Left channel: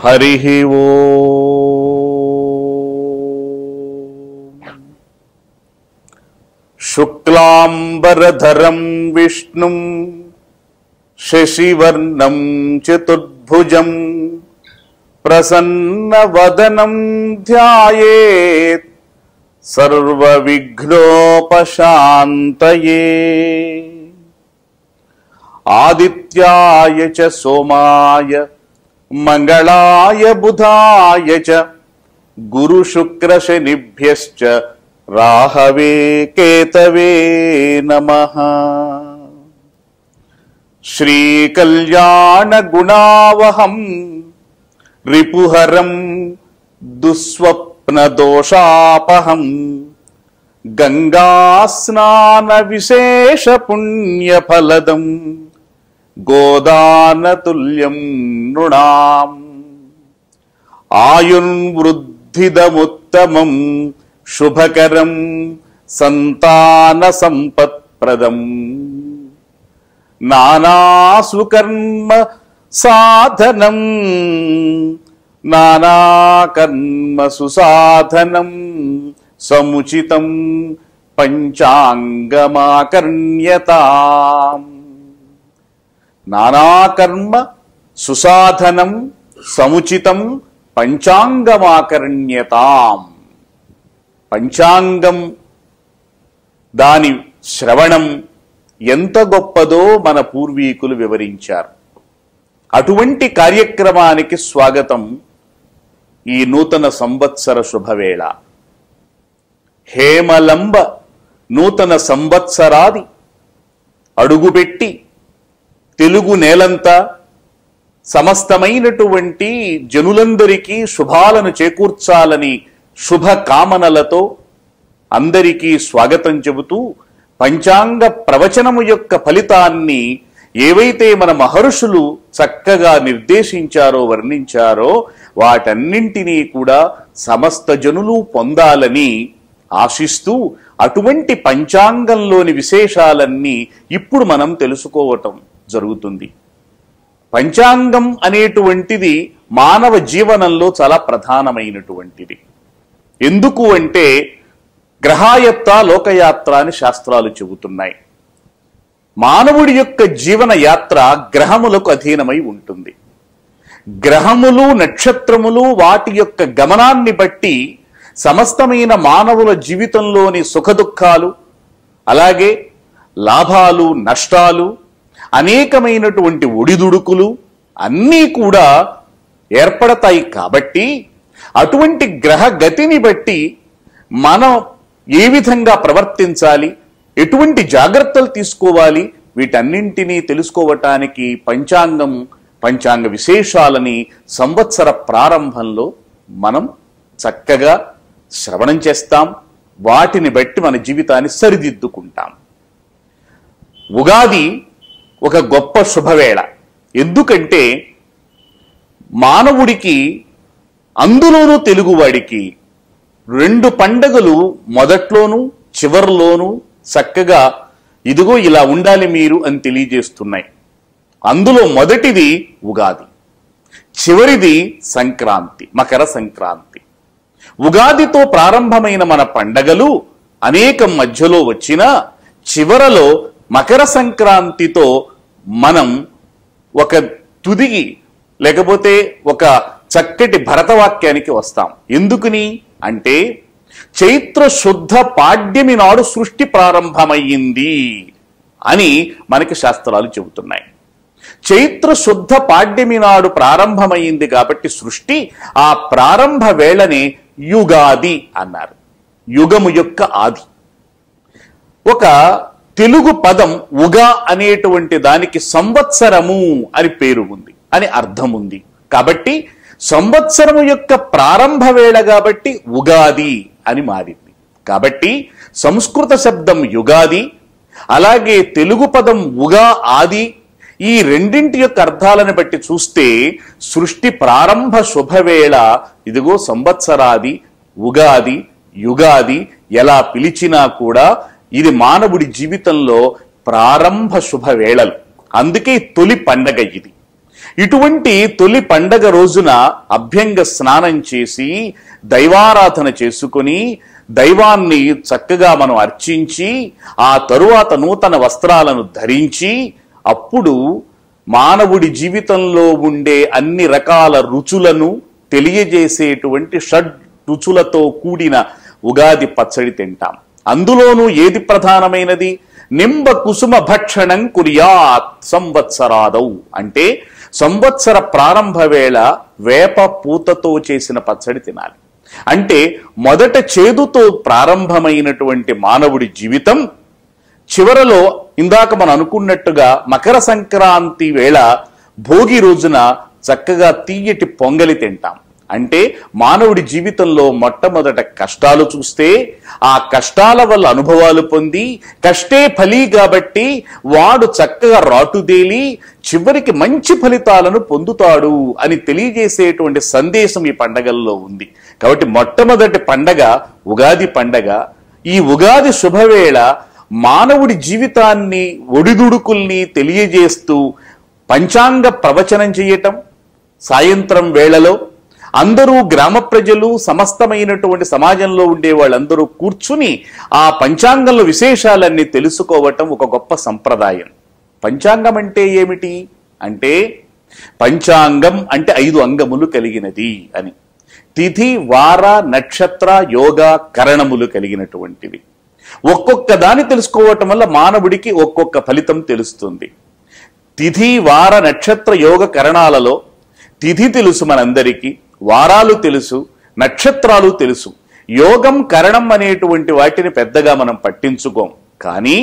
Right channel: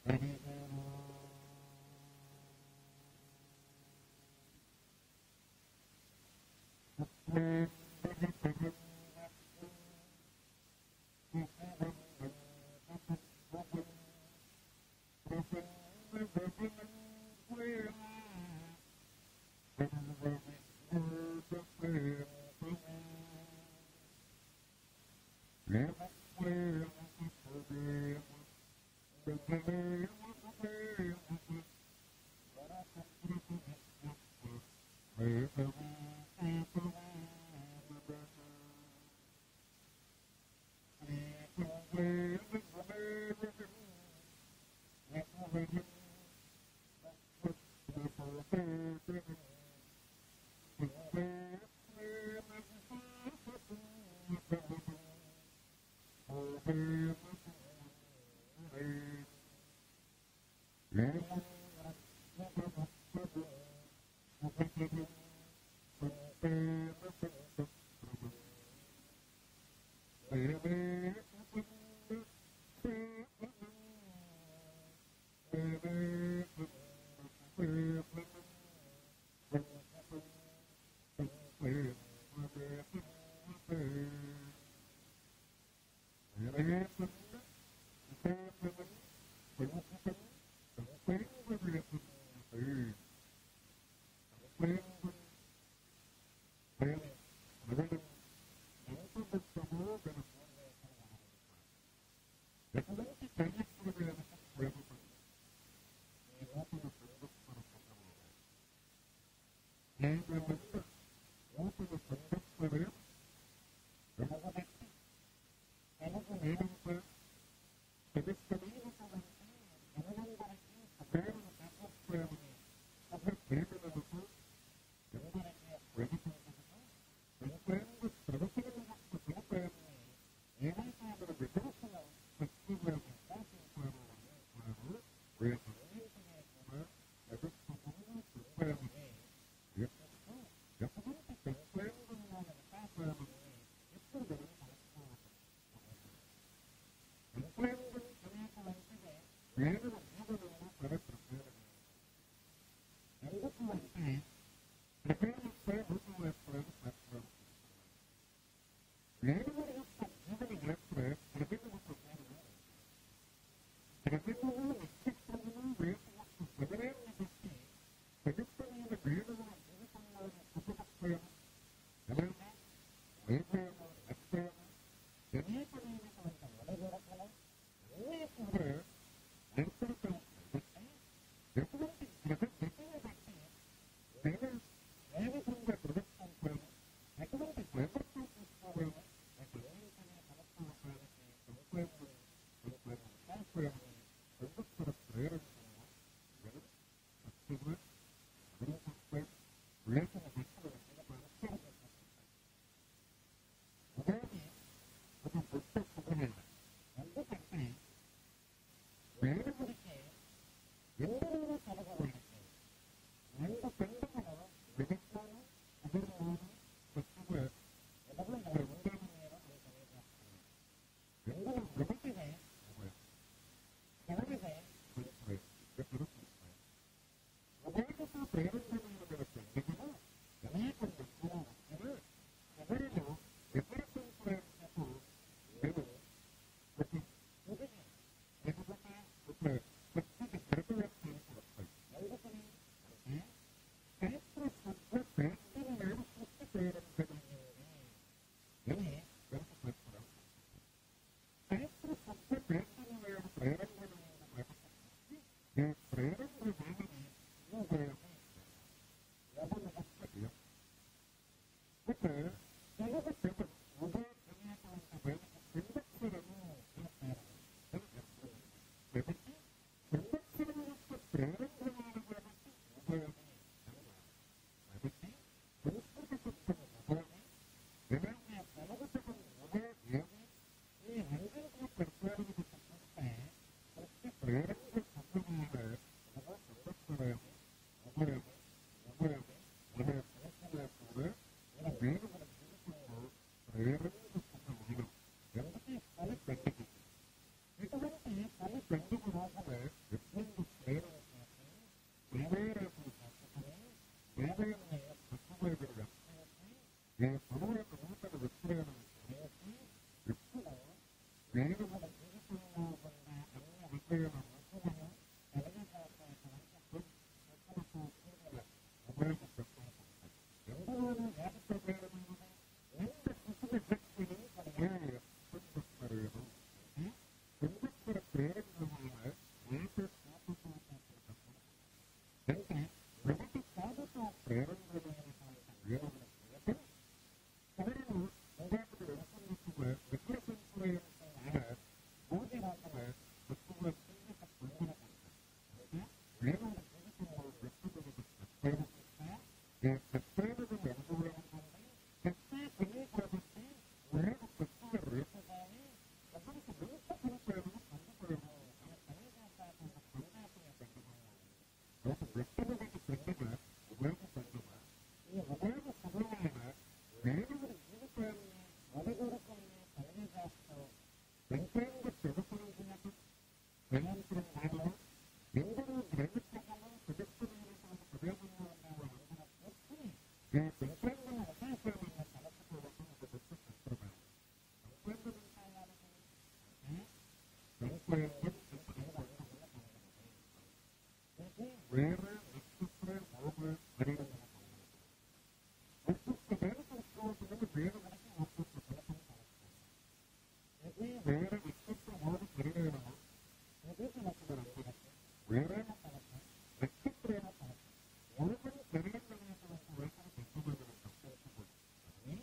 हरिः ओम्। शुक्लांबरधरं विष्णुं शशिवर्णं चतुर्भुजं प्रसन्नवदनं ध्यायेत् सर्वविघ्नोपशान्तये। आदित्याय च सोमाय मंगलाय बुधाय च गुरुशुक्रशनिभ्यश्च राहवे केतवे नमः। श्रीकल्याणगुणावहं रिपुहरं दुःस्वप्नदोषापहं गंगास्नानविशेषपुण्यफलदं गोदानतुल्यं नृणाम्। आयुर्वृद्धिदमुत्तमं शुभकरं संतानसम्पत्प्रदम्। नानासुकर्म साधनं नानाकर्म सुसाधनं समुचितं पंचांगमाकर्ण्यताम्। नानाकर्म सुसाधनं समुचितं పంచాంగమాకర్ణ్యతాం. పంచాంగం దాని శ్రవణం ఎంత గొప్పదో మన పూర్వీకులు వివరించారు. అటువంటి కార్యక్రమానికి స్వాగతం. ఈ నూతన సంవత్సర శుభవేళ హేమలంబ నూతన సంవత్సరాది అడుగుపెట్టి తెలుగు నేలంతా సమస్తమైనటువంటి జనులందరికీ శుభాలను చేకూర్చాలని శుభ కామనలతో అందరికీ స్వాగతం చెబుతూ పంచాంగ ప్రవచనము యొక్క ఫలితాన్ని ఏవైతే మన మహర్షులు చక్కగా నిర్దేశించారో వర్ణించారో వాటన్నింటినీ కూడా సమస్త జనులు పొందాలని ఆశిస్తూ అటువంటి పంచాంగంలోని విశేషాలన్నీ ఇప్పుడు మనం తెలుసుకోవటం జరుగుతుంది. పంచాంగం అనేటువంటిది మానవ జీవనంలో చాలా ప్రధానమైనటువంటిది. ఎందుకు అంటే గ్రహాయత్త లోకయాత్ర అని శాస్త్రాలు చెబుతున్నాయి. మానవుడి యొక్క జీవన యాత్ర గ్రహములకు అధీనమై ఉంటుంది. గ్రహములు నక్షత్రములు వాటి యొక్క గమనాన్ని బట్టి సమస్తమైన మానవుల జీవితంలోని సుఖదుఖాలు అలాగే లాభాలు నష్టాలు అనేకమైనటువంటి ఒడిదుడుకులు అన్నీ కూడా ఏర్పడతాయి. కాబట్టి అటువంటి గ్రహ గతిని బట్టి మనం ఏ విధంగా ప్రవర్తించాలి, ఎటువంటి జాగ్రత్తలు తీసుకోవాలి, వీటన్నింటినీ తెలుసుకోవటానికి పంచాంగ విశేషాలని సంవత్సర ప్రారంభంలో మనం చక్కగా శ్రవణం చేస్తాం. వాటిని బట్టి మన జీవితాన్ని సరిదిద్దుకుంటాం. ఉగాది ఒక గొప్ప శుభవేళ. ఎందుకంటే మానవుడికి అందులోనూ తెలుగువాడికి రెండు పండగలు మొదట్లోనూ చివరిలోనూ చక్కగా ఇదిగో ఇలా ఉండాలి మీరు అని తెలియజేస్తున్నాయి. అందులో మొదటిది ఉగాది, చివరిది సంక్రాంతి, మకర సంక్రాంతి. ఉగాదితో ప్రారంభమైన మన పండగలు అనేకం మధ్యలో వచ్చినా చివరలో మకర సంక్రాంతితో మనం ఒక తుదిగి లేకపోతే ఒక చక్కటి భరతవాక్యానికి వస్తాం. ఎందుకుని అంటే చైత్ర శుద్ధ పాడ్యమి నాడు సృష్టి ప్రారంభమయ్యింది అని మనకి శాస్త్రాలు చెబుతున్నాయి. చైత్ర శుద్ధ పాడ్యమి నాడు ప్రారంభమైంది కాబట్టి సృష్టి ఆ ప్రారంభ వేళనే యుగాది అన్నారు. యుగము యొక్క ఆది. ఒక తెలుగు పదం ఉగా అనేటువంటి దానికి సంవత్సరము అని పేరు ఉంది, అని అర్థం ఉంది. కాబట్టి సంవత్సరము యొక్క ప్రారంభ వేళ కాబట్టి ఉగాది అని మారింది. కాబట్టి సంస్కృత శబ్దం యుగాది, అలాగే తెలుగు పదం ఉగా ఆది, ఈ రెండింటి యొక్క అర్థాలను బట్టి చూస్తే సృష్టి ప్రారంభ శుభవేళ ఇదిగో సంవత్సరాది, ఉగాది, యుగాది ఎలా పిలిచినా కూడా ఇది మానవుడి జీవితంలో ప్రారంభ శుభవేళలు. అందుకే తొలి పండగ ఇది. ఇటువంటి తొలి పండగ రోజున అభ్యంగ స్నానం చేసి దైవారాధన చేసుకుని దైవాన్ని చక్కగా మనం అర్చించి ఆ తరువాత నూతన వస్త్రాలను ధరించి అప్పుడు మానవుడి జీవితంలో ఉండే అన్ని రకాల రుచులను తెలియజేసేటువంటి షడ్ రుచులతో కూడిన ఉగాది పచ్చడి తింటాం. అందులోనూ ఏది ప్రధానమైనది? నింబ కుసుమ భక్షణం కుర్యాత్ సంవత్సరాదౌ అంటే సంవత్సర ప్రారంభ వేళ వేప పూతతో చేసిన పచ్చడి తినాలి. అంటే మొదట చేదుతో ప్రారంభమైనటువంటి మానవుడి జీవితం చివరలో ఇందాక మనం అనుకున్నట్టుగా మకర సంక్రాంతి వేళ భోగి రోజున చక్కగా తీయటి పొంగలి తింటాం. అంటే మానవుడి జీవితంలో మొట్టమొదట కష్టాలు చూస్తే ఆ కష్టాల వల్ల అనుభవాలు పొంది కష్టే ఫలి కాబట్టి వాడు చక్కగా రాటుదేలి చివరికి మంచి ఫలితాలను పొందుతాడు అని తెలియజేసేటువంటి సందేశం ఈ పండగల్లో ఉంది. కాబట్టి మొట్టమొదటి పండగ ఉగాది పండగ. ఈ ఉగాది శుభవేళ మానవుడి జీవితాన్ని ఒడిదుడుకుల్ని తెలియజేస్తూ పంచాంగ ప్రవచనం చేయటం, సాయంత్రం వేళలో అందరూ గ్రామ ప్రజలు సమస్తమైనటువంటి సమాజంలో ఉండే వాళ్ళందరూ కూర్చుని ఆ పంచాంగంలో విశేషాలన్నీ తెలుసుకోవటం ఒక గొప్ప సంప్రదాయం. పంచాంగం అంటే ఏమిటి అంటే పంచాంగం అంటే 5 అంగములు కలిగినది అని. తిథి, వార, నక్షత్ర, యోగ, కరణములు కలిగినటువంటివి. ఒక్కొక్క దాన్ని తెలుసుకోవటం వల్ల మానవుడికి ఒక్కొక్క ఫలితం తెలుస్తుంది. తిథి, వార, నక్షత్ర, యోగ, కరణాలలో తిథి తెలుసు మనందరికీ, వారాలు తెలుసు, నక్షత్రాలు తెలుసు. యోగం, కరణం అనేటువంటి వాటిని పెద్దగా మనం పట్టించుకోం. కానీ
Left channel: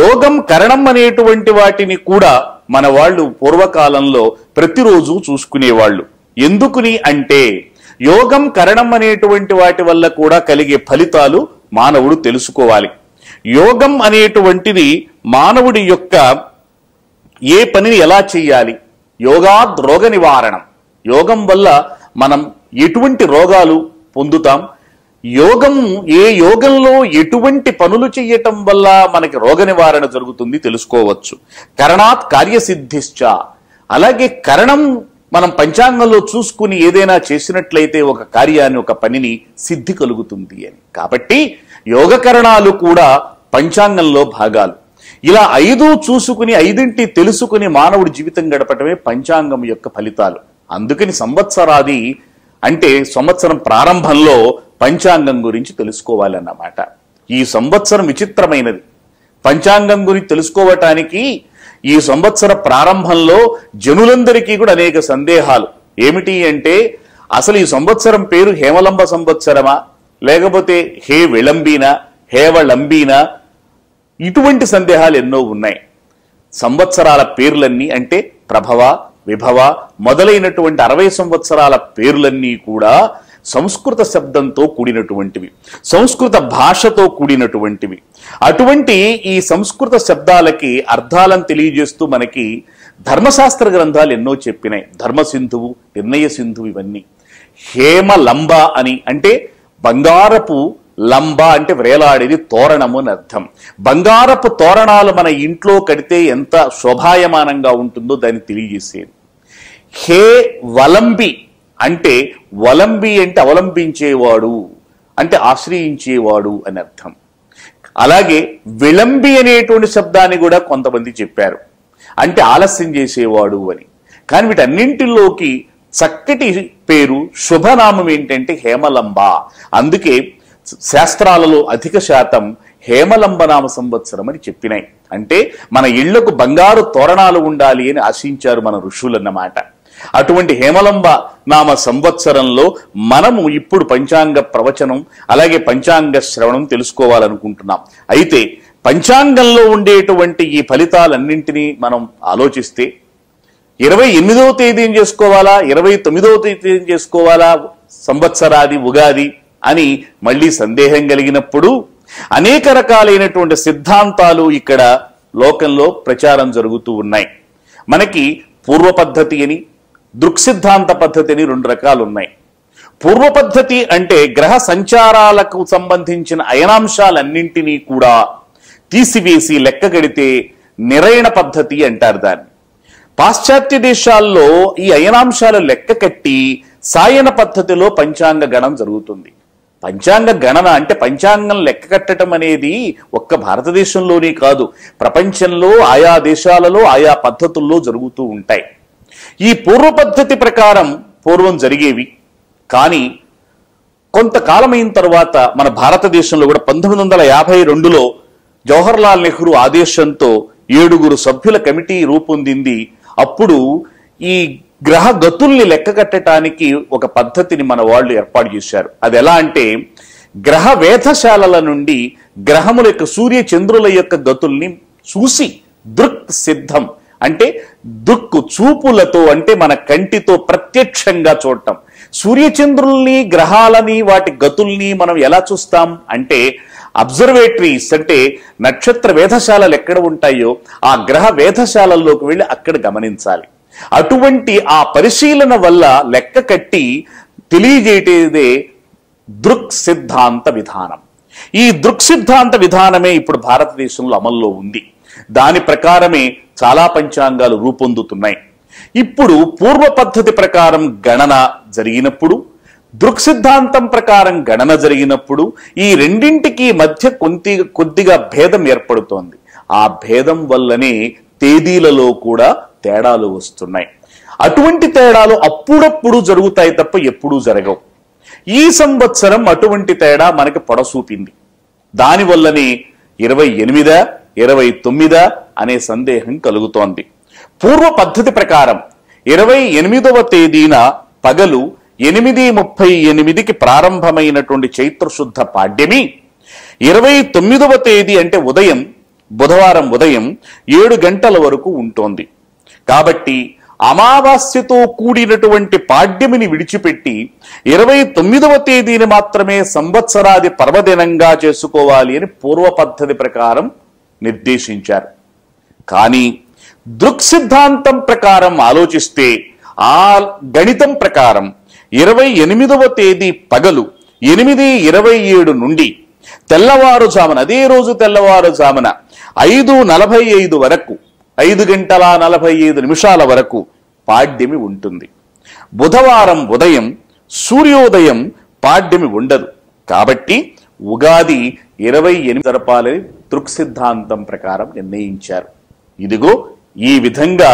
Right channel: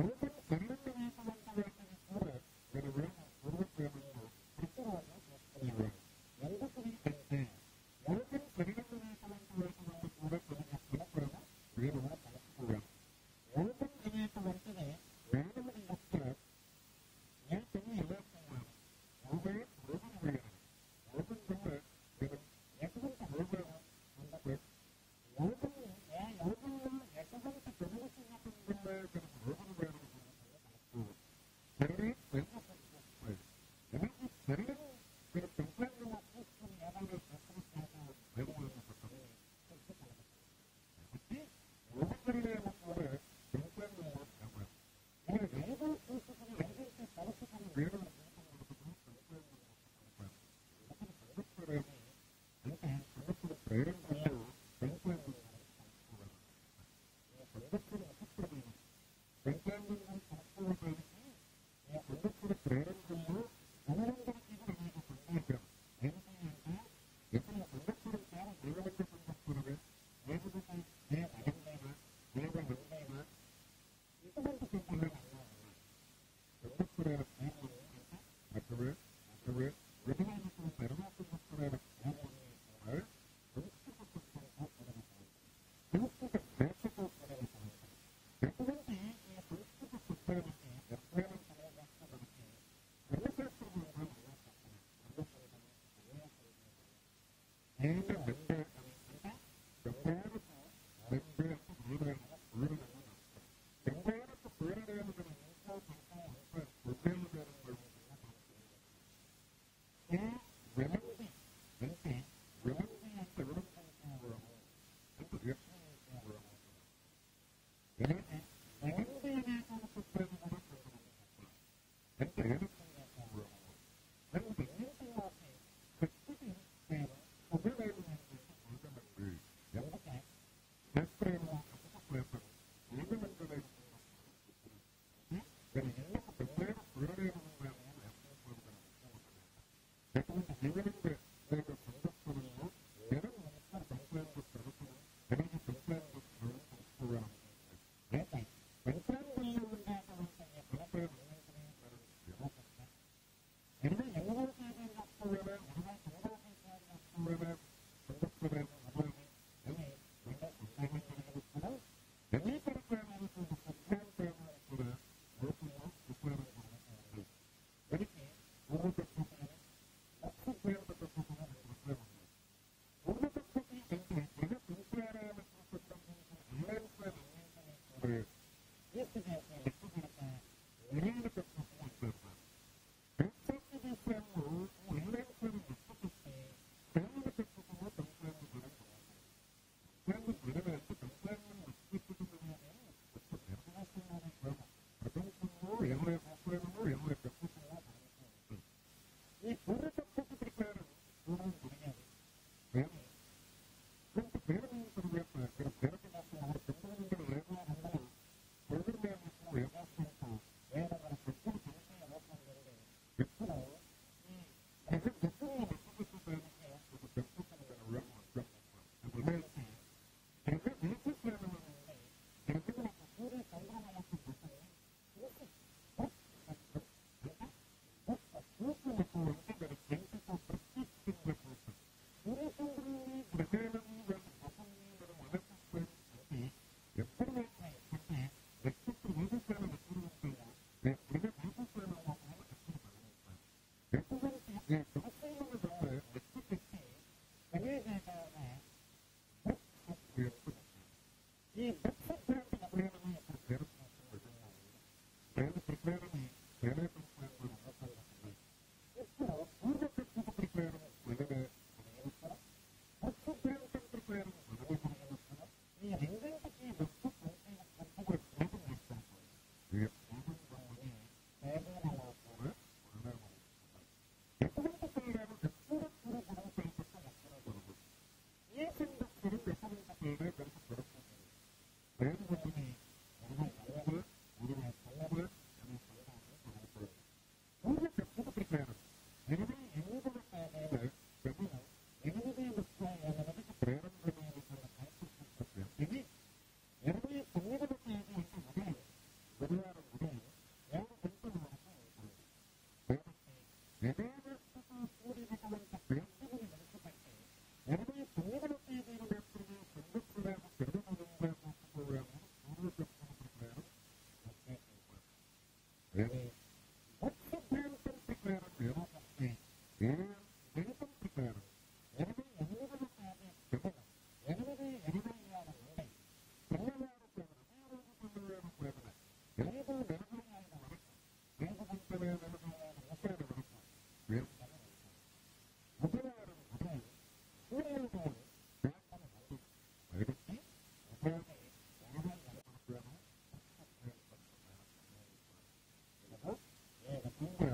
యోగం, కరణం అనేటువంటి వాటిని కూడా మన వాళ్ళు పూర్వకాలంలో ప్రతిరోజు చూసుకునేవాళ్ళు. ఎందుకుని అంటే యోగం, కరణం అనేటువంటి వాటి వల్ల కూడా కలిగే ఫలితాలు మానవుడు తెలుసుకోవాలి. యోగం అనేటువంటిది మానవుడి యొక్క ఏ పనిని ఎలా చేయాలి, యోగాద్ రోగ నివారణం. యోగం వల్ల మనం ఎటువంటి రోగాలు పొందుతాం, ఏ యోగంలో ఎటువంటి పనులు చేయటం వల్ల మనకి రోగ నివారణ జరుగుతుంది తెలుసుకోవచ్చు. కరణాత్ కార్యసిద్ధిశ్చ. అలాగే కరణం మనం పంచాంగంలో చూసుకుని ఏదైనా చేసినట్లయితే ఒక కార్యాన్ని, ఒక పనిని సిద్ధి కలుగుతుంది అని. కాబట్టి యోగకరణాలు కూడా పంచాంగంలో భాగాలు. ఇలా 5 చూసుకుని 5 తెలుసుకుని మానవుడి జీవితం గడపటమే పంచాంగం యొక్క ఫలితాలు. అందుకని సంవత్సరాది అంటే సంవత్సరం ప్రారంభంలో పంచాంగం గురించి తెలుసుకోవాలన్నమాట. ఈ సంవత్సరం విచిత్రమైనది. పంచాంగం గురించి తెలుసుకోవటానికి ఈ సంవత్సర ప్రారంభంలో జనులందరికీ కూడా అనేక సందేహాలు. ఏమిటి అంటే అసలు ఈ సంవత్సరం పేరు హేమలంబ సంవత్సరమా లేకపోతే హే విళంబీనా, హేవళంబీనా, ఇటువంటి సందేహాలు ఎన్నో ఉన్నాయి. సంవత్సరాల పేర్లన్నీ అంటే ప్రభవ, విభవ మొదలైనటువంటి 60 సంవత్సరాల పేర్లన్నీ కూడా సంస్కృత శబ్దంతో కూడినటువంటివి, సంస్కృత భాషతో కూడినటువంటివి. అటువంటి ఈ సంస్కృత శబ్దాలకి అర్థాలను తెలియజేస్తూ మనకి ధర్మశాస్త్ర గ్రంథాలు ఎన్నో చెప్పినాయి. ధర్మసింధువు, నిర్ణయ సింధువు ఇవన్నీ. హేమలంబ అని అంటే బంగారపు లంబ అంటే వ్రేలాడేది, తోరణము అని అర్థం. బంగారపు తోరణాలు మన ఇంట్లో కడితే ఎంత శోభాయమానంగా ఉంటుందో దాన్ని తెలియజేసేది. హే వలంబి అంటే వలంబి అంటే అవలంబించేవాడు అంటే ఆశ్రయించేవాడు అని అర్థం. అలాగే విళంబి అనేటువంటి శబ్దాన్ని కూడా కొంతమంది చెప్పారు, అంటే ఆలస్యం చేసేవాడు అని. కానీ వీటన్నింటిలోకి చక్కటి పేరు, శుభనామం ఏంటంటే హేమలంబ. అందుకే శాస్త్రాలలో అధిక శాతం హేమలంబనామ సంవత్సరం అని చెప్పినాయి. అంటే మన ఇళ్లకు బంగారు తోరణాలు ఉండాలి అని ఆశించారు మన ఋషులన్నమాట. అటువంటి హేమలంబ నామ సంవత్సరంలో మనము ఇప్పుడు పంచాంగ ప్రవచనం అలాగే పంచాంగ శ్రవణం తెలుసుకోవాలనుకుంటున్నాం. అయితే పంచాంగంలో ఉండేటువంటి ఈ ఫలితాలన్నింటినీ మనం ఆలోచిస్తే 28వ తేదీని చేసుకోవాలా 29వ తేదీని చేసుకోవాలా సంవత్సరాది ఉగాది అని మళ్ళీ సందేహం కలిగినప్పుడు అనేక రకాలైనటువంటి సిద్ధాంతాలు ఇక్కడ లోకంలో ప్రచారం జరుగుతూ ఉన్నాయి. మనకి పూర్వ పద్ధతి అని, దృక్సిద్ధాంత పద్ధతి అని 2 రకాలు ఉన్నాయి. పూర్వ పద్ధతి అంటే గ్రహ సంచారాలకు సంబంధించిన అయనాంశాలన్నింటినీ కూడా తీసివేసి లెక్క గడితే నిరయణ పద్ధతి అంటారు దాన్ని. పాశ్చాత్య దేశాల్లో ఈ అయనాంశాలు లెక్క కట్టి సాయన పద్ధతిలో పంచాంగ గణన జరుగుతుంది. పంచాంగ గణన అంటే పంచాంగం లెక్క కట్టడం అనేది ఒక్క భారతదేశంలోనే కాదు, ప్రపంచంలో ఆయా దేశాలలో ఆయా పద్ధతుల్లో జరుగుతూ ఉంటాయి. ఈ పూర్వ పద్ధతి ప్రకారం పూర్వం జరిగేవి. కానీ కొంతకాలమైన తర్వాత మన భారతదేశంలో కూడా 1952లో జవహర్లాల్ నెహ్రూ ఆదేశంతో 7 సభ్యుల కమిటీ రూపొందింది. అప్పుడు ఈ గ్రహ గతుల్ని లెక్క కట్టడానికి ఒక పద్ధతిని మన వాళ్ళు ఏర్పాటు చేశారు. అది ఎలా అంటే, గ్రహ వేధశాలల నుండి గ్రహముల యొక్క సూర్య చంద్రుల యొక్క గతుల్ని చూసి దృక్ సిద్ధం అంటే దృక్కు చూపులతో, అంటే మన కంటితో ప్రత్యక్షంగా చూడటం. సూర్యచంద్రుల్ని గ్రహాలని వాటి గతుల్ని మనం ఎలా చూస్తాం అంటే అబ్జర్వేటరీస్, అంటే నక్షత్ర వేధశాలలు ఎక్కడ ఉంటాయో ఆ గ్రహ వేధశాలల్లోకి వెళ్ళి అక్కడ గమనించాలి. అటువంటి ఆ పరిశీలన వల్ల లెక్క కట్టి తెలియజేయటేదే దృక్ సిద్ధాంత విధానం. ఈ దృక్ సిద్ధాంత విధానమే ఇప్పుడు భారతదేశంలో అమల్లో ఉంది. దాని ప్రకారమే చాలా పంచాంగాలు రూపొందుతున్నాయి. ఇప్పుడు పూర్వ పద్ధతి ప్రకారం గణన జరిగినప్పుడు, దృక్ సిద్ధాంతం ప్రకారం గణన జరిగినప్పుడు ఈ రెండింటికి మధ్య కొద్దిగా భేదం ఏర్పడుతోంది. ఆ భేదం వల్లనే తేదీలలో కూడా తేడాలు వస్తున్నాయి. అటువంటి తేడాలు అప్పుడప్పుడు జరుగుతాయి తప్ప ఎప్పుడూ జరగవు. ఈ సంవత్సరం అటువంటి తేడా మనకి పొడసూపింది. దానివల్లనే 28 29 అనే సందేహం కలుగుతోంది. పూర్వ పద్ధతి ప్రకారం 28వ తేదీన పగలు 8:38కి ప్రారంభమైనటువంటి చైత్రశుద్ధ పాడ్యమి 29వ తేదీ అంటే ఉదయం, బుధవారం ఉదయం 7 గంటల వరకు ఉంటోంది. కాబట్టి అమావాస్యతో కూడినటువంటి పాడ్యమిని విడిచిపెట్టి 29వ తేదీని మాత్రమే సంవత్సరాది పర్వదినంగా చేసుకోవాలి అని పూర్వ పద్ధతి ప్రకారం నిర్దేశించారు. కానీ దృక్ సిద్ధాంతం ప్రకారం ఆలోచిస్తే ఆ గణితం ప్రకారం 28వ తేదీ పగలు 8:27 నుండి తెల్లవారుజామున, అదే రోజు తెల్లవారుజామున 5:45 వరకు, 5:45 వరకు పాడ్యమి ఉంటుంది. బుధవారం ఉదయం సూర్యోదయం పాడ్యమి ఉండదు. కాబట్టి ఉగాది 28 జరపాలని దృక్ సిద్ధాంతం ప్రకారం నిర్ణయించారు. ఇదిగో ఈ విధంగా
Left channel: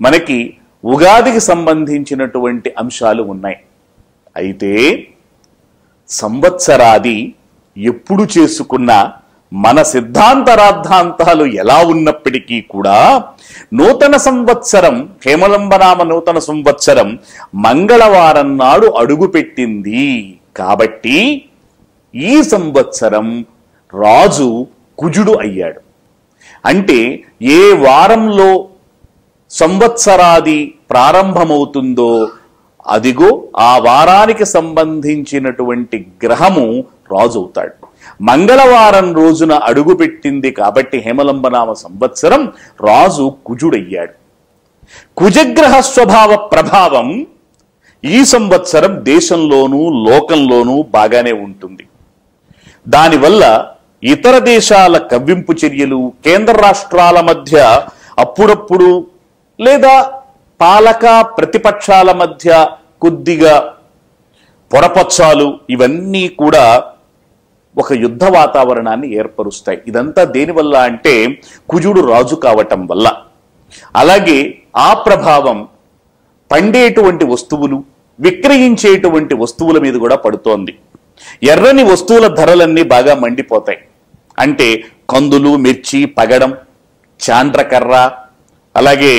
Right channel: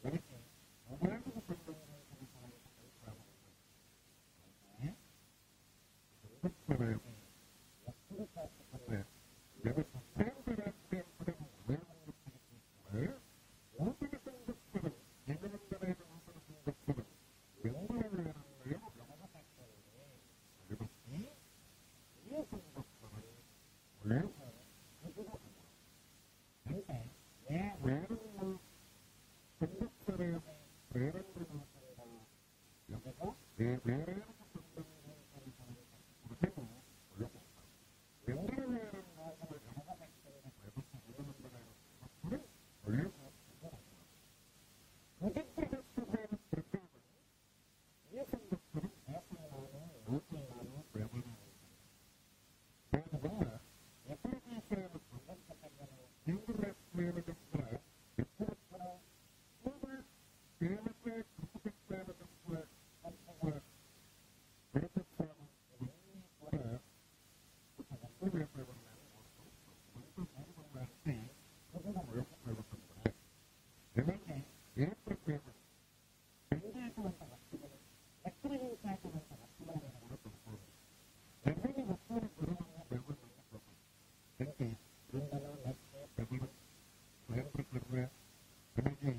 మనకి ఉగాదికి సంబంధించినటువంటి అంశాలు ఉన్నాయి. అయితే సంవత్సరాది ఎప్పుడు చేసుకున్నా మన సిద్ధాంతరార్థాంతాలు ఎలా ఉన్నప్పటికీ కూడా నూతన సంవత్సరం, హేమలంబనామ నూతన సంవత్సరం మంగళవారం నాడు అడుగుపెట్టింది. కాబట్టి ఈ సంవత్సరం రాజు కుజుడు అయ్యాడు. అంటే ఏ వారంలో సంవత్సరాది ప్రారంభమవుతుందో అదిగో ఆ వారానికి సంబంధించినటువంటి గ్రహము రాజు అవుతాడు. మంగళవారం రోజున అడుగుపెట్టింది కాబట్టి హేమలంబనామ సంవత్సరం రాజు కుజుడయ్యాడు. కుజగ్రహ స్వభావ ప్రభావం ఈ సంవత్సరం దేశంలోనూ లోకంలోనూ బాగానే ఉంటుంది. దానివల్ల ఇతర దేశాల కవ్వింపు చర్యలు, కేంద్ర రాష్ట్రాల మధ్య అప్పుడప్పుడు లేదా పాలక ప్రతిపక్షాల మధ్య కొద్దిగా పొరపచ్చాలు, ఇవన్నీ కూడా ఒక యుద్ధ వాతావరణాన్ని ఏర్పరుస్తాయి. ఇదంతా దేనివల్ల అంటే కుజుడు రాజు కావటం వల్ల. అలాగే ఆ ప్రభావం పండేటువంటి వస్తువులు, విక్రయించేటువంటి వస్తువుల మీద కూడా పడుతోంది. ఎర్రని వస్తువుల ధరలన్నీ బాగా మండిపోతాయి. అంటే కందులు, మిర్చి, పగడం, చాండ్రకర్ర, అలాగే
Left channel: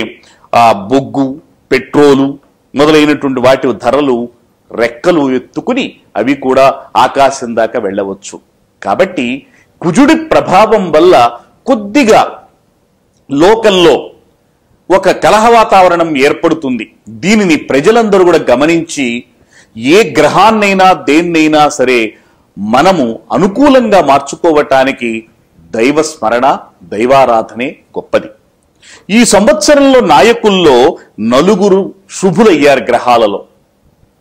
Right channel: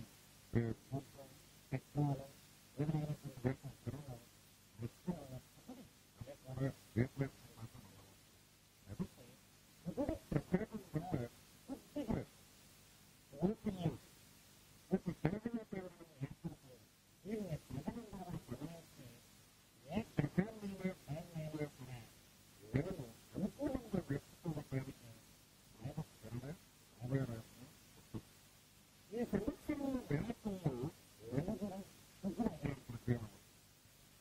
బొగ్గు, పెట్రోలు మొదలైనటువంటి వాటి ధరలు రెక్కలు ఎత్తుకుని అవి కూడా ఆకాశం దాకా వెళ్ళవచ్చు. కాబట్టి కుజుడి ప్రభావం వల్ల కొద్దిగా లోకంలో ఒక కలహ వాతావరణం ఏర్పడుతుంది. దీనిని ప్రజలందరూ కూడా గమనించి ఏ గ్రహాన్నైనా దేన్నైనా సరే మనము అనుకూలంగా మార్చుకోవటానికి దైవ స్మరణ, దైవారాధనే గొప్పది. ఈ సంవత్సరంలో నాయకుల్లో 4 శుభులయ్యారు. గ్రహాలలో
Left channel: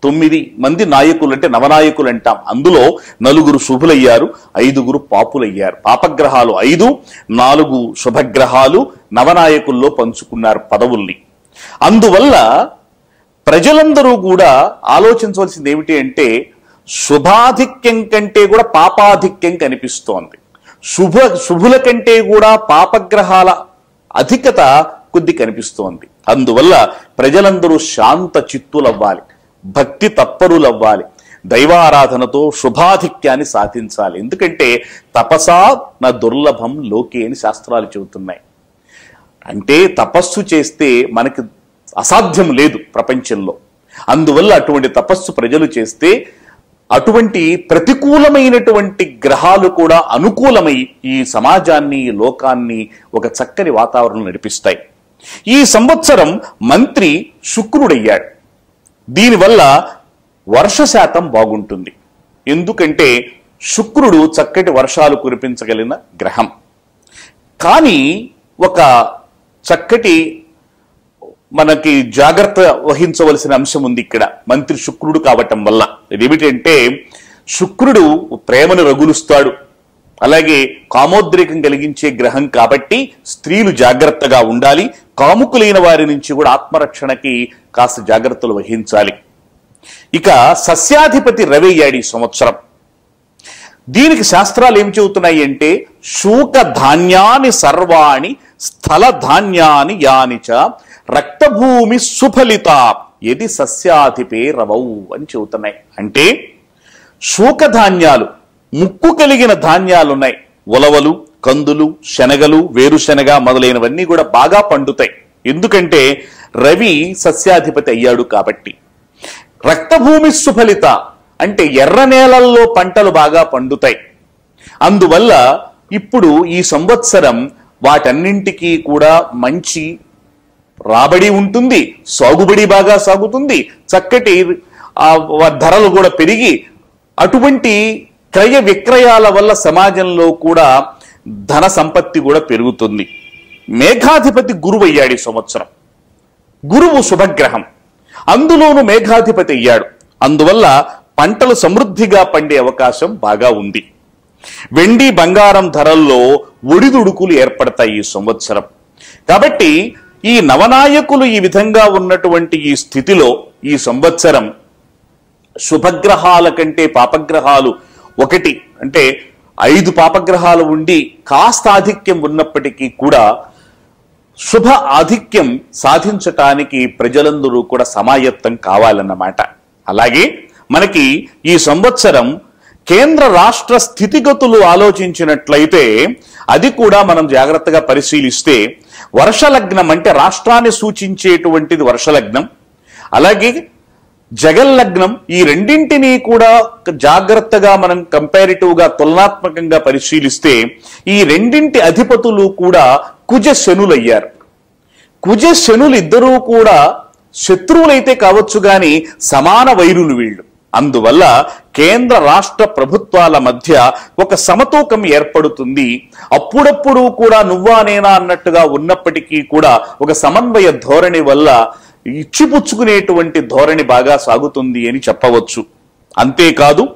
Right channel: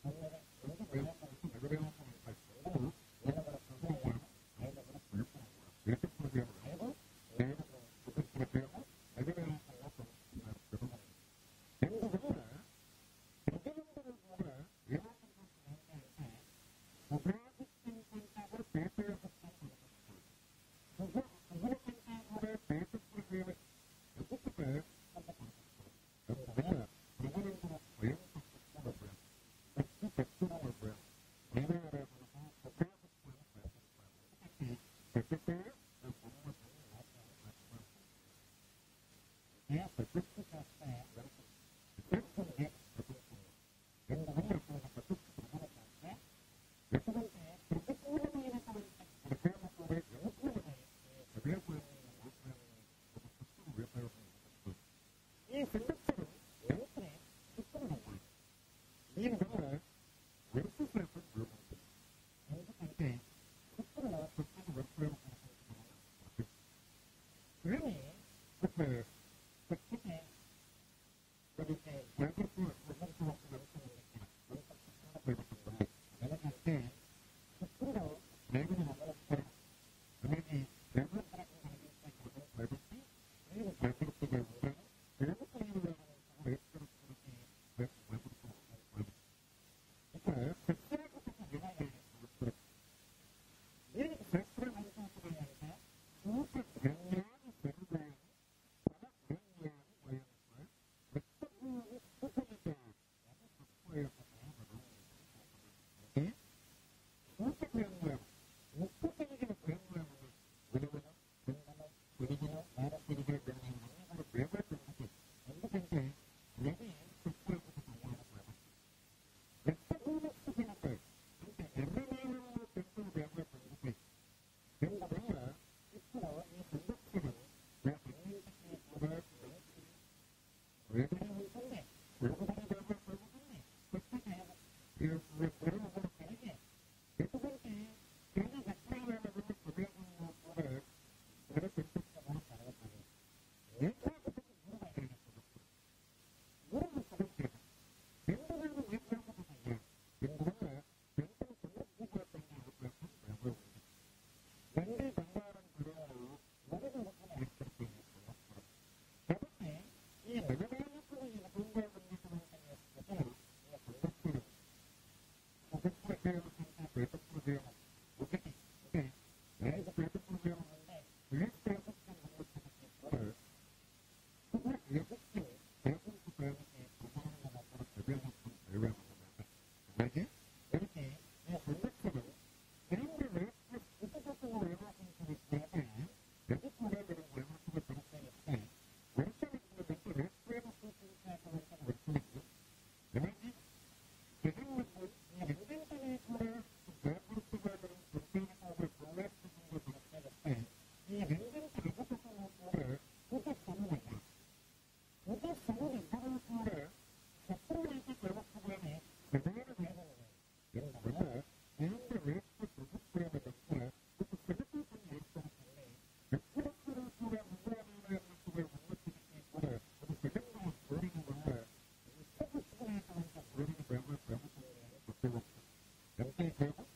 9 మంది నాయకులు అంటే నవనాయకులు అంటాం. అందులో 4 శుభులయ్యారు, 5 పాపులయ్యారు. పాపగ్రహాలు 5, 4 శుభగ్రహాలు నవనాయకుల్లో పంచుకున్నారు పదవుల్ని. అందువల్ల ప్రజలందరూ కూడా ఆలోచించవలసింది ఏమిటి అంటే, శుభాధిక్యం కంటే కూడా పాపాధిక్యం కనిపిస్తోంది. శుభుల కంటే కూడా పాపగ్రహాల అధికత కొద్ది కనిపిస్తోంది. అందువల్ల ప్రజలందరూ శాంత చిత్తులవ్వాలి, భక్తి తత్పరులవ్వాలి, దైవారాధనతో శుభాధిక్యాన్ని సాధించాలి. ఎందుకంటే తపసా నా దుర్లభం లోకే అని శాస్త్రాలు చెబుతున్నాయి. అంటే తపస్సు చేస్తే మనకి అసాధ్యం లేదు ప్రపంచంలో. అందువల్ల అటువంటి తపస్సు ప్రజలు చేస్తే అటువంటి ప్రతికూలమైనటువంటి గ్రహాలు కూడా అనుకూలమై ఈ సమాజాన్ని, ఈ లోకాన్ని ఒక చక్కని వాతావరణం నడిపిస్తాయి. ఈ సంవత్సరం మంత్రి శుక్రుడయ్యాడు. దీనివల్ల వర్ష శాతం బాగుంటుంది. ఎందుకంటే శుక్రుడు చక్కటి వర్షాలు కురిపించగలిగిన గ్రహం. కానీ ఒక చక్కటి మనకి జాగ్రత్త వహించవలసిన అంశం ఉంది ఇక్కడ, మంత్రి శుక్రుడు కావటం వల్ల. ఇదేమిటంటే శుక్రుడు ప్రేమను రగులుస్తాడు, అలాగే కామోద్రేకం కలిగించే గ్రహం కాబట్టి స్త్రీలు జాగ్రత్తగా ఉండాలి. కాముకులైన వారి నుంచి కూడా ఆత్మరక్షణకి కాస్త జాగ్రత్తలు వహించాలి. ఇక సస్యాధిపతి రవి అయ్యాడు ఈ సంవత్సరం. దీనికి శాస్త్రాలు ఏం చెబుతున్నాయి అంటే, శూక ధాన్యాని సర్వాణి స్థల ధాన్యాని యానిచ రక్తభూమి సుఫలిత ఎది సస్యాధిపే రవౌ అని చెబుతున్నాయి. అంటే శూకధాన్యాలు, ముక్కు కలిగిన ధాన్యాలు ఉన్నాయి. ఉలవలు, కందులు, శనగలు, వేరుశనగ మొదలైనవన్నీ కూడా బాగా పండుతాయి. ఎందుకంటే రవి సస్యాధిపతి అయ్యాడు కాబట్టి. రక్తభూమి సుఫలిత అంటే ఎర్ర నేలల్లో పంటలు బాగా పండుతాయి. అందువల్ల ఇప్పుడు ఈ సంవత్సరం వాటన్నింటికీ కూడా మంచి రాబడి ఉంటుంది, సాగుబడి బాగా సాగుతుంది, చక్కటి ధరలు కూడా పెరిగి అటువంటి క్రయ విక్రయాల వల్ల సమాజంలో కూడా ధన సంపత్తి కూడా పెరుగుతుంది. మేఘాధిపతి గురువు అయ్యాడు ఈ సంవత్సరం. గురువు శుభగ్రహం, అందులోనూ మేఘాధిపతి అయ్యాడు. అందువల్ల పంటలు సమృద్ధిగా పండే అవకాశం బాగా ఉంది. వెండి బంగారం ధరల్లో ఒడిదుడుకులు ఏర్పడతాయి ఈ సంవత్సరం. కాబట్టి ఈ నవనాయకులు ఈ విధంగా ఉన్నటువంటి ఈ స్థితిలో ఈ సంవత్సరం శుభగ్రహాల కంటే పాపగ్రహాలు ఒకటి అంటే 5 పాపగ్రహాలు ఉండి కాస్త ఆధిక్యం ఉన్నప్పటికీ కూడా శుభ ఆధిక్యం సాధించటానికి ప్రజలందరూ కూడా సమాయత్తం కావాలన్నమాట. అలాగే మనకి ఈ సంవత్సరం కేంద్ర రాష్ట్ర స్థితిగతులు ఆలోచించినట్లయితే అది కూడా మనం జాగ్రత్తగా పరిశీలిస్తే వర్షలగ్నం అంటే రాష్ట్రాన్ని సూచించేటువంటిది వర్షలగ్నం, అలాగే జగల్లగ్నం, ఈ రెండింటినీ కూడా జాగ్రత్తగా మనం కంపారిటివ్గా తులనాత్మకంగా పరిశీలిస్తే ఈ రెండింటి అధిపతులు కూడా కుజ శనులయ్యారు. కుజ శనులు ఇద్దరూ కూడా శత్రువులైతే కావచ్చు గాని సమాన వైరులు వీళ్ళు. అందువల్ల కేంద్ర రాష్ట్ర ప్రభుత్వాల మధ్య ఒక సమతూకం ఏర్పడుతుంది. అప్పుడప్పుడు కూడా నువ్వా నేనా అన్నట్టుగా ఉన్నప్పటికీ కూడా ఒక సమన్వయ ధోరణి వల్ల ఇచ్చిపుచ్చుకునేటువంటి ధోరణి బాగా సాగుతుంది అని చెప్పవచ్చు. అంతేకాదు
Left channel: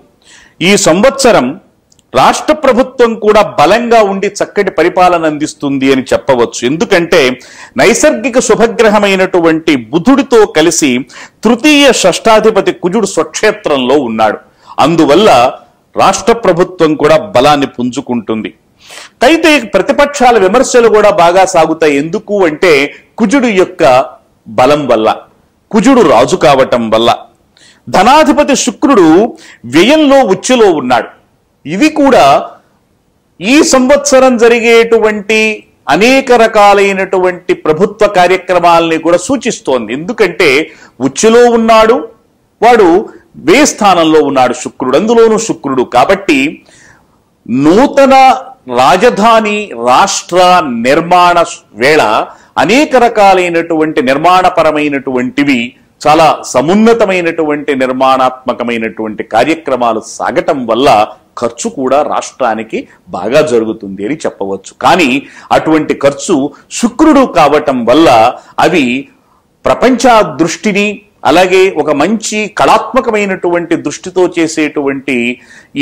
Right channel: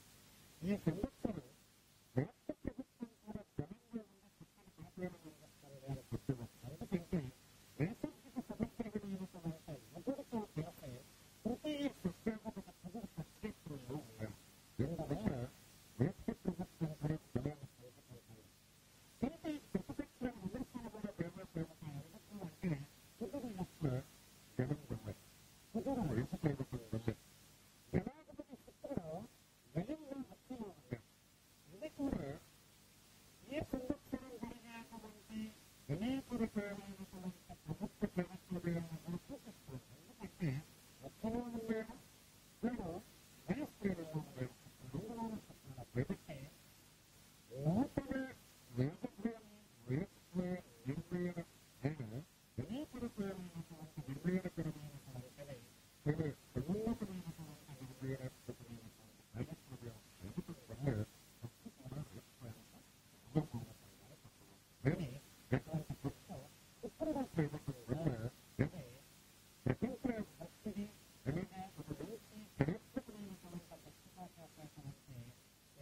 ఈ సంవత్సరం రాష్ట్ర ప్రభుత్వం కూడా బలంగా ఉండి చక్కటి పరిపాలన అందిస్తుంది అని చెప్పవచ్చు. ఎందుకంటే నైసర్గిక శుభగ్రహమైనటువంటి బుధుడితో కలిసి తృతీయ షష్టాధిపతి కుజుడు స్వక్షేత్రంలో ఉన్నాడు. అందువల్ల రాష్ట్ర ప్రభుత్వం కూడా బలాన్ని పుంజుకుంటుంది. అయితే ప్రతిపక్షాల విమర్శలు కూడా బాగా సాగుతాయి. ఎందుకు అంటే కుజుడు యొక్క బలం వల్ల, కుజుడు రాజు కావటం వల్ల. ధనాధిపతి శుక్రుడు వ్యయంలో ఉచ్చులో ఉన్నాడు. ఇవి కూడా ఈ సంవత్సరం జరిగేటువంటి అనేక రకాలైనటువంటి ప్రభుత్వ కార్యక్రమాలని కూడా సూచిస్తోంది. ఎందుకంటే ఉచ్చులో ఉన్నాడు, వాడు వ్యయ స్థానంలో ఉన్నాడు శుక్రుడు, అందులోనూ శుక్రుడు కాబట్టి నూతన రాజధాని రాష్ట్ర నిర్మాణ వేళ అనేక రకాలైనటువంటి నిర్మాణపరమైనటువంటివి చాలా సమున్నతమైనటువంటి నిర్మాణాత్మకమైనటువంటి కార్యక్రమాలు సాగటం వల్ల ఖర్చు కూడా రాష్ట్రానికి బాగా జరుగుతుంది అని చెప్పవచ్చు. కానీ అటువంటి ఖర్చు శుక్రుడు కావటం వల్ల అవి ప్రపంచ దృష్టిని అలాగే ఒక మంచి కళాత్మకమైనటువంటి దృష్టితో చేసేటువంటి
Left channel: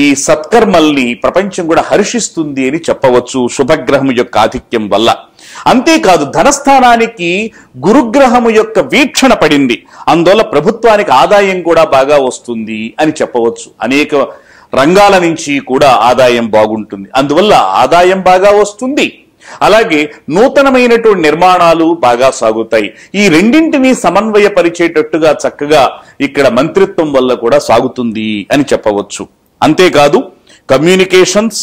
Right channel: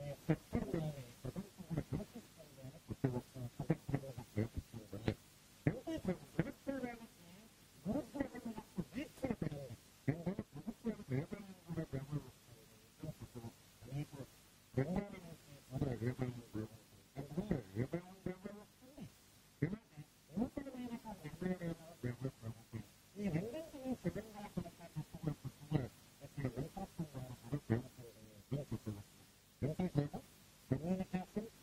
ఈ సత్కర్మల్ని ప్రపంచం కూడా హర్షిస్తుంది అని చెప్పవచ్చు శుభగ్రహం యొక్క ఆధిక్యం వల్ల. అంతేకాదు ధనస్థానానికి గురుగ్రహము యొక్క వీక్షణ పడింది, అందువల్ల ప్రభుత్వానికి ఆదాయం కూడా బాగా వస్తుంది అని చెప్పవచ్చు. అనేక రంగాల నుంచి కూడా ఆదాయం బాగుంటుంది, అందువల్ల ఆదాయం బాగా వస్తుంది. అలాగే నూతనమైనటువంటి నిర్మాణాలు బాగా సాగుతాయి. ఈ రెండింటినీ సమన్వయపరిచేటట్టుగా చక్కగా ఇక్కడ మంత్రిత్వం వల్ల కూడా సాగుతుంది అని చెప్పవచ్చు. అంతేకాదు కమ్యూనికేషన్స్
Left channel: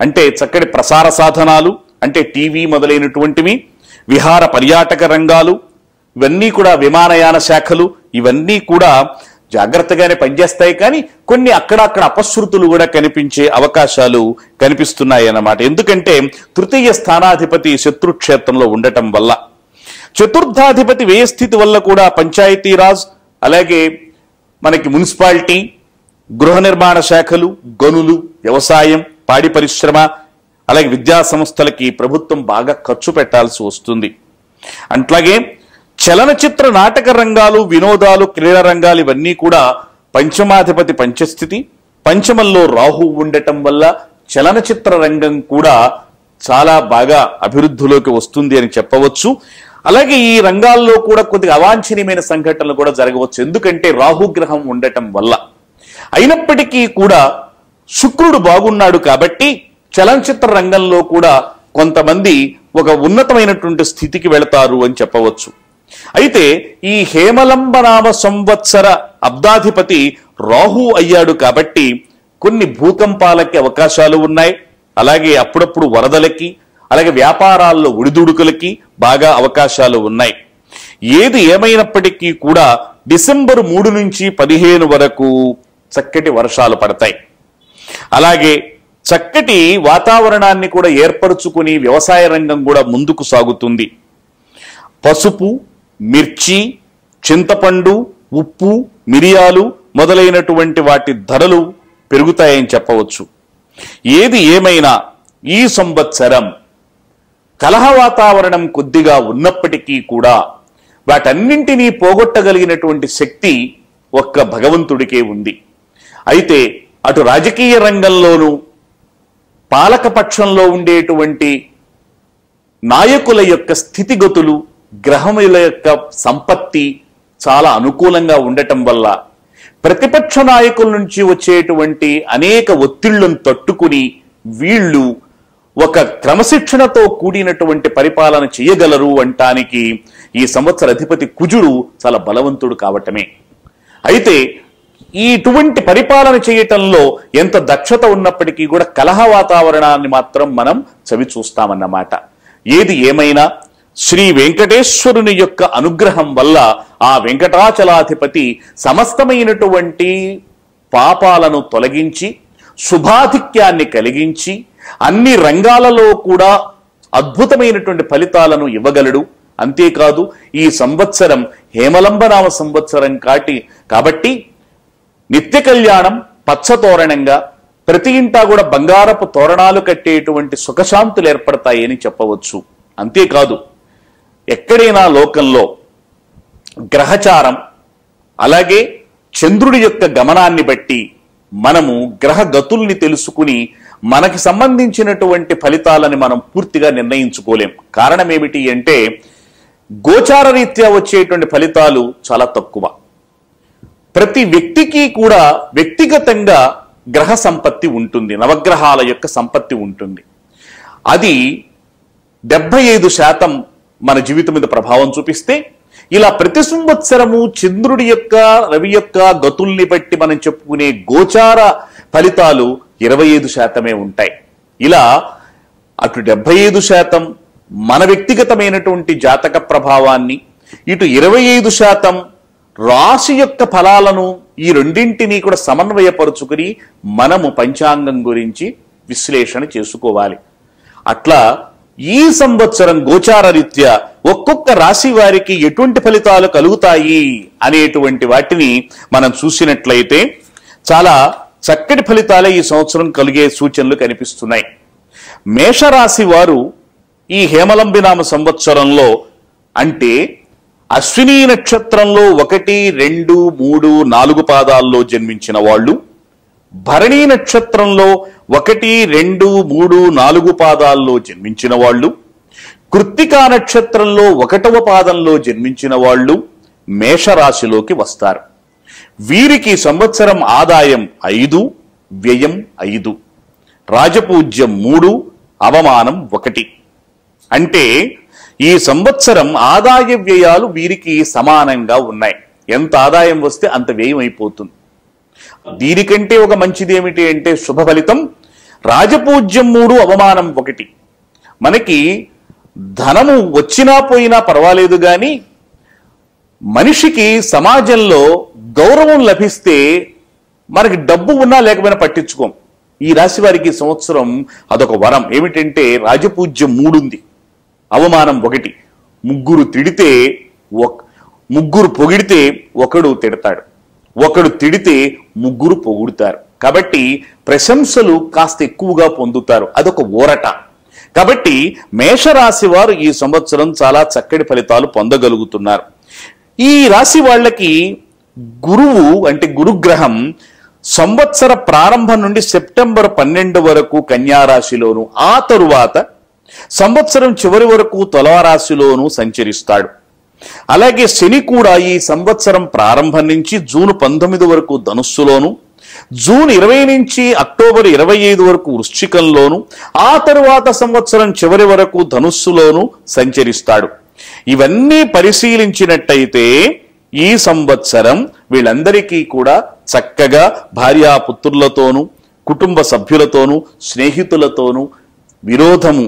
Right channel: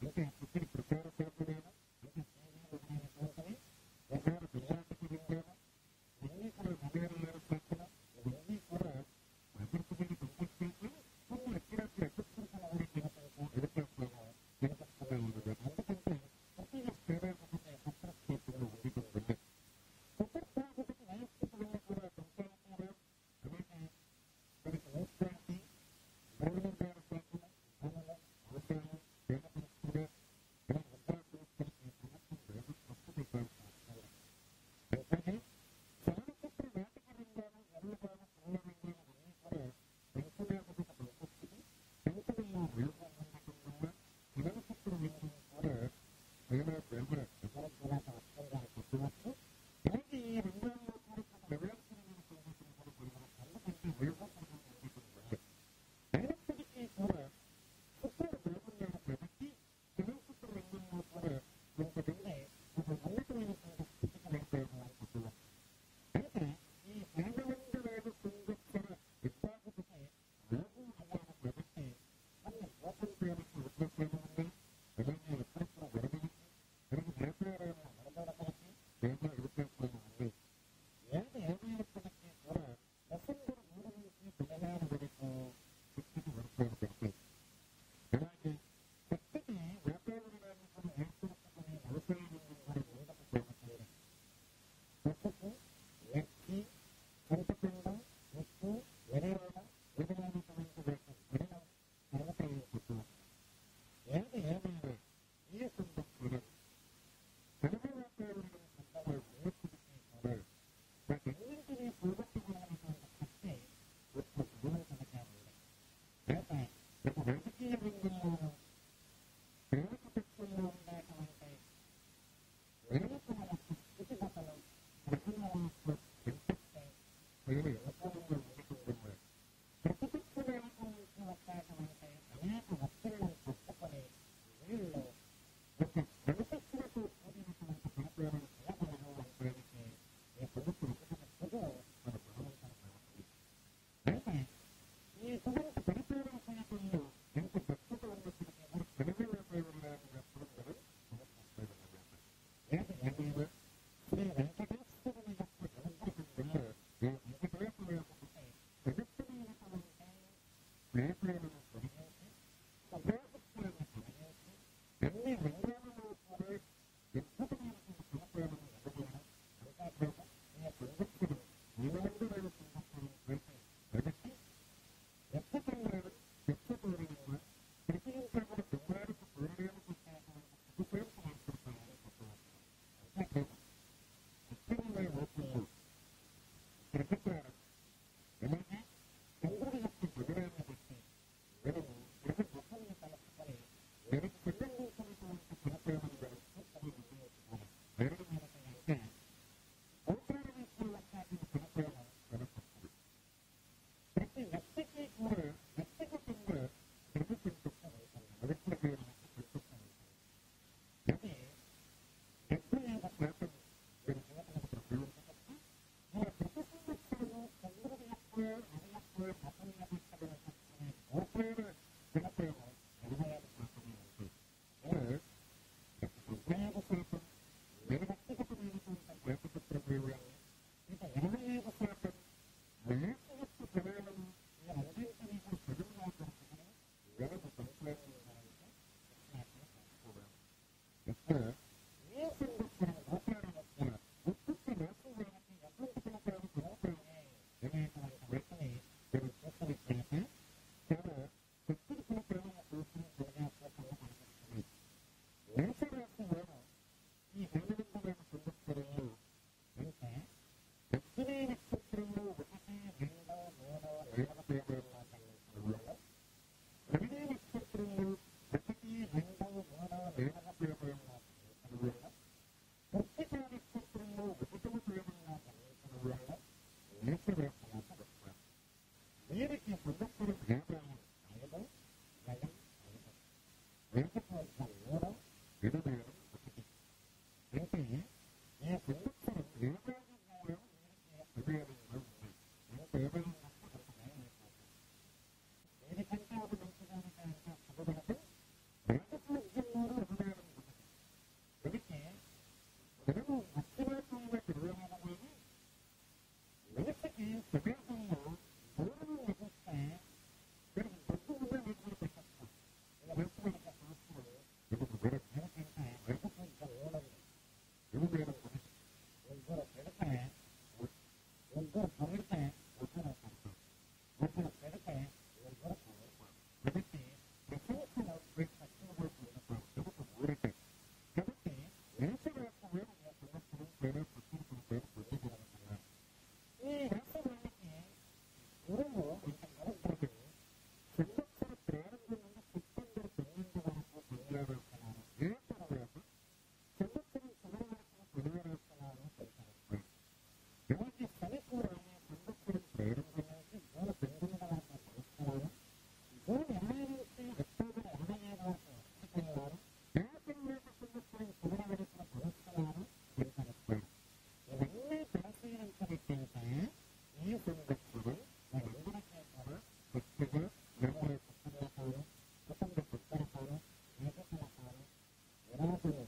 అంటే చక్కటి ప్రసార సాధనాలు అంటే టీవీ మొదలైనటువంటివి, విహార పర్యాటక రంగాలు, ఇవన్నీ కూడా విమానయాన శాఖలు, ఇవన్నీ కూడా జాగ్రత్తగానే పనిచేస్తాయి. కానీ కొన్ని అక్కడక్కడ అపశృతులు కూడా కనిపించే అవకాశాలు కనిపిస్తున్నాయి అన్నమాట. ఎందుకంటే తృతీయ స్థానాధిపతి శత్రుక్షేత్రంలో ఉండటం వల్ల, చతుర్థాధిపతి వ్యయస్థితి వల్ల కూడా పంచాయతీరాజ్, అలాగే మనకి మున్సిపాలిటీ, గృహ నిర్మాణ శాఖలు, గనులు, వ్యవసాయం, పాడి పరిశ్రమ, అలాగే విద్యా సంస్థలకి ప్రభుత్వం బాగా ఖర్చు పెట్టాల్సి వస్తుంది. అట్లాగే చలనచిత్ర నాటక రంగాలు, వినోదాలు, క్రీడా రంగాలు ఇవన్నీ కూడా పంచమాధిపతి పంచస్థితి, పంచమంలో రాహు ఉండటం వల్ల చలనచిత్ర రంగం కూడా చాలా బాగా అభివృద్ధిలోకి వస్తుంది అని చెప్పవచ్చు. అలాగే ఈ రంగాల్లో కూడా కొద్దిగా అవాంఛనీయమైన సంఘటనలు కూడా జరగవచ్చు, ఎందుకంటే రాహుగ్రహం ఉండటం వల్ల. అయినప్పటికీ కూడా శుక్రుడు బాగున్నాడు కాబట్టి చలనచిత్ర రంగంలో కూడా కొంతమంది ఒక ఉన్నతమైనటువంటి స్థితికి వెళతారు అని చెప్పవచ్చు. అయితే ఈ హేమలంబనామ సంవత్సర అబ్దాధిపతి రాహు అయ్యాడు కాబట్టి కొన్ని భూకంపాలకి అవకాశాలు ఉన్నాయి, అలాగే అప్పుడప్పుడు వరదలకి, అలాగే వ్యాపారాల్లో ఒడిదుడుకులకి బాగా అవకాశాలు ఉన్నాయి. ఏది ఏమైనప్పటికీ కూడా డిసెంబర్ 3 నుంచి 15 వరకు చక్కటి వర్షాలు పడతాయి. అలాగే చక్కటి వాతావరణాన్ని కూడా ఏర్పరచుకుని వ్యవసాయ రంగం కూడా ముందుకు సాగుతుంది. పసుపు, మిర్చి, చింతపండు, ఉప్పు, మిరియాలు మొదలైనటువంటి వాటి ధరలు పెరుగుతాయని చెప్పవచ్చు. ఏది ఏమైనా ఈ సంవత్సరం కలహ వాతావరణం కొద్దిగా ఉన్నప్పటికీ కూడా వాటన్నింటినీ పోగొట్టగలిగినటువంటి శక్తి ఒక్క భగవంతుడికే ఉంది. అయితే అటు రాజకీయ రంగంలోనూ పాలకపక్షంలో ఉండేటువంటి నాయకుల యొక్క స్థితిగతులు, గ్రహముల యొక్క సంపత్తి చాలా అనుకూలంగా ఉండటం వల్ల ప్రతిపక్ష నాయకుల నుంచి వచ్చేటువంటి అనేక ఒత్తిళ్లను తట్టుకుని వీళ్ళు ఒక క్రమశిక్షణతో కూడినటువంటి పరిపాలన చేయగలరు అంటానికి ఈ సంవత్సర అధిపతి కుజుడు చాలా బలవంతుడు కావటమే. అయితే ఇటువంటి పరిపాలన చేయటంలో ఎంత దక్షత ఉన్నప్పటికీ కూడా కలహ వాతావరణాన్ని మాత్రం మనం చవి చూస్తామన్నమాట. ఏది ఏమైనా శ్రీ వెంకటేశ్వరుని యొక్క అనుగ్రహం వల్ల ఆ వెంకటాచలాధిపతి సమస్తమైనటువంటి పాపాలను తొలగించి శుభాధిక్యాన్ని కలిగించి అన్ని రంగాలలో కూడా అద్భుతమైనటువంటి ఫలితాలను ఇవ్వగలడు. అంతేకాదు ఈ సంవత్సరం హేమలంబనామ సంవత్సరం కాబట్టి నిత్య కళ్యాణం, పచ్చతోరణంగా ప్రతి ఇంటా కూడా బంగారపు తోరణాలు కట్టేటువంటి సుఖశాంతులు ఏర్పడతాయి అని చెప్పవచ్చు. అంతేకాదు ఎక్కడైనా లోకంలో గ్రహచారం, అలాగే చంద్రుడి యొక్క గమనాన్ని బట్టి మనము గ్రహ గతుల్ని తెలుసుకుని మనకి సంబంధించినటువంటి ఫలితాలని మనం పూర్తిగా నిర్ణయించుకోలేం. కారణం ఏమిటి అంటే గోచార రీత్యా వచ్చేటువంటి ఫలితాలు చాలా తక్కువ. ప్రతి వ్యక్తికి కూడా వ్యక్తిగతంగా గ్రహ సంపత్తి ఉంటుంది, నవగ్రహాల యొక్క సంపత్తి ఉంటుంది. అది 75% మన జీవితం మీద ప్రభావం చూపిస్తే, ఇలా ప్రతి సంవత్సరము చంద్రుడి యొక్క, రవి యొక్క గతుల్ని బట్టి మనం చెప్పుకునే గోచార ఫలితాలు 25% ఉంటాయి. ఇలా అటు 75% మన వ్యక్తిగతమైనటువంటి జాతక ప్రభావాన్ని, ఇటు 25% రాశి యొక్క ఫలాలను, ఈ రెండింటినీ కూడా సమన్వయపరుచుకుని మనము పంచాంగం గురించి విశ్లేషణ చేసుకోవాలి. అట్లా ఈ సంవత్సరం గోచార రీత్యా ఒక్కొక్క రాశి వారికి ఎటువంటి ఫలితాలు కలుగుతాయి అనేటువంటి వాటిని మనం చూసినట్లయితే చాలా చక్కటి ఫలితాలే ఈ సంవత్సరం కలిగే సూచనలు కనిపిస్తున్నాయి. మేషరాశి వారు ఈ హేమలంబినామ సంవత్సరంలో అంటే అశ్విని నక్షత్రంలో 1, 2, 3, 4 పాదాల్లో జన్మించిన వాళ్ళు, భరణి నక్షత్రంలో 1, 2, 3, 4 పాదాల్లో జన్మించిన వాళ్ళు, కృత్తికా నక్షత్రంలో 1వ పాదంలో జన్మించిన వాళ్ళు మేషరాశిలోకి వస్తారు. వీరికి సంవత్సరం ఆదాయం 5, వ్యయం 5, రాజపూజ్యం 3, అవమానం 1. అంటే ఈ సంవత్సరం ఆదాయ వ్యయాలు వీరికి సమానంగా ఉన్నాయి. ఎంత ఆదాయం వస్తే అంత వ్యయం అయిపోతుంది. దీనికంటే ఒక మంచిది ఏమిటి అంటే శుభ ఫలితం రాజపూజ్యం 3, అవమానం 1. మనకి ధనము వచ్చినా పోయినా పర్వాలేదు కానీ మనిషికి సమాజంలో గౌరవం లభిస్తే మనకి డబ్బు ఉన్నా లేకపోయినా పట్టించుకోం. ఈ రాశి వారికి సంవత్సరం అదొక వరం. ఏమిటంటే రాజపూజ్యం 3 ఉంది, అవమానం 1. ముగ్గురు పొగిడితే ఒకడు తిడతాడు, ఒకడు తిడితే ముగ్గురు పొగుడుతారు. కాబట్టి ప్రశంసలు కాస్త ఎక్కువగా పొందుతారు. అదొక ఊరట. కాబట్టి మేషరాశి వారు ఈ సంవత్సరం చాలా చక్కటి ఫలితాలు పొందగలుగుతున్నారు. ఈ రాశి వాళ్ళకి గురువు అంటే గురుగ్రహం సంవత్సర ప్రారంభం నుండి సెప్టెంబర్ 12 వరకు కన్యారాశిలోను, ఆ తరువాత సంవత్సరం చివరి వరకు తులారాశిలోను సంచరిస్తాడు. అలాగే శని కూడా ఈ సంవత్సరం ప్రారంభం నుంచి జూన్ 19 వరకు ధనుస్సులోను, జూన్ 20 నుంచి అక్టోబర్ 25 వరకు వృశ్చికంలోను, ఆ తరువాత సంవత్సరం చివరి వరకు ధనుస్సులోను సంచరిస్తాడు. ఇవన్నీ పరిశీలించినట్టయితే ఈ సంవత్సరం వీళ్ళందరికీ కూడా చక్కగా భార్యాపుత్రులతోనూ, కుటుంబ సభ్యులతోనూ, స్నేహితులతోనూ విరోధము,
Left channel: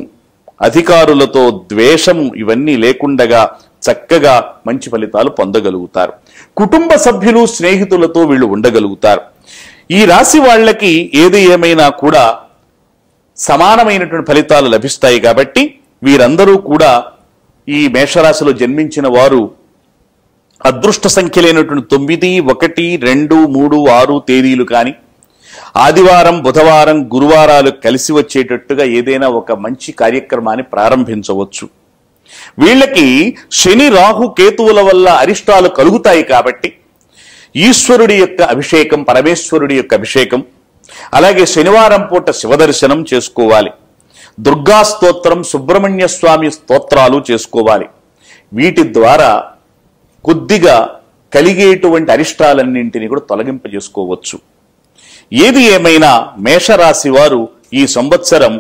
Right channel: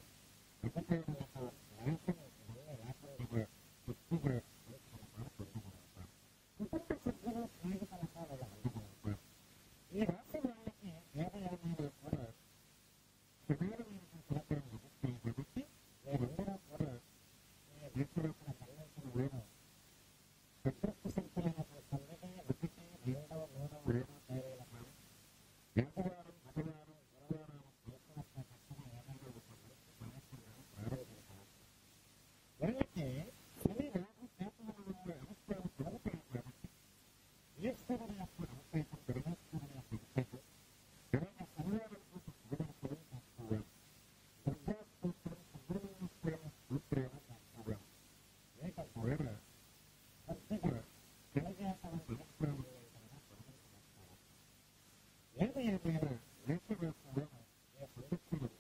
అధికారులతో ద్వేషము ఇవన్నీ లేకుండగా చక్కగా మంచి ఫలితాలు పొందగలుగుతారు. కుటుంబ సభ్యులు, స్నేహితులతో వీళ్ళు ఉండగలుగుతారు. ఈ రాశి వాళ్ళకి ఏది ఏమైనా కూడా సమానమైనటువంటి ఫలితాలు లభిస్తాయి. కాబట్టి వీరందరూ కూడా ఈ మేషరాశిలో జన్మించిన వారు అదృష్ట సంఖ్యలైనటువంటి 9, 1, 2, 3, 6 తేదీలు కానీ ఆదివారం, బుధవారం, గురువారాలు కలిసి వచ్చేటట్టుగా ఏదైనా ఒక మంచి కార్యక్రమాన్ని ప్రారంభించవచ్చు. వీళ్ళకి శని, రాహు, కేతువుల వల్ల అరిష్టాలు కలుగుతాయి. కాబట్టి ఈశ్వరుడి యొక్క అభిషేకం, పరమేశ్వరుడి యొక్క అభిషేకం, అలాగే శనివారం పూట శివదర్శనం చేసుకోవాలి. దుర్గా స్తోత్రం, సుబ్రహ్మణ్య స్వామి స్తోత్రాలు చేసుకోవాలి. వీటి ద్వారా కొద్దిగా కలిగేటువంటి అరిష్టాలన్నింటినీ కూడా తొలగింపజేసుకోవచ్చు. ఏది ఏమైనా మేషరాశి వారు ఈ సంవత్సరం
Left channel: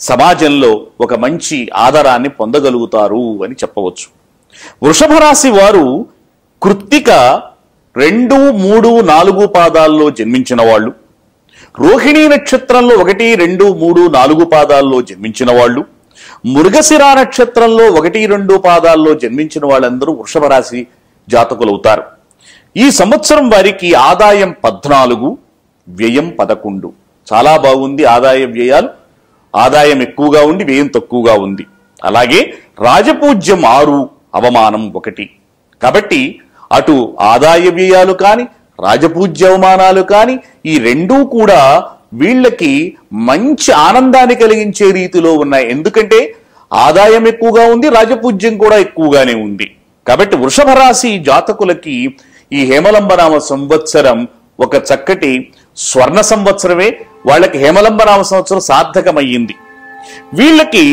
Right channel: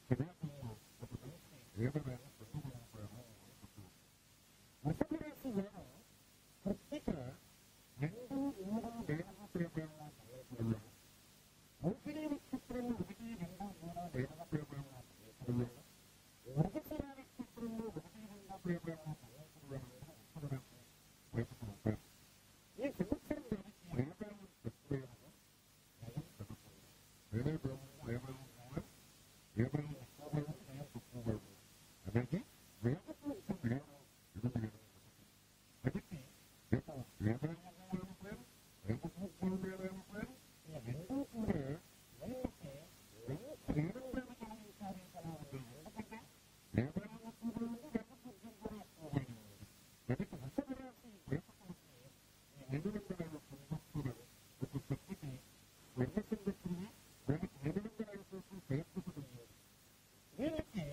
సమాజంలో ఒక మంచి ఆదరాన్ని పొందగలుగుతారు అని చెప్పవచ్చు. వృషభ రాశి వారు కృత్తిక 2, 3, 4 పాదాల్లో జన్మించిన వాళ్ళు, రోహిణీ నక్షత్రంలో 1, 2, 3, 4 పాదాల్లో జన్మించిన వాళ్ళు, మృగశిర నక్షత్రంలో 1, 2 పాదాల్లో జన్మించిన వాళ్ళందరూ వృషభ రాశి జాతకులవుతారు. ఈ సంవత్సరం వారికి ఆదాయం 14, వ్యయం 11. చాలా బాగుంది. ఆదాయ వ్యయాలు, ఆదాయం ఎక్కువగా ఉండి వ్యయం తక్కువగా ఉంది. అలాగే రాజపూజ్యం 6, అవమానం 1. కాబట్టి అటు ఆదాయ వ్యయాలు కానీ రాజపూజ్య అవమానాలు కానీ ఈ రెండూ కూడా వీళ్ళకి మంచి ఆనందాన్ని కలిగించే రీతిలో ఉన్నాయి. ఎందుకంటే ఆదాయం ఎక్కువగా ఉంది, రాజపూజ్యం కూడా ఎక్కువగానే ఉంది. కాబట్టి వృషభ రాశి జాతకులకి ఈ హేమలంబనామ సంవత్సరం ఒక చక్కటి స్వర్ణ సంవత్సరమే. వాళ్ళకి హేమలంబనామ సంవత్సరం సార్థకమయ్యింది. వీళ్ళకి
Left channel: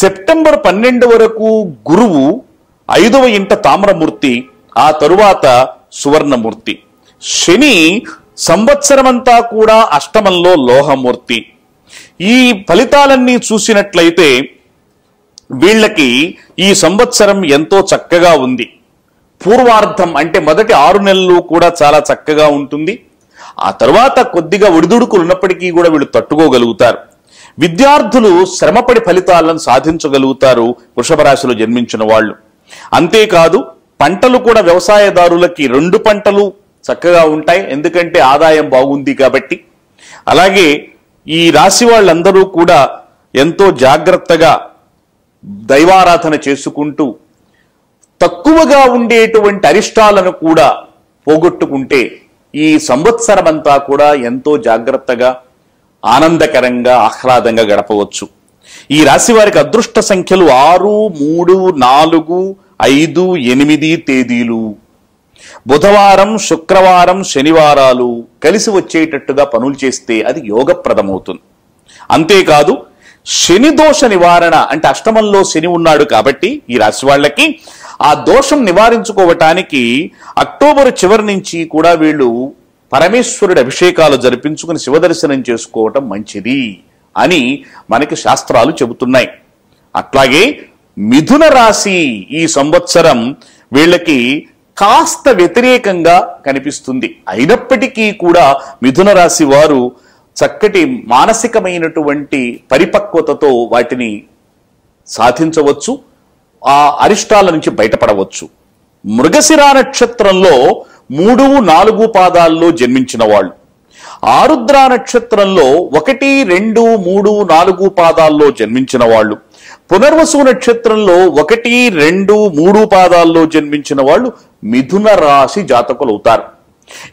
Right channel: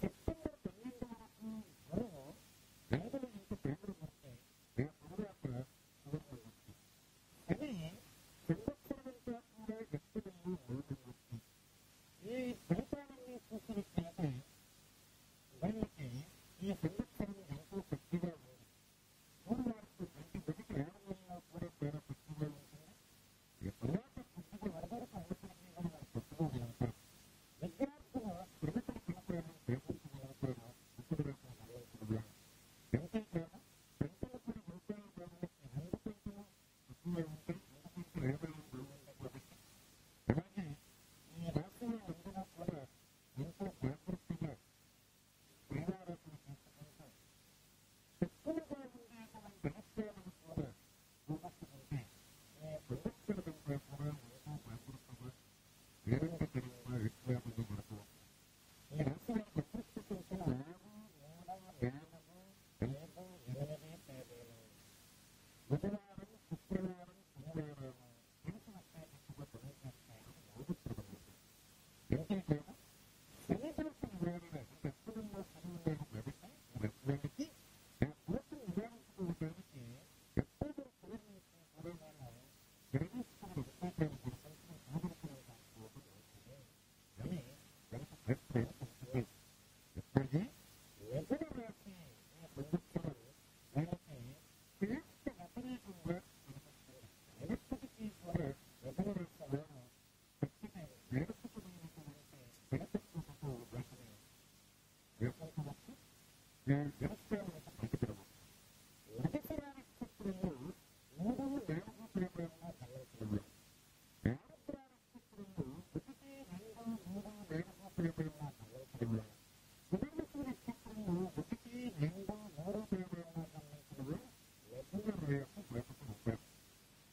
సెప్టెంబర్ 12 వరకు గురువు 5వ ఇంట తామ్రమూర్తి, ఆ తరువాత సువర్ణమూర్తి. శని సంవత్సరమంతా కూడా అష్టమంలో లోహమూర్తి. ఈ ఫలితాలన్నీ చూసినట్లయితే వీళ్ళకి ఈ సంవత్సరం ఎంతో చక్కగా ఉంది. పూర్వార్ధం అంటే మొదటి 6 నెలలు కూడా చాలా చక్కగా ఉంటుంది. ఆ తర్వాత కొద్దిగా ఒడిదుడుకులు ఉన్నప్పటికీ కూడా వీళ్ళు తట్టుకోగలుగుతారు. విద్యార్థులు శ్రమపడి ఫలితాలను సాధించగలుగుతారు వృషభ రాశిలో జన్మించిన వాళ్ళు. అంతేకాదు పంటలు కూడా వ్యవసాయదారులకి 2 పంటలు చక్కగా ఉంటాయి. ఎందుకంటే ఆదాయం బాగుంది కాబట్టి. అలాగే ఈ రాశి వాళ్ళందరూ కూడా ఎంతో జాగ్రత్తగా దైవారాధన చేసుకుంటూ తక్కువగా ఉండేటువంటి అరిష్టాలను కూడా పోగొట్టుకుంటే ఈ సంవత్సరం అంతా కూడా ఎంతో జాగ్రత్తగా ఆనందకరంగా ఆహ్లాదంగా గడపవచ్చు. ఈ రాశి వారికి అదృష్ట సంఖ్యలు 6, 3, 4, 5, 8 తేదీలు. బుధవారం, శుక్రవారం, శనివారాలు కలిసి వచ్చేటట్టుగా పనులు చేస్తే అది యోగప్రదమవుతుంది. అంతేకాదు శని దోష నివారణ అంటే అష్టమంలో శని ఉన్నాడు కాబట్టి ఈ రాశి వాళ్ళకి ఆ దోషం నివారించుకోవటానికి అక్టోబర్ చివరి నుంచి కూడా వీళ్ళు పరమేశ్వరుడి అభిషేకాలు జరిపించుకుని శివదర్శనం చేసుకోవటం మంచిది అని మనకి శాస్త్రాలు చెబుతున్నాయి. అట్లాగే మిథున రాశి ఈ సంవత్సరం వీళ్ళకి కాస్త వ్యతిరేకంగా కనిపిస్తుంది. అయినప్పటికీ కూడా మిథున రాశి వారు చక్కటి మానసికమైనటువంటి పరిపక్వతతో వాటిని సాధించవచ్చు, ఆ అరిష్టాల నుంచి బయటపడవచ్చు. మృగశిర నక్షత్రంలో 3, 4 పాదాల్లో జన్మించిన వాళ్ళు, ఆరుద్ర నక్షత్రంలో 1, 2, 3, 4 పాదాల్లో జన్మించిన వాళ్ళు, పునర్వసు నక్షత్రంలో 1, 2, 3 పాదాల్లో జన్మించిన వాళ్ళు మిథున రాశి జాతకులు అవుతారు.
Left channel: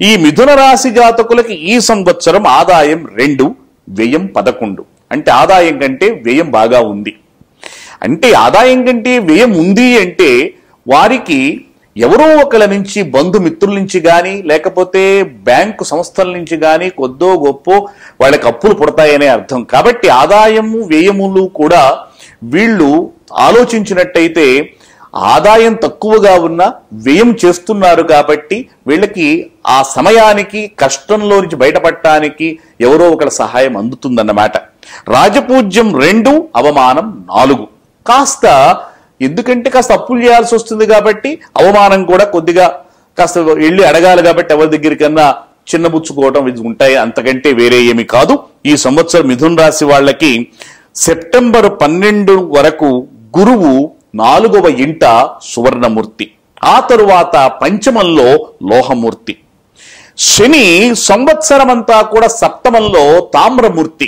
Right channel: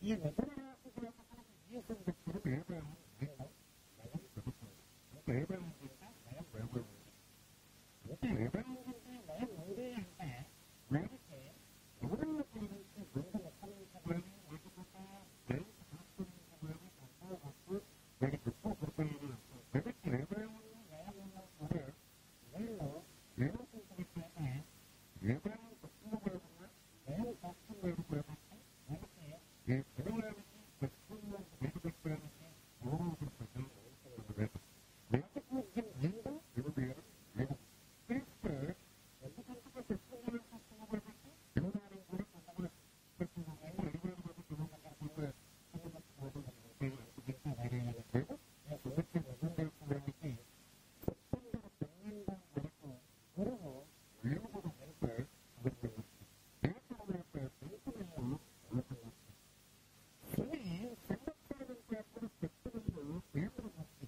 ఈ మిథున రాశి జాతకులకి ఈ సంవత్సరం ఆదాయం 2, వ్యయం 11. అంటే ఆదాయం కంటే వ్యయం బాగా ఉంది. అంటే ఆదాయం కంటే వ్యయం ఉంది అంటే వారికి ఎవరో ఒకళ్ళ నుంచి, బంధుమిత్రుల నుంచి కానీ లేకపోతే బ్యాంకు సంస్థల నుంచి కానీ కొద్దో గొప్పో వాళ్ళకి అప్పులు పుడతాయనే అర్థం. కాబట్టి ఆదాయము వ్యయములు కూడా వీళ్ళు ఆలోచించినట్టయితే ఆదాయం తక్కువగా ఉన్న వ్యయం చేస్తున్నారు కాబట్టి వీళ్ళకి ఆ సమయానికి కష్టంలో నుంచి బయటపడటానికి ఎవరో ఒకళ్ళ సహాయం అందుతుందన్నమాట. రాజపూజ్యం 2, అవమానం 4. ఎందుకంటే కాస్త అప్పులు చేయాల్సి వస్తుంది కాబట్టి అవమానం కూడా కొద్దిగా కాస్త వెళ్ళి అడగాలి కాబట్టి ఎవరి దగ్గరికన్నా చిన్నబుచ్చుకోవటం ఉంటాయి, అంతకంటే వేరే ఏమి కాదు. ఈ సంవత్సరం మిథున రాశి వాళ్ళకి సెప్టెంబర్ 12 వరకు గురువు 4వ ఇంట సువర్ణమూర్తి, ఆ తరువాత పంచమంలో లోహమూర్తి. శని సంవత్సరమంతా కూడా సప్తమంలో తామ్రమూర్తి.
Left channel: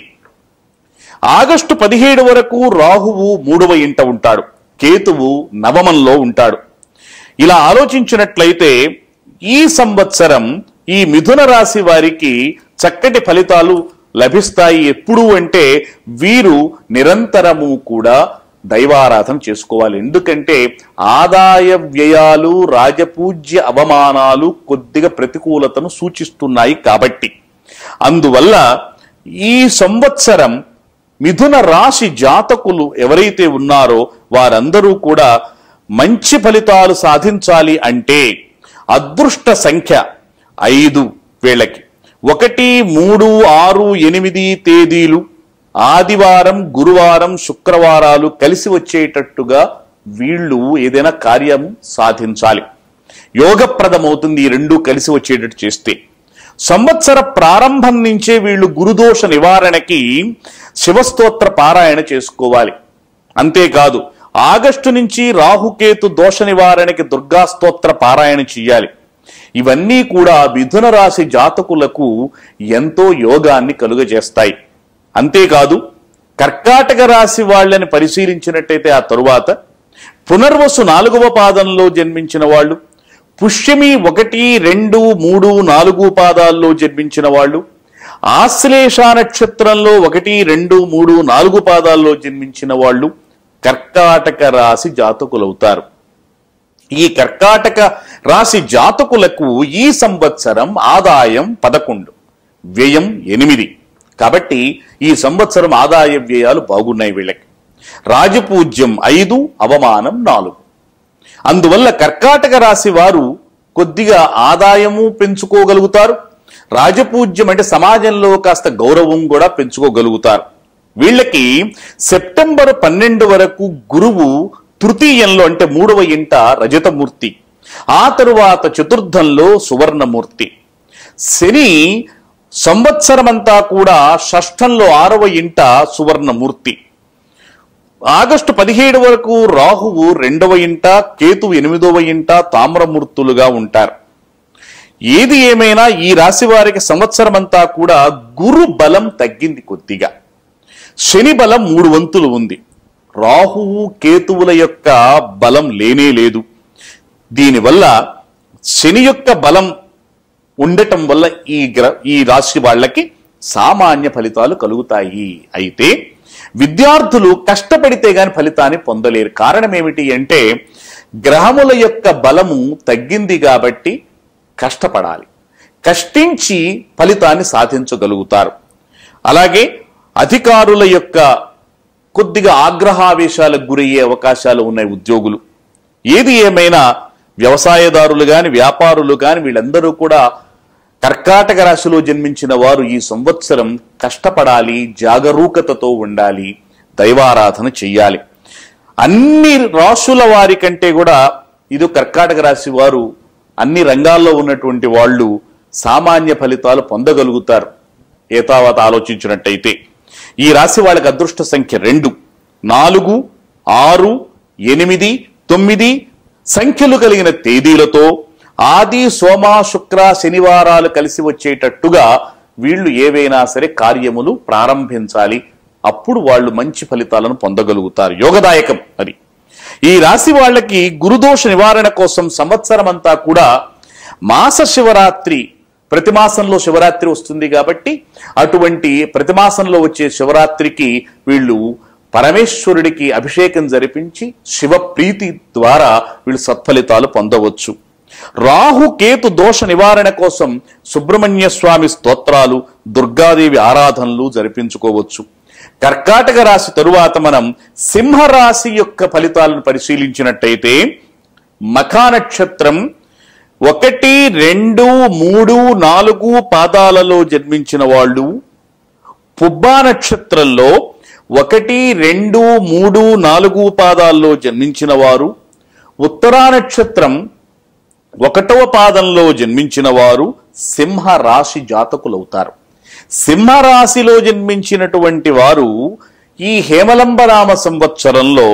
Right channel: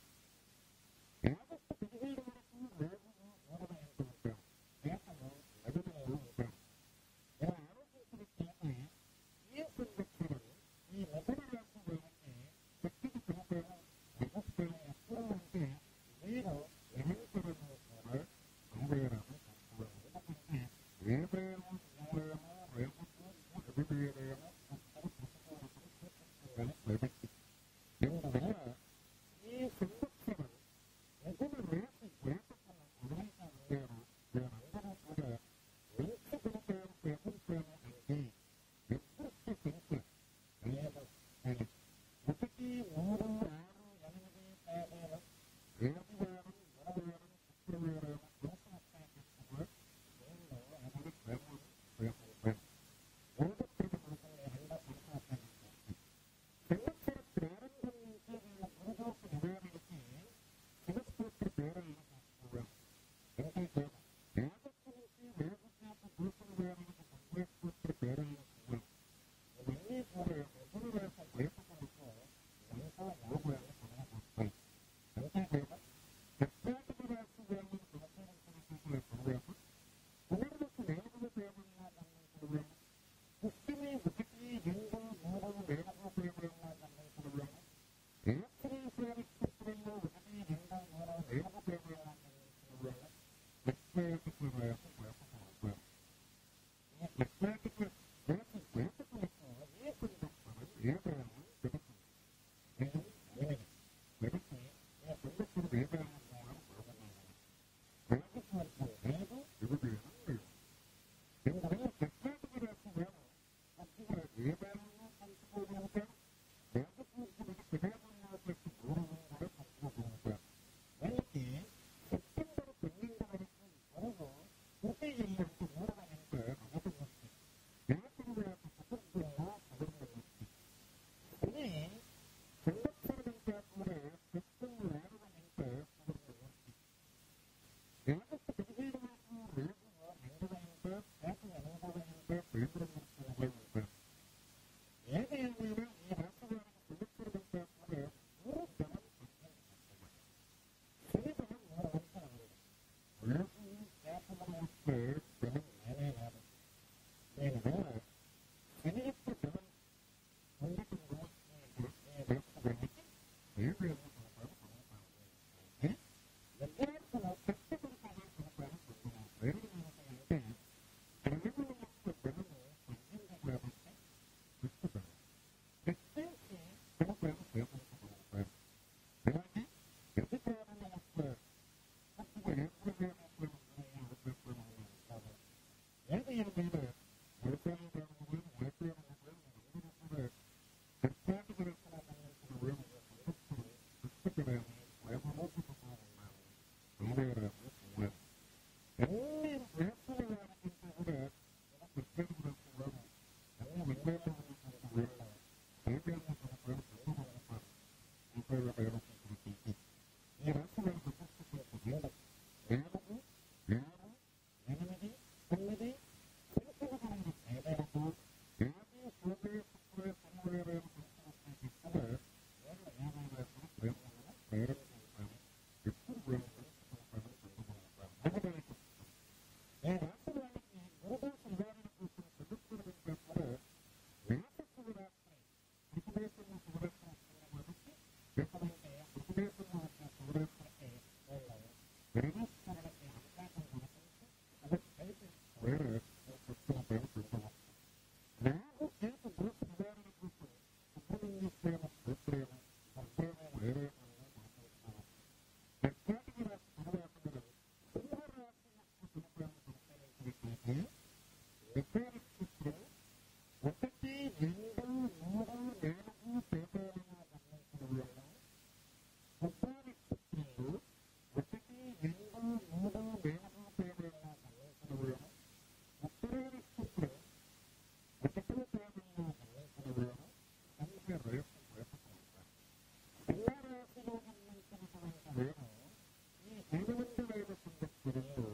ఆగస్టు 17 వరకు రాహువు 3వ ఇంట ఉంటాడు, కేతువు నవమంలో ఉంటాడు. ఇలా ఆలోచించినట్లయితే ఈ సంవత్సరం ఈ మిథున రాశి వారికి చక్కటి ఫలితాలు లభిస్తాయి. ఎప్పుడు అంటే వీరు నిరంతరము కూడా దైవారాధన చేసుకోవాలి. ఎందుకంటే ఆదాయ వ్యయాలు, రాజపూజ్య అవమానాలు కొద్దిగా ప్రతికూలతను సూచిస్తున్నాయి కాబట్టి. అందువల్ల ఈ సంవత్సరం మిథున రాశి జాతకులు ఎవరైతే ఉన్నారో వారందరూ కూడా మంచి ఫలితాలు సాధించాలి అంటే అదృష్ట సంఖ్య 5 వీళ్ళకి 1, 3, 6, 8 తేదీలు ఆదివారం, గురువారం, శుక్రవారాలు కలిసి వచ్చేటట్టుగా వీళ్ళు ఏదైనా కార్యం సాధించాలి. యోగప్రదమవుతుంది ఈ 2 కలిసి వచ్చేటట్టు చేస్తే. సంవత్సర ప్రారంభం నుంచే వీళ్ళు గురుదోష నివారణకి శివస్తోత్ర పారాయణ చేసుకోవాలి. అంతేకాదు ఆగస్టు నుంచి రాహుకేతు దోష నివారణకి దుర్గా స్తోత్ర పారాయణ చెయ్యాలి. ఇవన్నీ కూడా మిథున రాశి జాతకులకు ఎంతో యోగాన్ని కలుగజేస్తాయి. అంతేకాదు కర్కాటక రాశి వాళ్ళని పరిశీలించినట్టయితే ఆ తరువాత పునర్వసు 4వ పాదంలో జన్మించిన వాళ్ళు, పుష్యమి 1, 2, 3, 4 పాదాల్లో జన్మించిన వాళ్ళు, ఆశ్లేష నక్షత్రంలో 1, 2, 3, 4 పాదాల్లో జన్మించిన వాళ్ళు కర్కాటక రాశి జాతకులవుతారు. ఈ కర్కాటక రాశి జాతకులకు ఈ సంవత్సరం ఆదాయం 11, వ్యయం 8. కాబట్టి ఈ సంవత్సరం ఆదాయ వ్యయాలు బాగున్నాయి వీళ్ళకి. రాజపూజ్యం 5, అవమానం 4. అందువల్ల కర్కాటక రాశి వారు కొద్దిగా ఆదాయము పెంచుకోగలుగుతారు, రాజపూజ్యం అంటే సమాజంలో కాస్త గౌరవం కూడా పెంచుకోగలుగుతారు. వీళ్ళకి సెప్టెంబర్ 12 వరకు గురువు తృతీయంలో అంటే 3వ ఇంట రజతమూర్తి, ఆ తరువాత చతుర్థంలో సువర్ణమూర్తి. శని సంవత్సరమంతా కూడా షష్ఠంలో 6వ ఇంట సువర్ణమూర్తి. ఆగస్టు 17 వరకు రాహువు 2వ ఇంట, కేతువు 8వ ఇంట తామ్రమూర్తులుగా ఉంటారు. ఏది ఏమైనా ఈ రాశి వారికి సంవత్సరం అంతా కూడా గురు బలం తగ్గింది కొద్దిగా. శని బలం 3 వంతులు ఉంది. రాహువు కేతువుల యొక్క బలం లేనే లేదు. దీనివల్ల శని యొక్క బలం ఉండటం వల్ల ఈ రాశి వాళ్ళకి సామాన్య ఫలితాలు కలుగుతాయి. అయితే విద్యార్థులు కష్టపడితే గాని ఫలితాన్ని పొందలేరు. కారణం ఏమిటి అంటే గ్రహముల యొక్క బలము తగ్గింది కాబట్టి కష్టపడాలి, కష్టించి ఫలితాన్ని సాధించగలుగుతారు. అలాగే అధికారుల యొక్క కొద్దిగా ఆగ్రహావేశాలకు గురయ్యే అవకాశాలు ఉన్నాయి ఉద్యోగులు. ఏది ఏమైనా వ్యవసాయదారులు గాని వ్యాపారులు గాని వీళ్ళందరూ కూడా కర్కాటక రాశిలో జన్మించిన వారు ఈ సంవత్సరం కష్టపడాలి, జాగరూకతతో ఉండాలి, దైవారాధన చెయ్యాలి. అన్ని రాశుల వారి కంటే కూడా ఇది కర్కాటక రాశి వారు అన్ని రంగాల్లో ఉన్నటువంటి వాళ్ళు సామాన్య ఫలితాలు పొందగలుగుతారు ఏతావత ఆలోచించినట్టయితే. ఈ రాశి వాళ్ళకి అదృష్ట సంఖ్య 2, 4, 6, 8, 9 సంఖ్యలు కలిగిన తేదీలతో ఆది, సోమ, శుక్ర, శనివారాలు కలిసి వచ్చేటట్టుగా వీళ్ళు ఏవైనా సరే కార్యములు ప్రారంభించాలి. అప్పుడు వాళ్ళు మంచి ఫలితాలను పొందగలుగుతారు. యోగదాయకం అది. ఈ రాశి వాళ్ళకి గురుదోష నివారణ కోసం సంవత్సరం అంతా కూడా మాస శివరాత్రి, ప్రతి మాసంలో శివరాత్రి వస్తుంది కాబట్టి అటువంటి ప్రతి మాసంలో వచ్చే శివరాత్రికి వీళ్ళు పరమేశ్వరుడికి అభిషేకం జరిపించి శివ ప్రీతి ద్వారా వీళ్ళు సత్ఫలితాలు పొందవచ్చు. రాహు కేతు దోష నివారణ కోసం సుబ్రహ్మణ్య స్వామి స్తోత్రాలు, దుర్గాదేవి ఆరాధనలు జరిపించుకోవచ్చు. కర్కాటక రాశి తరువాత మనం సింహరాశి యొక్క ఫలితాలను పరిశీలించినట్టయితే మఖా నక్షత్రం 1, 2, 3, 4 పాదాలలో జన్మించిన వాళ్ళు, పుబ్బా నక్షత్రంలో 1, 2, 3, 4 పాదాల్లో జన్మించిన వారు, ఉత్తరా నక్షత్రం 1వ పాదంలో జన్మించిన వారు సింహ రాశి జాతకులవుతారు. సింహరాశిలో జన్మించినటువంటి వారు ఈ హేమలంబరామ సంవత్సరంలో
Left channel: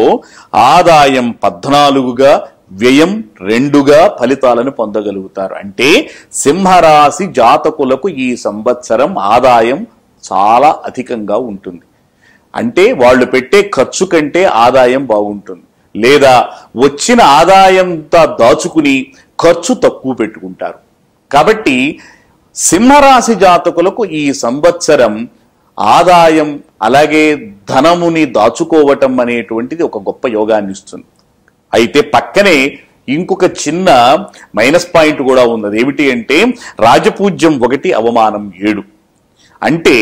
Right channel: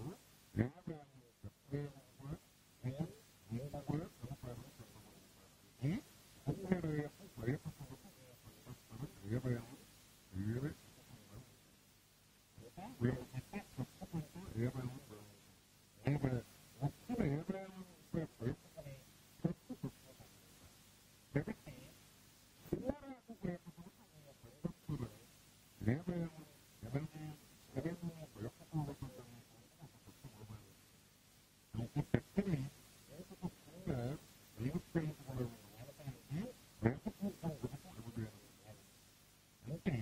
ఆదాయం 14గా, వ్యయం 2గా ఫలితాలను పొందగలుగుతారు. అంటే సింహరాశి జాతకులకు ఈ సంవత్సరం ఆదాయం చాలా అధికంగా ఉంటుంది. అంటే వాళ్ళు పెట్టే ఖర్చు కంటే ఆదాయం బాగుంటుంది. లేదా వచ్చిన ఆదాయంతో దాచుకుని ఖర్చు తక్కువ పెట్టుకుంటారు. కాబట్టి సింహరాశి జాతకులకు ఈ సంవత్సరం ఆదాయం అలాగే ధనముని దాచుకోవటం అనేటువంటిది ఒక గొప్ప యోగాన్ని ఇస్తుంది. అయితే పక్కనే ఇంకొక చిన్న మైనస్ పాయింట్ కూడా ఉన్నది. ఏమిటి అంటే రాజపూజ్యం 1, అవమానం 7. అంటే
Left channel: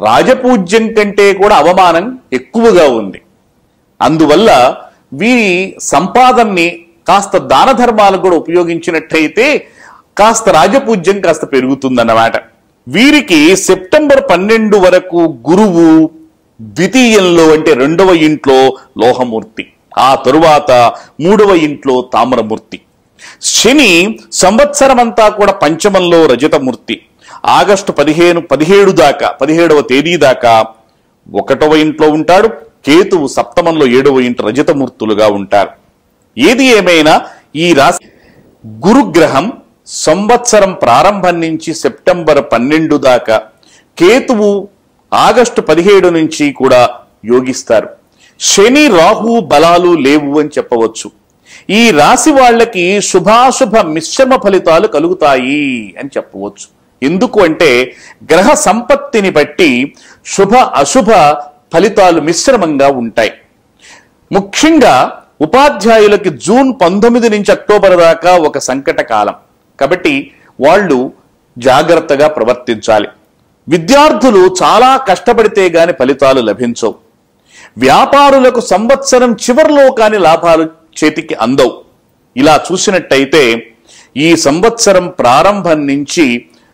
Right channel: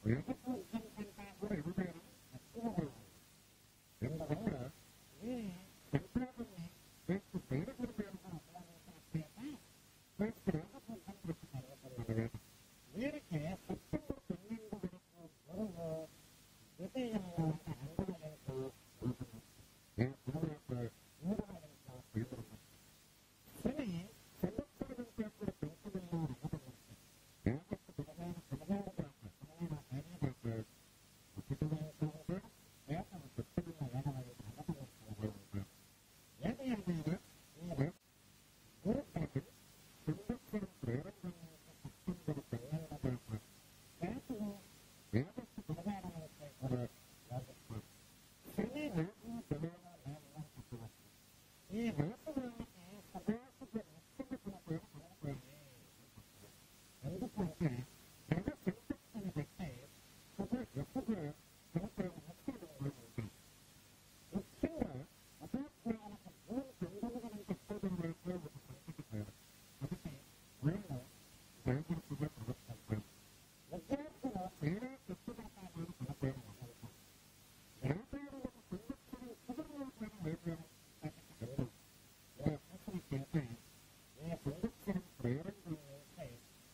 రాజపూజ్యం కంటే కూడా అవమానం ఎక్కువగా ఉంది. అందువల్ల వీరి సంపాదనని కాస్త దాన ధర్మాలకు కూడా ఉపయోగించినట్టయితే కాస్త రాజపూజ్యం కాస్త పెరుగుతుందన్నమాట. వీరికి సెప్టెంబర్ 12 వరకు గురువు ద్వితీయంలో అంటే 2వ ఇంట్లో లోహమూర్తి, ఆ తరువాత 3వ ఇంట్లో తామ్రమూర్తి. శని సంవత్సరం అంతా కూడా పంచమంలో రజతమూర్తి, ఆగస్టు 17వ తేదీ దాకా 1వ ఇంట్లో ఉంటాడు. కేతువు సప్తమంలో 7వ ఇంట రజతమూర్తులుగా ఉంటారు. ఏది ఏమైనా ఈ రాశి గురుగ్రహం సంవత్సరం ప్రారంభం నుంచి సెప్టెంబర్ 12 దాకా, కేతువు ఆగస్టు 17 నుంచి కూడా యోగిస్తారు. శని రాహు బలాలు లేవు అని చెప్పవచ్చు. ఈ రాశి వాళ్ళకి శుభాశుభ మిశ్రమ ఫలితాలు కలుగుతాయి అని చెప్పవచ్చు. ఎందుకు అంటే గ్రహ సంపత్తిని బట్టి శుభ అశుభ ఫలితాలు మిశ్రమంగా ఉంటాయి. ముఖ్యంగా ఉపాధ్యాయులకి జూన్ 19 నుంచి అక్టోబర్ దాకా ఒక సంకట కాలం కాబట్టి వాళ్ళు జాగ్రత్తగా ప్రవర్తించాలి. విద్యార్థులు చాలా కష్టపడితే గాని ఫలితాలు లభించవు. వ్యాపారులకు సంవత్సరం చివరిలో కాని లాభాలు చేతికి అందవు. ఇలా చూసినట్టయితే ఈ సంవత్సరం ప్రారంభం నుంచి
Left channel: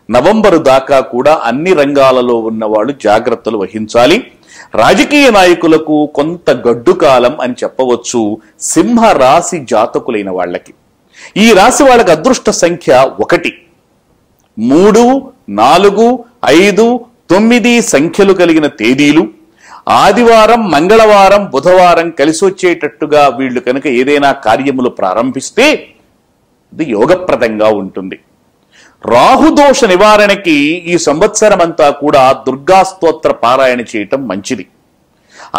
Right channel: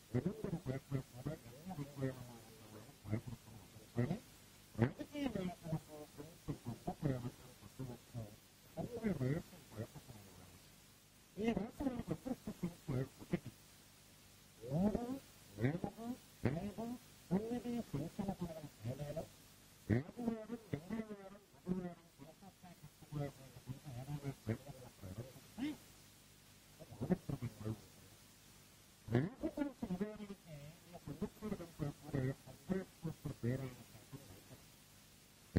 నవంబరు దాకా కూడా అన్ని రంగాలలో ఉన్నవాళ్ళు జాగ్రత్తలు వహించాలి. రాజకీయ నాయకులకు కొంత గడ్డు కాలం అని చెప్పవచ్చు సింహ రాశి జాతకులైన వాళ్ళకి. ఈ రాశి వాళ్ళకి అదృష్ట సంఖ్య 1, 3, 4, 5, 9 సంఖ్యలు కలిగిన తేదీలు, ఆదివారం, మంగళవారం, బుధవారం కలిసి వచ్చేటట్టుగా వీళ్ళు కనుక ఏదైనా కార్యములు ప్రారంభిస్తే ఇది యోగప్రదంగా ఉంటుంది. రాహుదోష నివారణకి ఈ సంవత్సరం అంతా కూడా దుర్గా స్తోత్ర పారాయణ చేయటం మంచిది.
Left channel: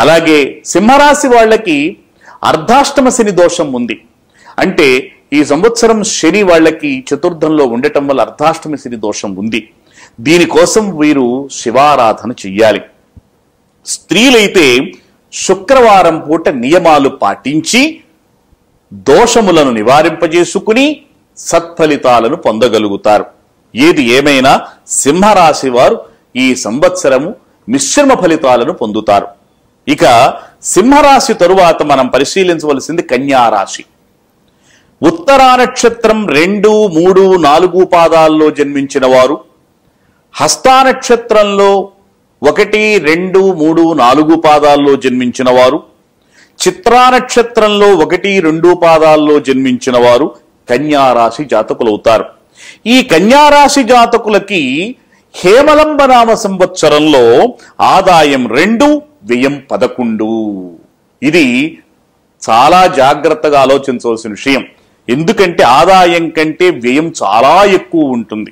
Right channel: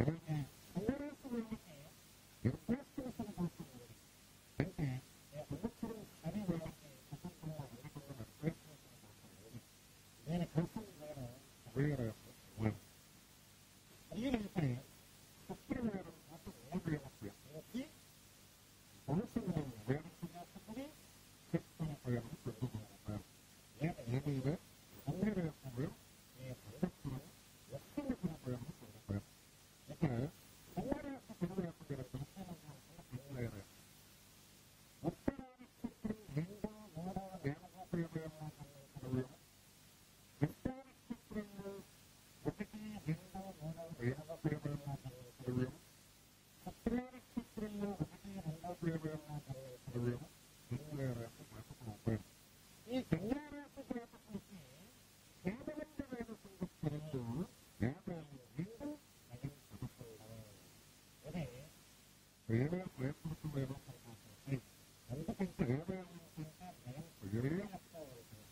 అలాగే సింహరాశి వాళ్ళకి అర్ధాష్టమ శని దోషం ఉంది. అంటే ఈ సంవత్సరం శని వాళ్ళకి చతుర్థంలో ఉండటం వల్ల అర్ధాష్టమ శని దోషం ఉంది. దీనికోసం వీరు శివారాధన చెయ్యాలి. స్త్రీలైతే శుక్రవారం పూట నియమాలు పాటించి దోషములను నివారింపజేసుకుని సత్ఫలితాలను పొందగలుగుతారు. ఏది ఏమైనా సింహరాశి వారు ఈ సంవత్సరము మిశ్రమ ఫలితాలను పొందుతారు. ఇక సింహరాశి తరువాత మనం పరిశీలించవలసింది కన్యారాశి. ఉత్తరా నక్షత్రం 2, 3, 4 పాదాల్లో జన్మించిన వారు, హస్తా నక్షత్రంలో 1, 2, 3, 4 పాదాల్లో జన్మించిన వారు, చిత్రా నక్షత్రంలో 1, 2 పాదాల్లో జన్మించిన వారు కన్యారాశి జాతకులవుతారు. ఈ కన్యారాశి జాతకులకి హేమలంబనామ సంవత్సరంలో ఆదాయం 2, వ్యయం 11. ఇది చాలా జాగ్రత్తగా ఆలోచించవలసిన విషయం. ఎందుకంటే ఆదాయం కంటే వ్యయం చాలా ఎక్కువ ఉంటుంది.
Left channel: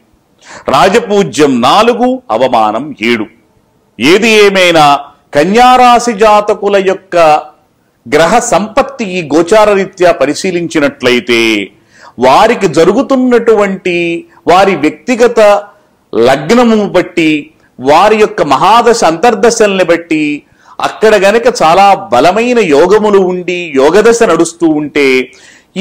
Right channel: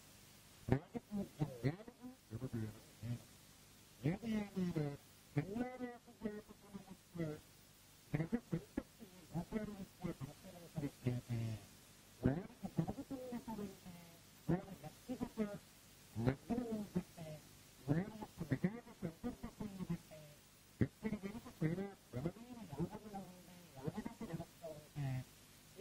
రాజపూజ్యం 4, అవమానం 7. ఏది ఏమైనా కన్యారాశి జాతకుల యొక్క గ్రహ సంపత్తి ఈ గోచార రీత్యా పరిశీలించినట్లయితే వారికి జరుగుతున్నటువంటి వారి వ్యక్తిగత లగ్నము బట్టి, వారి యొక్క మహాదశ అంతర్దశల్ని బట్టి అక్కడ గనక చాలా బలమైన యోగములు ఉండి యోగదశ నడుస్తూ ఉంటే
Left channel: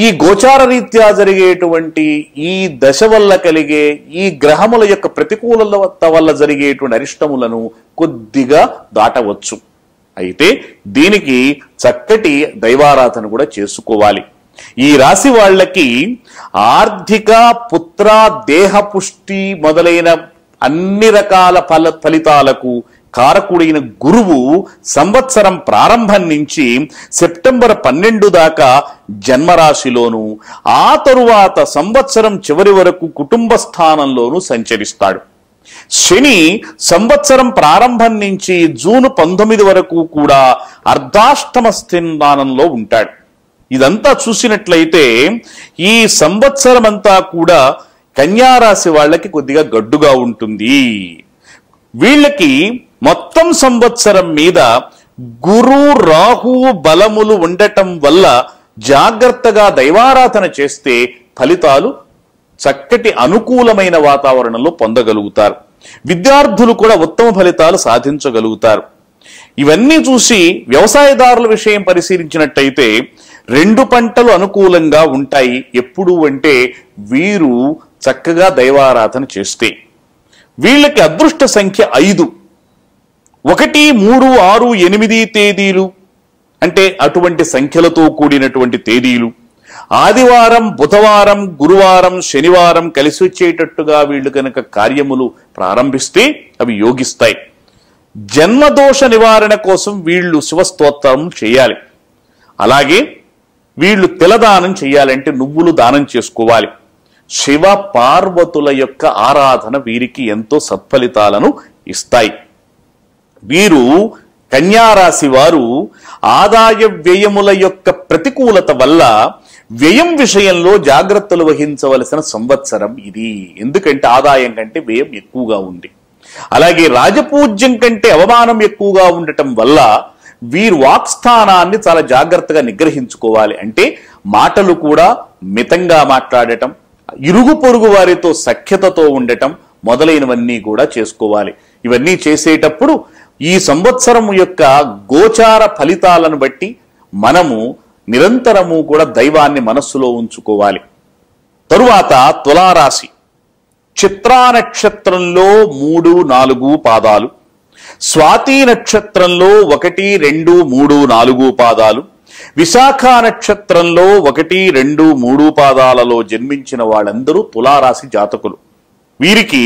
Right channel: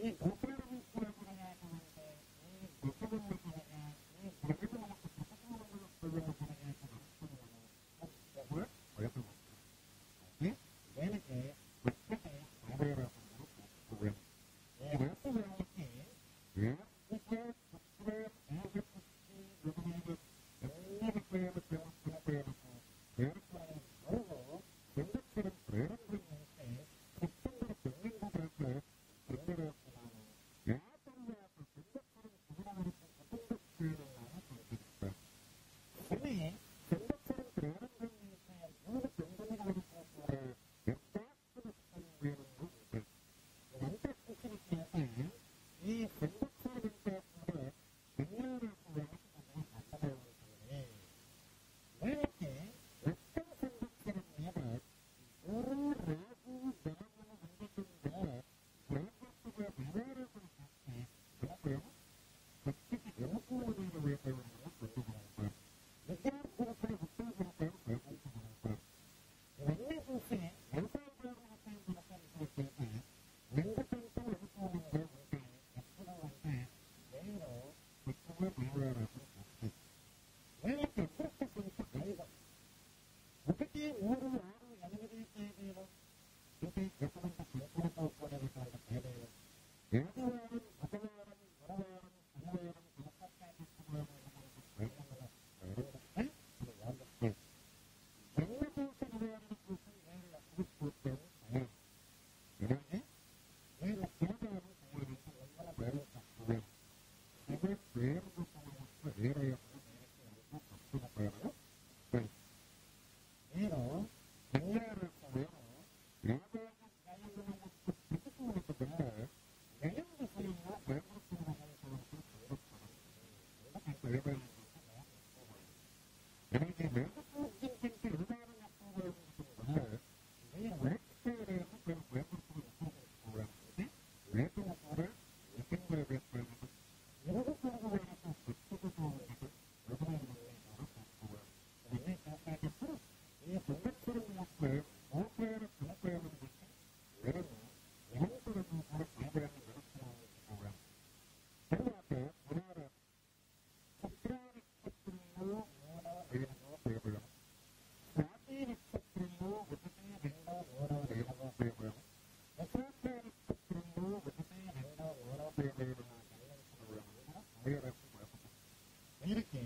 ఈ గోచార రీత్యా జరిగేటువంటి ఈ దశ వల్ల కలిగే ఈ గ్రహముల యొక్క ప్రతికూలత వల్ల జరిగేటువంటి అరిష్టములను కొద్దిగా దాటవచ్చు. అయితే దీనికి చక్కటి దైవారాధన కూడా చేసుకోవాలి. ఈ రాశి వాళ్ళకి ఆర్థిక, పుత్ర, దేహ పుష్టి మొదలైన అన్ని రకాల ఫలితాలకు కారకుడైన గురువు సంవత్సరం ప్రారంభం నుంచి సెప్టెంబర్ 12 దాకా జన్మరాశిలోను, ఆ తరువాత సంవత్సరం చివరి వరకు కుటుంబ స్థానంలోనూ సంచరిస్తాడు. శని సంవత్సరం ప్రారంభం నుంచి జూన్ 19 వరకు కూడా అర్ధాష్టమ స్థానంలో ఉంటాడు. ఇదంతా చూసినట్లయితే ఈ సంవత్సరం అంతా కూడా కన్యారాశి వాళ్ళకి కొద్దిగా గడ్డుగా ఉంటుంది. వీళ్ళకి మొత్తం సంవత్సరం మీద గురు, రాహు బలములు ఉండటం వల్ల జాగ్రత్తగా దైవారాధన చేస్తే ఫలితాలు చక్కటి అనుకూలమైన వాతావరణంలో పొందగలుగుతారు. విద్యార్థులు కూడా ఉత్తమ ఫలితాలు సాధించగలుగుతారు. ఇవన్నీ చూసి వ్యవసాయదారుల విషయం పరిశీలించినట్టయితే 2 పంటలు అనుకూలంగా ఉంటాయి. ఎప్పుడు అంటే వీరు చక్కగా దైవారాధన చేస్తే. వీళ్ళకి అదృష్ట సంఖ్య 5. 1, 3, 6, 8 తేదీలు అంటే అటువంటి సంఖ్యలతో కూడినటువంటి తేదీలు, ఆదివారం, బుధవారం, గురువారం, శనివారం కలిసి వచ్చేటట్టుగా వీళ్ళు కనుక కార్యములు ప్రారంభిస్తే అవి యోగిస్తాయి. జన్మదోష నివారణ కోసం వీళ్ళు శివస్తోత్రం చేయాలి. అలాగే వీళ్ళు తిలదానం చేయాలంటే నువ్వులు దానం చేసుకోవాలి. శివ పార్వతుల యొక్క ఆరాధన వీరికి ఎంతో సత్ఫలితాలను ఇస్తాయి. వీరు కన్యారాశి వారు ఆదాయ వ్యయముల యొక్క ప్రతికూలత వల్ల వ్యయం విషయంలో జాగ్రత్తలు వహించవలసిన సంవత్సరం ఇది. ఎందుకంటే ఆదాయం కంటే వ్యయం ఎక్కువగా ఉంది. అలాగే రాజపూజ్యం కంటే అవమానం ఎక్కువగా ఉండటం వల్ల వీరు వాక్స్థానాన్ని చాలా జాగ్రత్తగా నిగ్రహించుకోవాలి. అంటే మాటలు కూడా మితంగా మాట్లాడటం, ఇరుగు పొరుగు వారితో సఖ్యతతో ఉండటం మొదలైనవన్నీ కూడా చేసుకోవాలి. ఇవన్నీ చేసేటప్పుడు ఈ సంవత్సరం యొక్క గోచార ఫలితాలను బట్టి మనము నిరంతరము కూడా దైవాన్ని మనస్సులో ఉంచుకోవాలి. తరువాత తులారాశి. చిత్రా నక్షత్రంలో 3, 4 పాదాలు, స్వాతి నక్షత్రంలో 1, 2, 3, 4 పాదాలు, విశాఖ నక్షత్రంలో 1, 2, 3 పాదాలలో జన్మించిన వాళ్ళందరూ తులారాశి జాతకులు. వీరికి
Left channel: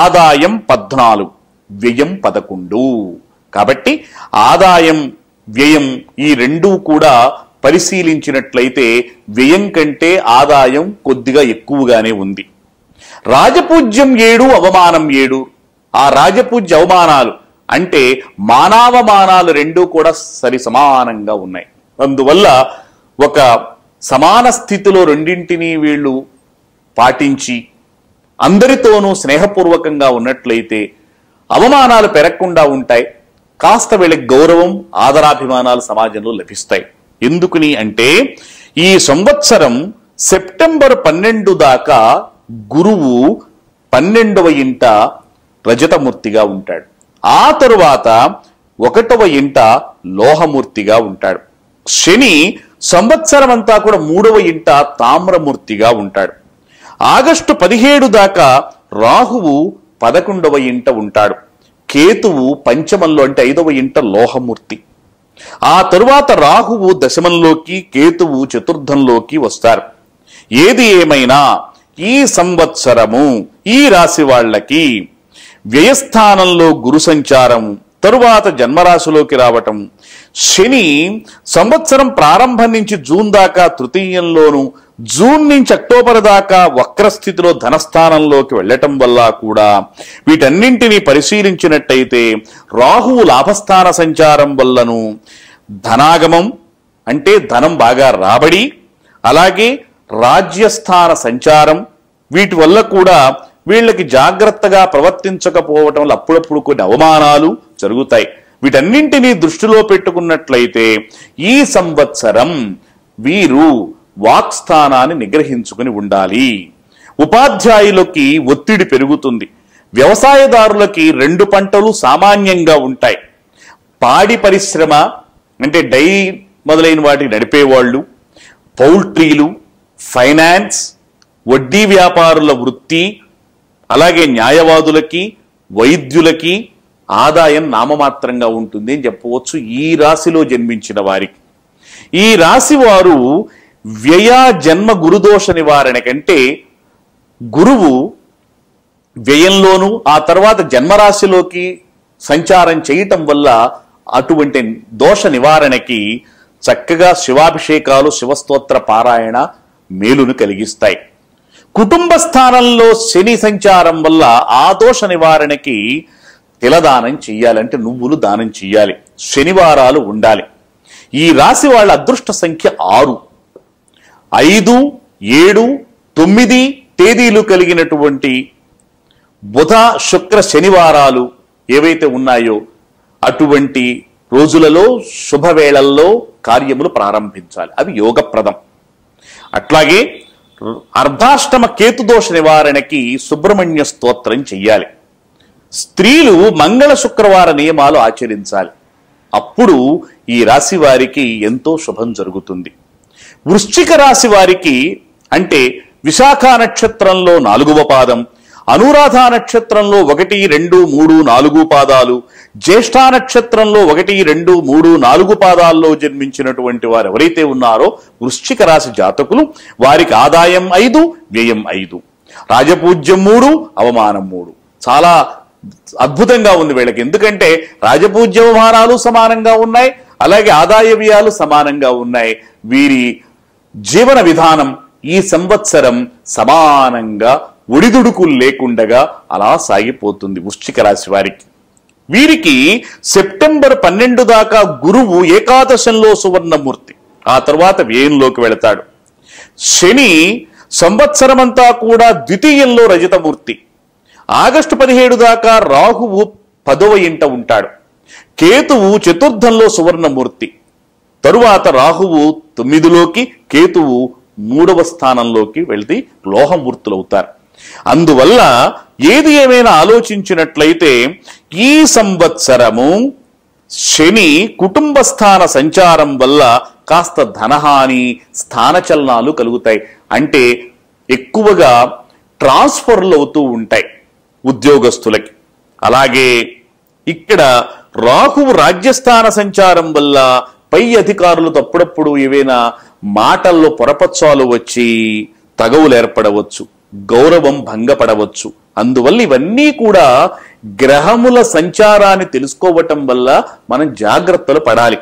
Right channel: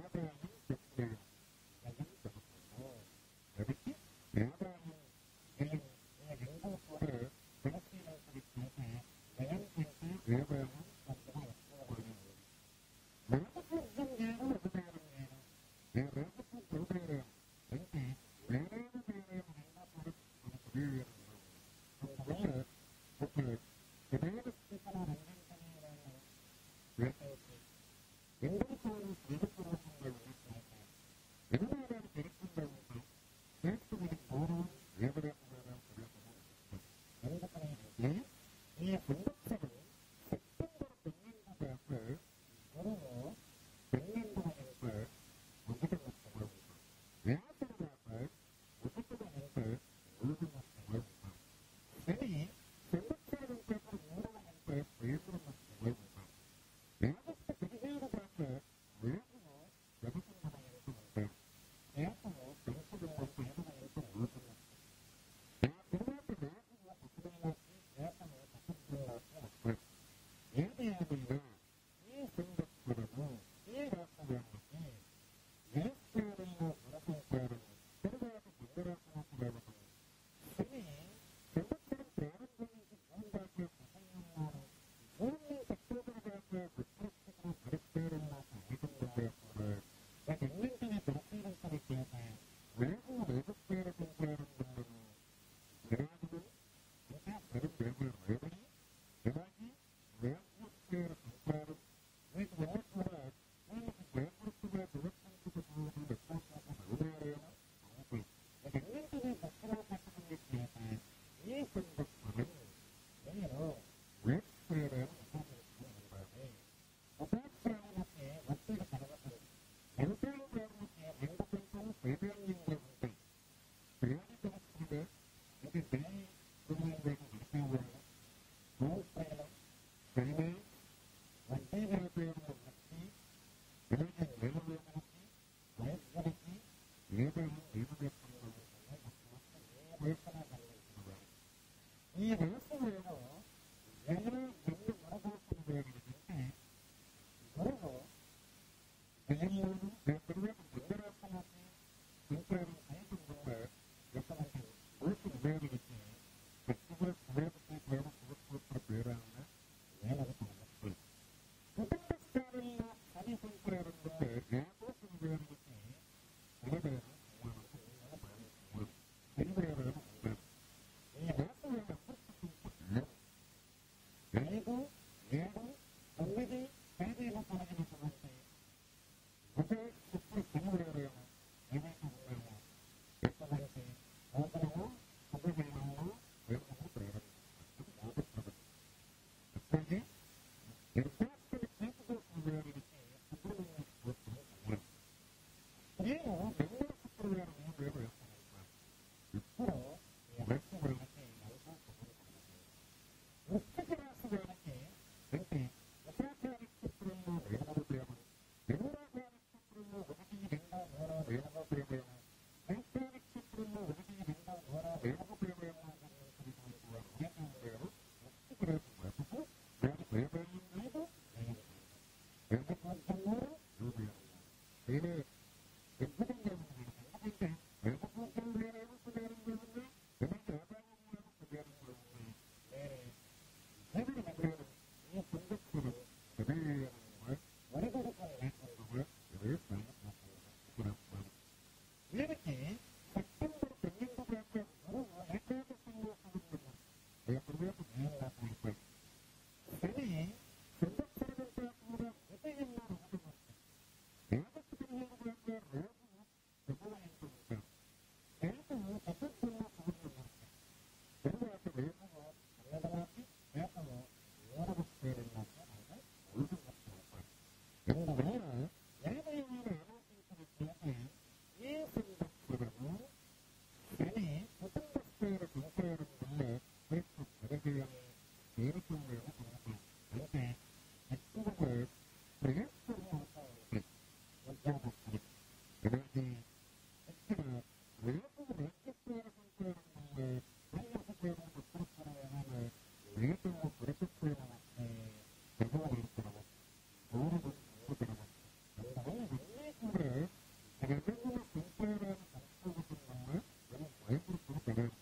ఆదాయం 14, వ్యయం 11. కాబట్టి ఆదాయం వ్యయం ఈ రెండూ కూడా పరిశీలించినట్లయితే వ్యయం కంటే ఆదాయం కొద్దిగా ఎక్కువగానే ఉంది. రాజపూజ్యం 7, అవమానం 7. ఆ రాజపూజ్య అవమానాలు అంటే మానవమానాలు రెండూ కూడా సరి సమానంగా ఉన్నాయి. అందువల్ల ఒక సమాన స్థితిలో రెండింటినీ వీళ్ళు పాటించి అందరితోనూ స్నేహపూర్వకంగా ఉన్నట్లయితే అవమానాలు పెరగకుండా ఉంటాయి. కాస్త వీళ్ళకి గౌరవం, ఆదరాభిమానాలు సమాజంలో లభిస్తాయి. ఎందుకుని అంటే ఈ సంవత్సరం సెప్టెంబర్ 12 దాకా గురువు 12వ ఇంట రజతమూర్తిగా ఉంటాడు. ఆ తరువాత 1వ ఇంట లోహమూర్తిగా ఉంటాడు. శని సంవత్సరం అంతా కూడా 3వ ఇంట తామ్రమూర్తిగా ఉంటాడు. ఆగస్టు 17 దాకా రాహువు 11వ ఇంట ఉంటాడు. కేతువు పంచమంలో అంటే 5వ ఇంట లోహమూర్తి. ఆ తరువాత రాహువు దశమంలోకి, కేతువు చతుర్థంలోకి వస్తారు. ఏది ఏమైనా ఈ సంవత్సరము ఈ రాశి వాళ్ళకి వ్యయస్థానంలో గురు సంచారం, తరువాత జన్మరాశిలోకి రావటం, శని సంవత్సరం ప్రారంభం నుంచి జూన్ దాకా తృతీయంలోను, జూన్ నుంచి అక్టోబర్ దాకా వక్రస్థితిలో ధనస్థానంలోకి వెళ్ళటం వల్ల కూడా వీటన్నింటినీ పరిశీలించినట్టయితే రాహువు లాభస్థాన సంచారం వల్లను ధనాగమం అంటే ధనం బాగా రాబడి, అలాగే రాజ్యస్థాన సంచారం వీటి వల్ల కూడా వీళ్ళకి జాగ్రత్తగా ప్రవర్తించకపోవటం వల్ల అప్పుడప్పుడు కొన్ని అవమానాలు జరుగుతాయి. వీటన్నింటినీ దృష్టిలో పెట్టుకున్నట్లయితే ఈ సంవత్సరం వీరు వాక్స్థానాన్ని నిగ్రహించుకుని ఉండాలి. ఉపాధ్యాయులకి ఒత్తిడి పెరుగుతుంది. వ్యవసాయదారులకి 2 పంటలు సామాన్యంగా ఉంటాయి. పాడి పరిశ్రమ అంటే డైరీ మొదలైన వాటిని నడిపేవాళ్ళు, పౌల్ట్రీలు, ఫైనాన్స్, వడ్డీ వ్యాపారుల వృత్తి, అలాగే న్యాయవాదులకి, వైద్యులకి ఆదాయం నామమాత్రంగా ఉంటుంది అని చెప్పవచ్చు ఈ రాశిలో జన్మించిన వారికి. ఈ రాశి వారు వ్యయ జన్మ గురుదోష నివారణ కంటే గురువు వ్యయంలోను ఆ తర్వాత జన్మరాశిలోకి సంచారం చేయటం వల్ల అటువంటి దోష నివారణకి చక్కగా శివాభిషేకాలు, శివస్తోత్ర పారాయణ మేలును కలిగిస్తాయి. కుటుంబ స్థానంలో శని సంచారం వల్ల ఆ దోష నివారణకి తిలదానం చెయ్యాలంటే నువ్వులు దానం చెయ్యాలి. శనివారాలు ఉండాలి. ఈ రాశి వాళ్ళ అదృష్ట సంఖ్య 6, 5, 7, 9 తేదీలు కలిగినటువంటి బుధ, శుక్ర, శనివారాలు ఏవైతే ఉన్నాయో అటువంటి రోజులలో శుభవేళల్లో కార్యములు ప్రారంభించాలి. అవి యోగప్రదం. అట్లాగే అర్ధాష్టమ కేతుదోష నివారణకి సుబ్రహ్మణ్య స్తోత్రం చెయ్యాలి. స్త్రీలు మంగళ శుక్రవార నియమాలు ఆచరించాలి. అప్పుడు ఈ రాశి వారికి ఎంతో శుభం జరుగుతుంది. వృశ్చిక రాశి వారికి అంటే విశాఖ నక్షత్రంలో 4వ పాదం, అనురాధ నక్షత్రంలో 1, 2, 3, 4 పాదాలు, జ్యేష్ఠ నక్షత్రంలో 1, 2, 3, 4 పాదాల్లో జన్మించినటువంటి వారు ఎవరైతే ఉన్నారో వృశ్చిక రాశి జాతకులు వారికి ఆదాయం 5, వ్యయం 5, రాజపూజ్యం 3, అవమానం 3. చాలా అద్భుతంగా ఉంది వీళ్ళకి. ఎందుకంటే రాజపూజ్య అవమానాలు సమానంగా ఉన్నాయి, అలాగే ఆదాయ వ్యయాలు సమానంగా ఉన్నాయి. వీరి జీవన విధానం ఈ సంవత్సరం సమానంగా ఒడిదుడుకులు లేకుండగా అలా సాగిపోతుంది వృశ్చిక రాశి వారికి. వీరికి సెప్టెంబర్ 12 దాకా గురువు ఏకాదశంలో సువర్ణమూర్తి, ఆ తర్వాత వ్యయంలోకి వెళతాడు. శని సంవత్సరమంతా కూడా ద్వితీయంలో రజతమూర్తి. ఆగస్టు 17 దాకా రాహువు 10వ ఇంట ఉంటాడు. కేతువు చతుర్థంలో సువర్ణమూర్తి. తరువాత రాహువు 9లోకి, కేతువు 3వ స్థానంలోకి వెళ్తే లోహమూర్తులు అవుతారు. అందువల్ల ఏది ఏమైనా ఆలోచించినట్లయితే ఈ సంవత్సరము శని కుటుంబ స్థాన సంచారం వల్ల కాస్త ధనహాని, స్థానచలనాలు కలుగుతాయి. అంటే ఎక్కువగా ట్రాన్స్ఫర్లు అవుతూ ఉంటాయి ఉద్యోగస్తులకి. అలాగే ఇక్కడ రాహువు రాజ్యస్థాన సంచారం వల్ల పై అధికారులతో అప్పుడప్పుడు ఏవైనా మాటల్లో పొరపచ్చాలు వచ్చి తగవులు ఏర్పడవచ్చు, గౌరవం భంగపడవచ్చు. అందువల్ల ఇవన్నీ కూడా గ్రహముల సంచారాన్ని తెలుసుకోవటం వల్ల మనం జాగ్రత్తలు పడాలి.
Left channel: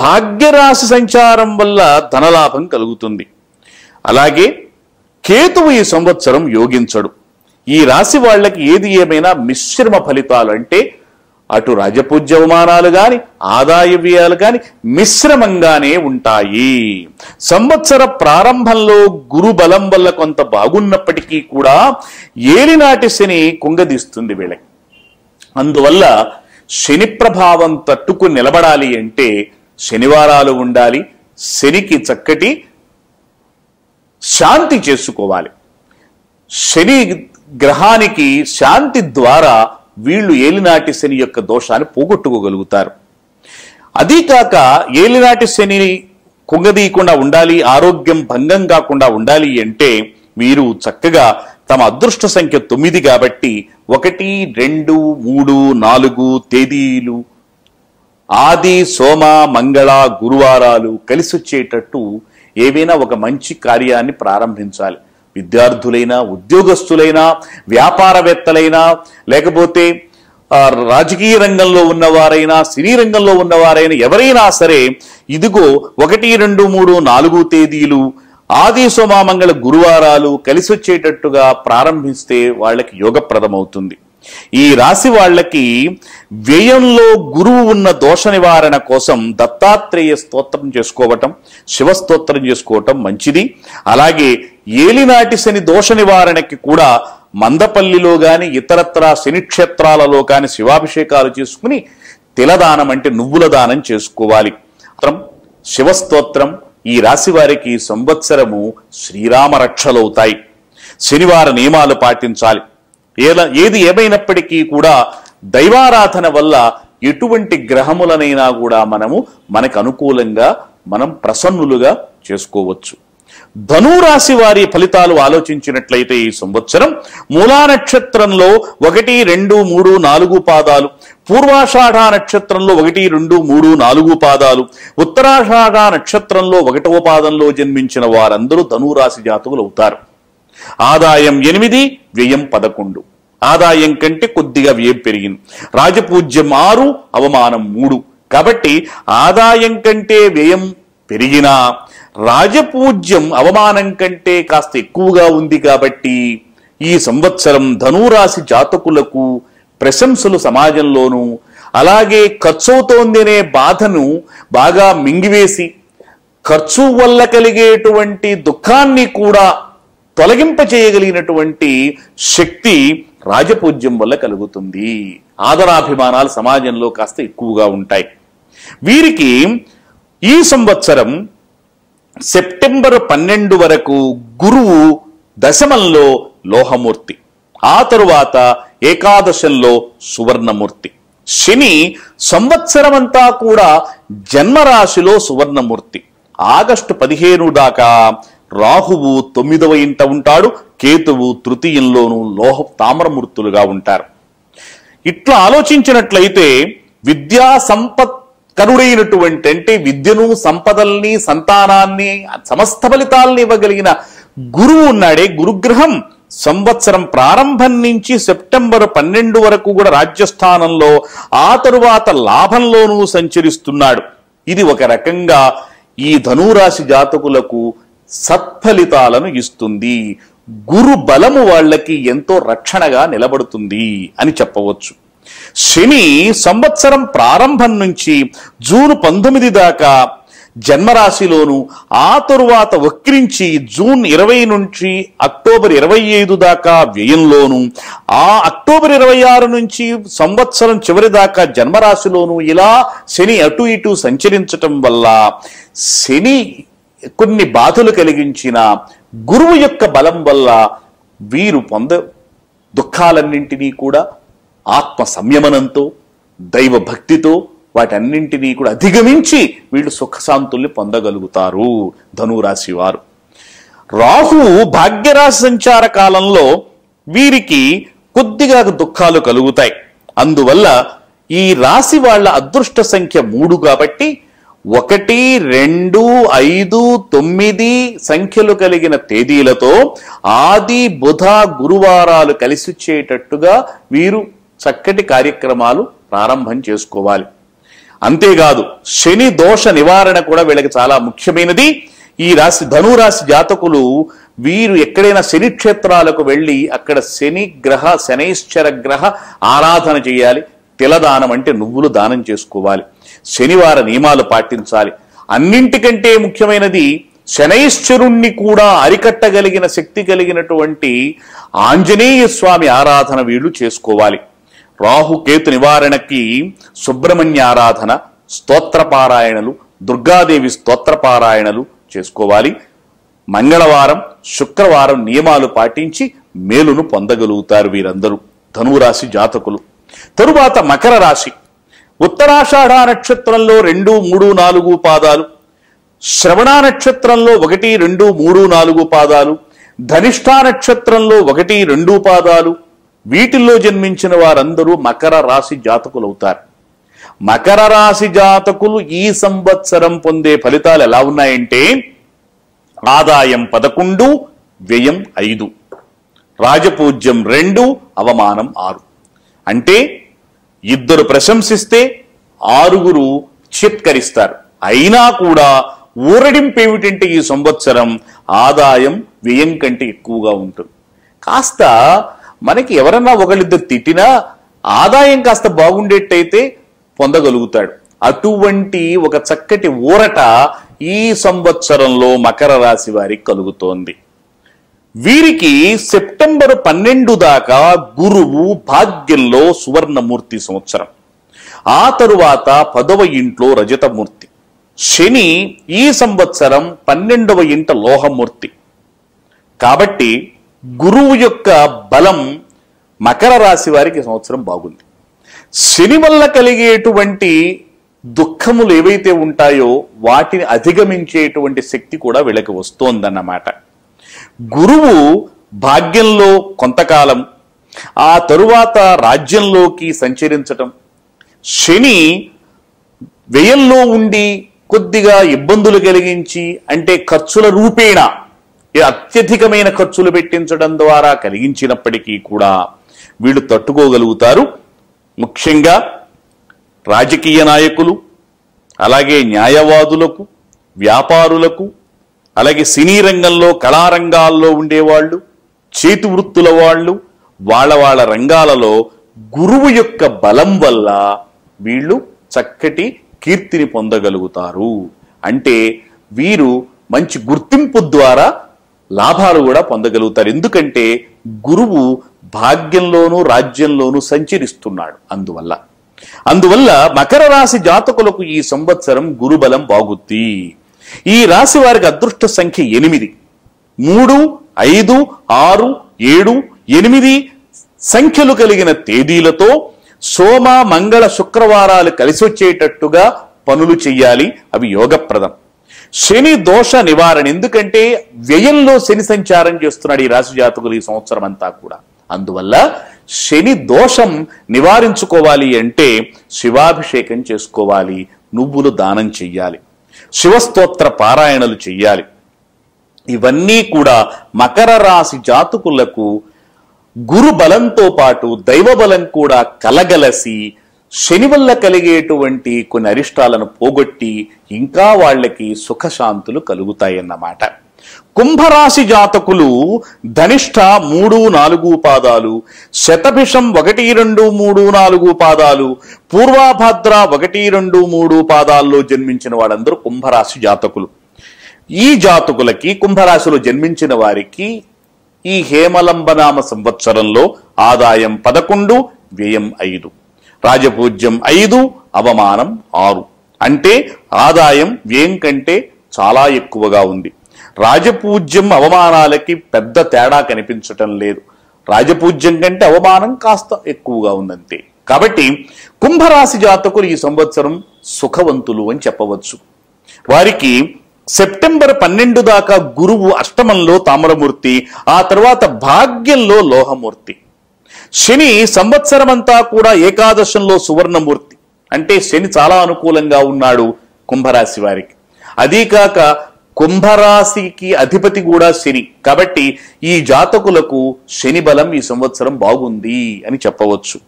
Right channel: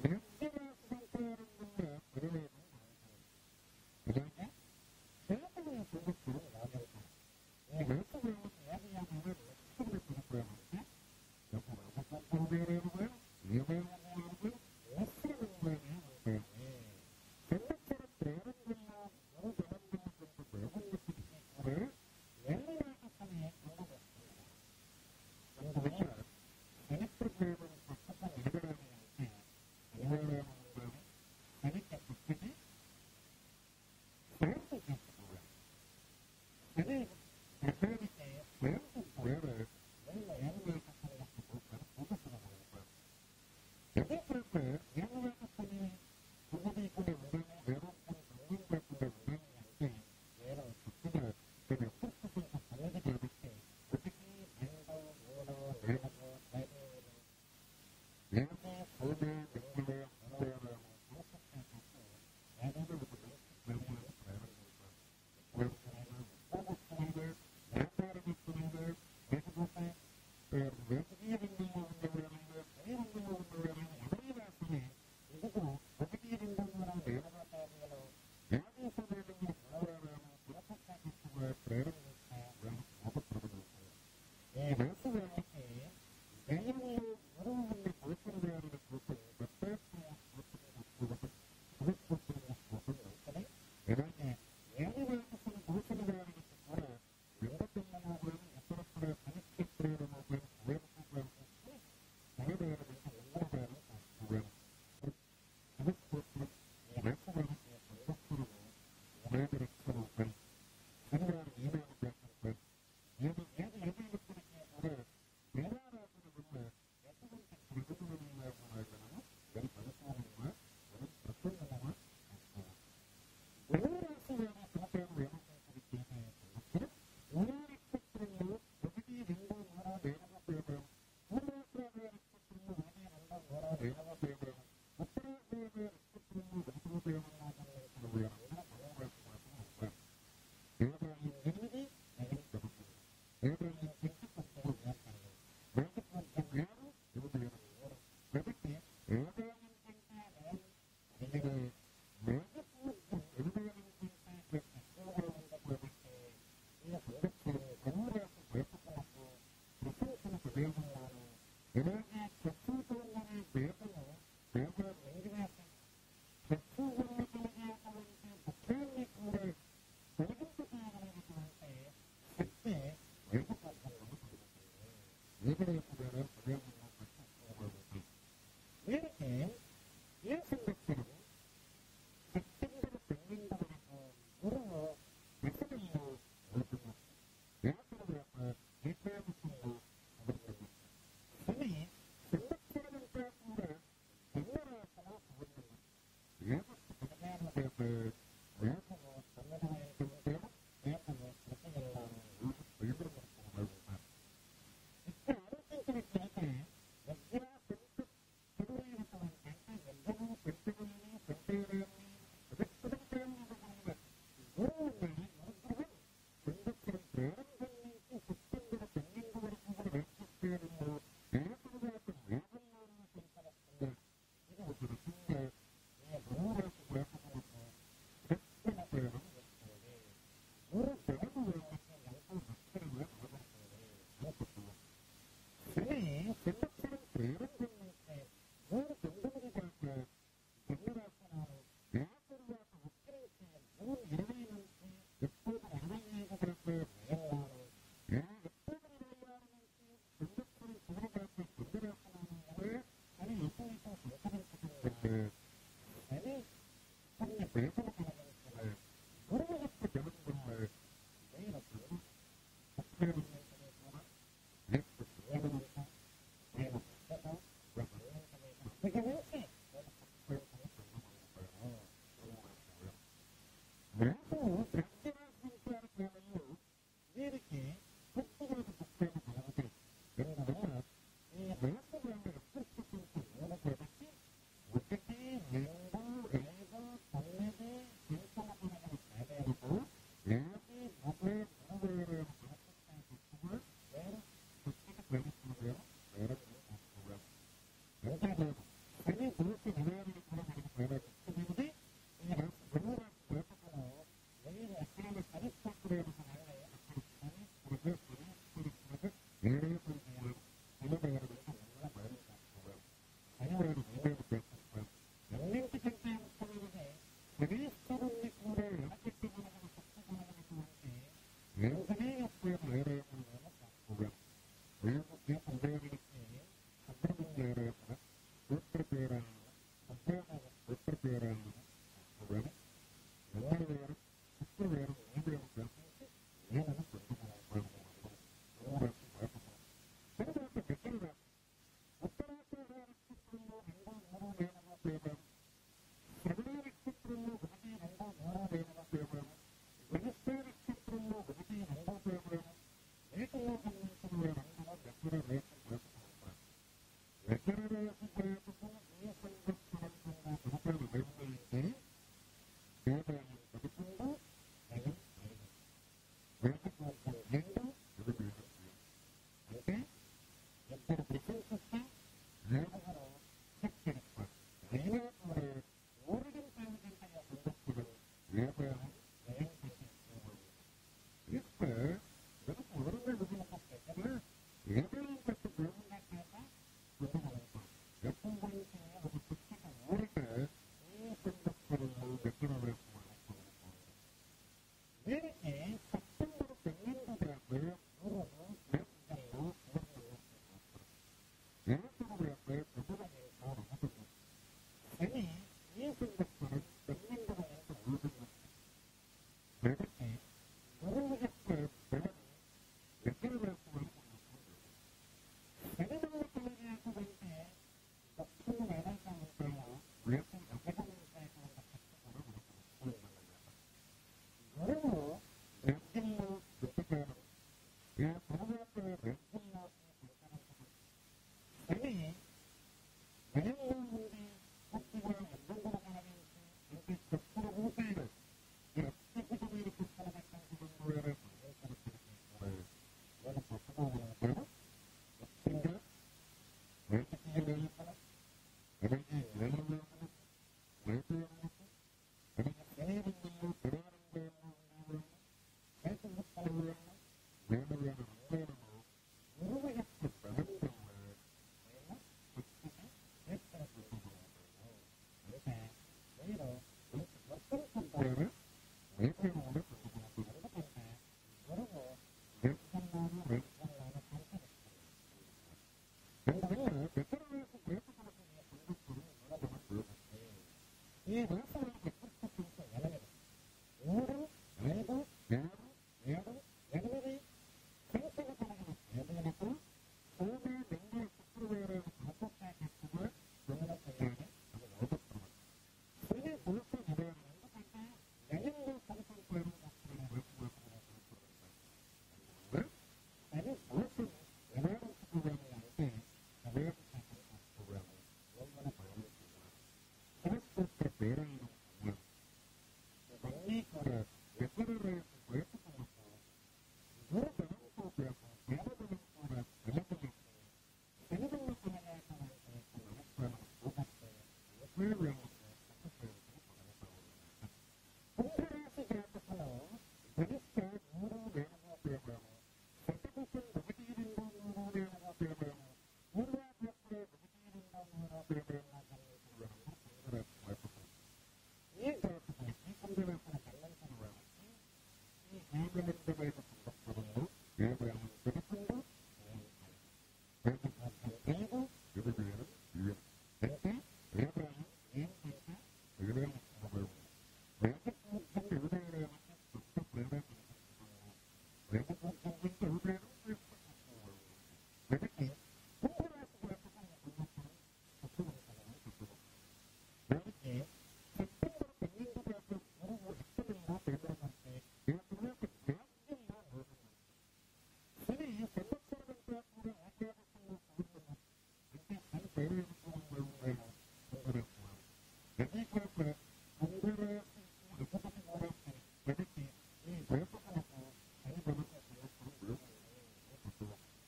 భాగ్యరాశి సంచారం వల్ల ధనలాభం కలుగుతుంది. అలాగే కేతువు ఈ సంవత్సరం యోగించడు. ఈ రాశి వాళ్ళకి ఏది ఏమైనా మిశ్రమ ఫలితాలు, అంటే అటు రాజపూజ్య అవమానాలు గాని ఆదాయ వ్యయాలు గాని మిశ్రమంగానే ఉంటాయి. సంవత్సర ప్రారంభంలో గురు బలం వల్ల కొంత బాగున్నప్పటికీ కూడా ఏలినాటి శని కుంగదీస్తుంది వీళ్ళకి. అందువల్ల శని ప్రభావం తట్టుకుని నిలబడాలి అంటే శనివారాలు ఉండాలి. శనికి చక్కటి శాంతి చేసుకోవాలి. శని గ్రహానికి శాంతి ద్వారా వీళ్ళు ఏలినాటి శని యొక్క దోషాన్ని పోగొట్టుకోగలుగుతారు. అదీ కాక ఏలినాటి శని కుంగదీయకుండా ఉండాలి, ఆరోగ్యం భంగం కాకుండా ఉండాలి అంటే వీరు చక్కగా తమ అదృష్ట సంఖ్య 9 కాబట్టి 1, 2, 3, 4 తేదీలు ఆది సోమ మంగళ గురువారాలు కలిసి వచ్చేటట్టు ఏవైనా ఒక మంచి కార్యాన్ని ప్రారంభించాలి. విద్యార్థులైనా, ఉద్యోగస్తులైనా, వ్యాపారవేత్తలైనా, లేకపోతే రాజకీయ రంగంలో ఉన్నవారైనా, సినీ రంగంలో ఉన్నవారైనా, ఎవరైనా సరే ఇదిగో 1, 2, 3, 4 తేదీలు ఆది సోమ మంగళ గురువారాలు కలిసి వచ్చేటట్టుగా ప్రారంభిస్తే వాళ్ళకి యోగప్రదమవుతుంది. ఈ రాశి వాళ్ళకి వ్యయంలో గురువు ఉన్న దోష నివారణ కోసం దత్తాత్రేయ స్తోత్రం చేసుకోవటం, శివస్తోత్రం చేసుకోవటం మంచిది. అలాగే ఏలినాటి శని దోష నివారణకి కూడా మందపల్లిలో గాని ఇతరత్రా శని క్షేత్రాలలో కాని శివాభిషేకాలు చేసుకుని తిలదానం అంటే నువ్వుల దానం చేసుకోవాలి. శివస్తోత్రం ఈ రాశి వారికి సంవత్సరము శ్రీరామ రక్షలవుతాయి. శనివార నియమాలు పాటించాలి. ఏది ఏమైనప్పటికీ కూడా దైవారాధన వల్ల ఎటువంటి గ్రహములనైనా కూడా మనకు అనుకూలంగా మనం ప్రసన్నులుగా చేసుకోవచ్చు. ధనురాశి వారి ఫలితాలు ఆలోచించినట్లయితే ఈ సంవత్సరం మూలా నక్షత్రంలో 1, 2, 3, 4 పాదాలు, పూర్వాషాఢ నక్షత్రంలో 1, 2, 3, 4 పాదాలు, ఉత్తరాషాఢ నక్షత్రంలో 1వ పాదంలో జన్మించిన వారందరూ ధనురాశి జాతకులు అవుతారు. ఆదాయం 8, వ్యయం 11. ఆదాయం కంటే కొద్దిగా వ్యయం పెరిగింది. రాజపూజ్యం 6, అవమానం 3. కాబట్టి ఆదాయం కంటే వ్యయం పెరిగినా రాజపూజ్యం అవమానం కంటే కాస్త ఎక్కువగా ఉంది. కాబట్టి ఈ సంవత్సరం ధనురాశి జాతకులకు ప్రశంసలు సమాజంలోనూ, అలాగే ఖర్చవుతోంది అనే బాధను బాగా మింగివేసి ఖర్చు వల్ల కలిగేటువంటి దుఃఖాన్ని కూడా తొలగింపచేయగలిగినటువంటి శక్తి రాజపూజ్యం వల్ల కలుగుతుంది. ఆదరాభిమానాలు సమాజంలో కాస్త ఎక్కువగా ఉంటాయి. వీరికి ఈ సంవత్సరం సెప్టెంబర్ 12 వరకు గురువు దశమంలో లోహమూర్తి, ఆ తరువాత ఏకాదశంలో సువర్ణమూర్తి. శని సంవత్సరమంతా కూడా జన్మరాశిలో సువర్ణమూర్తి. ఆగస్టు 15 దాకా రాహువు 9వ ఇంట ఉంటాడు, కేతువు తృతీయంలోనూ తామ్రమూర్తులుగా ఉంటారు. ఇట్లా ఆలోచించినట్లయితే విద్యా సంపత్ కరుడైనటువంటి, అంటే విద్యను, సంపదల్ని, సంతానాన్ని, సమస్త ఫలితాలని ఇవ్వగలిగిన గురువు ఉన్నాడే, గురుగ్రహం సంవత్సరం ప్రారంభం నుంచి సెప్టెంబర్ 12 వరకు కూడా రాజ్యస్థానంలో, ఆ తరువాత లాభంలోనూ సంచరిస్తున్నాడు. ఇది ఒక రకంగా ఈ ధనురాశి జాతకులకు సత్ఫలితాలను ఇస్తుంది. గురు బలము వాళ్ళకి ఎంతో రక్షణగా నిలబడుతుంది అని చెప్పవచ్చు. శని సంవత్సరం ప్రారంభం నుంచి జూన్ 19 దాకా జన్మరాశిలోను, ఆ తరువాత వక్రించి జూన్ 20 నుంచి అక్టోబర్ 25 దాకా వ్యయంలోను, ఆ అక్టోబర్ 26 నుంచి సంవత్సరం చివరి దాకా జన్మరాశిలోను ఇలా శని అటు ఇటు సంచరించటం వల్ల శని కొన్ని బాధలు కలిగించిన గురువు యొక్క బలం వల్ల వీరు దుఃఖాలన్నింటినీ కూడా ఆత్మ సంయమనంతో, దైవ భక్తితో వాటన్నింటినీ కూడా అధిగమించి వీళ్ళు సుఖశాంతుల్ని పొందగలుగుతారు ధనురాశి వారు. రాహు భాగ్యరాశి సంచార కాలంలో వీరికి కొద్దిగా దుఃఖాలు కలుగుతాయి. అందువల్ల ఈ రాశి వాళ్ళ అదృష్ట సంఖ్య 3 కాబట్టి 1, 2, 5, 9 సంఖ్యలు కలిగిన తేదీలతో ఆది బుధ గురువారాలు కలిసి వచ్చేటట్టుగా వీరు చక్కటి కార్యక్రమాలు ప్రారంభం చేసుకోవాలి. అంతేకాదు శని దోష నివారణ కూడా వీళ్ళకి చాలా ముఖ్యమైనది. ఈ రాశి ధనురాశి జాతకులు వీరు ఎక్కడైనా శని క్షేత్రాలకు వెళ్ళి అక్కడ శనైశ్చర గ్రహ ఆరాధన చేయాలి. తిలదానం అంటే నువ్వులు దానం చేసుకోవాలి. శనివార నియమాలు పాటించాలి. అన్నింటికంటే ముఖ్యమైనది శనైశ్చరుణ్ణి కూడా అరికట్టగలిగిన శక్తి కలిగినటువంటి ఆంజనేయ స్వామి ఆరాధన వీళ్ళు చేసుకోవాలి. రాహుకేతు నివారణకి సుబ్రహ్మణ్య ఆరాధన, స్తోత్రపారాయణలు, దుర్గాదేవి స్తోత్రపారాయణలు చేసుకోవాలి. మంగళవారం, శుక్రవారం నియమాలు పాటించి మేలును పొందగలుగుతారు వీరందరూ ధనురాశి జాతకులు. తరువాత మకర రాశి. ఉత్తరాషాఢ నక్షత్రంలో 2, 3, 4 పాదాలు, శ్రవణ నక్షత్రంలో 1, 2, 3, 4 పాదాలు, ధనిష్ఠా నక్షత్రంలో 1, 2 పాదాలు, వీటిల్లో జన్మించిన వారందరూ మకర రాశి జాతకులవుతారు. మకర రాశి జాతకులు ఈ సంవత్సరం పొందే ఫలితాలు ఎలా ఉన్నాయంటే ఆదాయం 11, వ్యయం 5, రాజపూజ్యం 2, అవమానం 6. అంటే 2 ప్రశంసిస్తే 6 చిత్కరిస్తారు. అయినా కూడా ఊరడింపు ఏమిటంటే ఈ సంవత్సరం ఆదాయం వ్యయం కంటే ఎక్కువగా ఉంటుంది. కాస్త మనకి ఎవరన్నా ఒకళ్ళిద్దరు తిట్టినా ఆదాయం కాస్త బాగుండేట్టయితే పొందగలుగుతాడు. అటువంటి ఒక చక్కటి ఊరట ఈ సంవత్సరంలో మకర రాశి వారికి కలుగుతోంది. వీరికి సెప్టెంబర్ 12 దాకా గురువు భాగ్యంలో సువర్ణమూర్తి సంవత్సరం, ఆ తరువాత 10వ ఇంట్లో రజతమూర్తి. శని ఈ సంవత్సరం 12వ ఇంట లోహమూర్తి. కాబట్టి గురువు యొక్క బలం మకర రాశి వారికి సంవత్సరం బాగుంది. శని వల్ల కలిగేటువంటి దుఃఖములు ఏవైతే ఉంటాయో వాటిని అధిగమించేటువంటి శక్తి కూడా వీళ్ళకి వస్తోందన్నమాట. గురువు భాగ్యంలో కొంతకాలం, ఆ తరువాత రాజ్యంలోకి సంచరించటం, శని వ్యయంలో ఉండి కొద్దిగా ఇబ్బందులు కలిగించి, అంటే ఖర్చుల రూపేణ అత్యధికమైన ఖర్చులు పెట్టించడం ద్వారా కలిగించినప్పటికీ కూడా వీళ్ళు తట్టుకోగలుగుతారు. ముఖ్యంగా రాజకీయ నాయకులు, అలాగే న్యాయవాదులకు, వ్యాపారులకు, అలాగే సినీ రంగంలో కళారంగాల్లో ఉండేవాళ్ళు, చేతి వృత్తుల వాళ్ళు, వాళ్ళ రంగాలలో గురువు యొక్క బలం వల్ల వీళ్ళు చక్కటి కీర్తిని పొందగలుగుతారు. అంటే వీరు మంచి గుర్తింపు ద్వారా లాభాలు కూడా పొందగలుగుతారు. ఎందుకంటే గురువు భాగ్యంలోనూ రాజ్యంలోనూ సంచరిస్తున్నాడు. అందువల్ల మకర రాశి జాతకులకు ఈ సంవత్సరం గురుబలం బాగుద్ది. ఈ రాశి వారికి అదృష్ట సంఖ్య 8. 3, 5, 6, 7, 8 సంఖ్యలు కలిగిన తేదీలతో సోమ, మంగళ, శుక్రవారాలు కలిసి వచ్చేటట్టుగా పనులు చెయ్యాలి. అవి యోగప్రదం. శని దోష నివారణ, ఎందుకంటే వ్యయంలో శని సంచారం చేస్తున్నాడు ఈ రాశి జాతకులు ఈ సంవత్సరం అంతా కూడా. అందువల్ల శని దోషం నివారించుకోవాలి అంటే శివాభిషేకం చేసుకోవాలి, నువ్వులు దానం చెయ్యాలి, శివస్తోత్ర పారాయణలు చెయ్యాలి. ఇవన్నీ కూడా మకర రాశి జాతకులకు గురు బలంతో పాటు దైవ బలం కూడా కలగలసి శని వల్ల కలిగేటువంటి కొన్ని అరిష్టాలను పోగొట్టి ఇంకా వాళ్ళకి సుఖశాంతులు కలుగుతాయన్నమాట. కుంభరాశి జాతకులు ధనిష్ట 3, 4 పాదాలు, శతభిషం 1, 2, 3, 4 పాదాలు, పూర్వాభద్ర 1, 2, 3 పాదాల్లో జన్మించిన వాళ్ళందరూ కుంభరాశి జాతకులు. ఈ జాతకులకి, కుంభరాశిలో జన్మించిన వారికి ఈ హేమలంబనామ సంవత్సరంలో ఆదాయం 11, వ్యయం 5, రాజపూజ్యం 5, అవమానం 6. అంటే ఆదాయం వ్యయం కంటే చాలా ఎక్కువగా ఉంది. రాజపూజ్యం అవమానాలకి పెద్ద తేడా కనిపించటం లేదు. రాజపూజ్యం కంటే అవమానం కాస్త ఎక్కువగా ఉందంతే. కాబట్టి కుంభరాశి జాతకులు ఈ సంవత్సరం సుఖవంతులు అని చెప్పవచ్చు. వారికి సెప్టెంబర్ 12 దాకా గురువు అష్టమంలో తామ్రమూర్తి, ఆ తర్వాత భాగ్యంలో లోహమూర్తి. శని సంవత్సరం అంతా కూడా ఏకాదశంలో సువర్ణమూర్తి. అంటే శని చాలా అనుకూలంగా ఉన్నాడు కుంభరాశి వారికి. అదీకాక కుంభరాశికి అధిపతి కూడా శని. కాబట్టి ఈ జాతకులకు శని బలం ఈ సంవత్సరం బాగుంది అని చెప్పవచ్చు.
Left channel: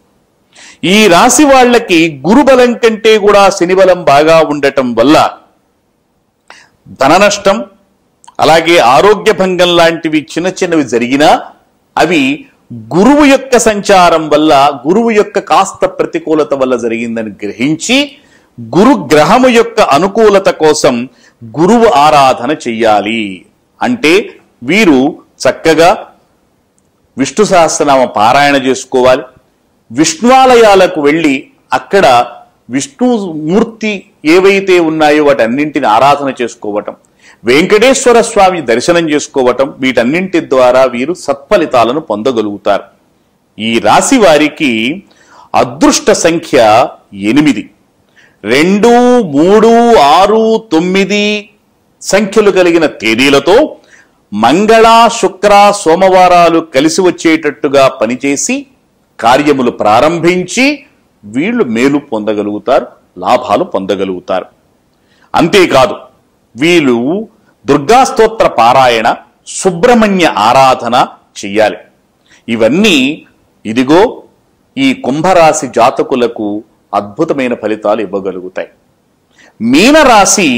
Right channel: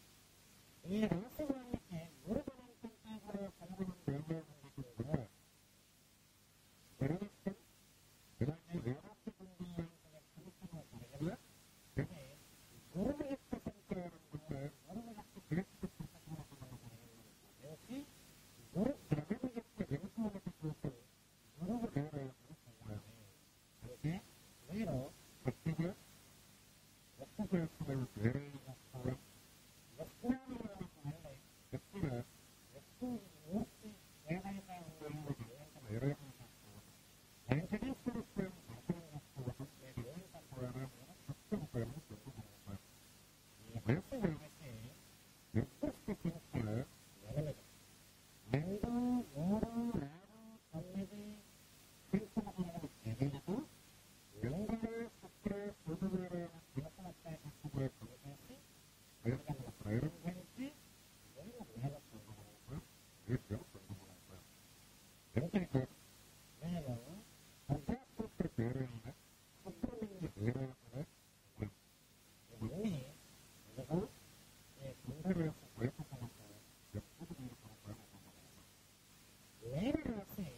ఈ రాశి వాళ్ళకి గురు బలం కంటే కూడా శని బలం బాగా ఉండటం వల్ల ధన నష్టం, అలాగే ఆరోగ్య భంగం లాంటివి చిన్నవి జరిగినా అవి గురువు యొక్క సంచారం వల్ల, గురువు యొక్క కాస్త ప్రతికూలత వల్ల జరిగిందని గ్రహించి గురు గ్రహము యొక్క అనుకూలత కోసం గురువు ఆరాధన చెయ్యాలి. అంటే వీరు చక్కగా విష్ణు సహస్రనామ పారాయణ చేసుకోవాలి. విష్ణువాలయాలకు వెళ్ళి అక్కడ విష్ణుమూర్తి ఏవైతే ఉన్నాయో వాటన్నింటిని ఆరాధన చేసుకోవటం, వెంకటేశ్వర స్వామి దర్శనం చేసుకోవటం, వీటన్నింటి ద్వారా వీరు సత్ఫలితాలను పొందగలుగుతారు. ఈ రాశి వారికి అదృష్ట సంఖ్య 8. 2, 3, 6, 9 సంఖ్యలు కలిగిన తేదీలతో మంగళ, శుక్ర, సోమవారాలు కలిసి వచ్చేటట్టుగా పనిచేసి కార్యములు ప్రారంభించి వీళ్ళు మేలు పొందగలుగుతారు, లాభాలు పొందగలుగుతారు. అంతేకాదు వీళ్ళు దుర్గాస్తోత్ర పారాయణ, సుబ్రహ్మణ్య ఆరాధన చెయ్యాలి. ఇవన్నీ ఇదిగో ఈ కుంభరాశి జాతకులకు అద్భుతమైన ఫలితాలు ఇవ్వగలుగుతాయి. మీనరాశి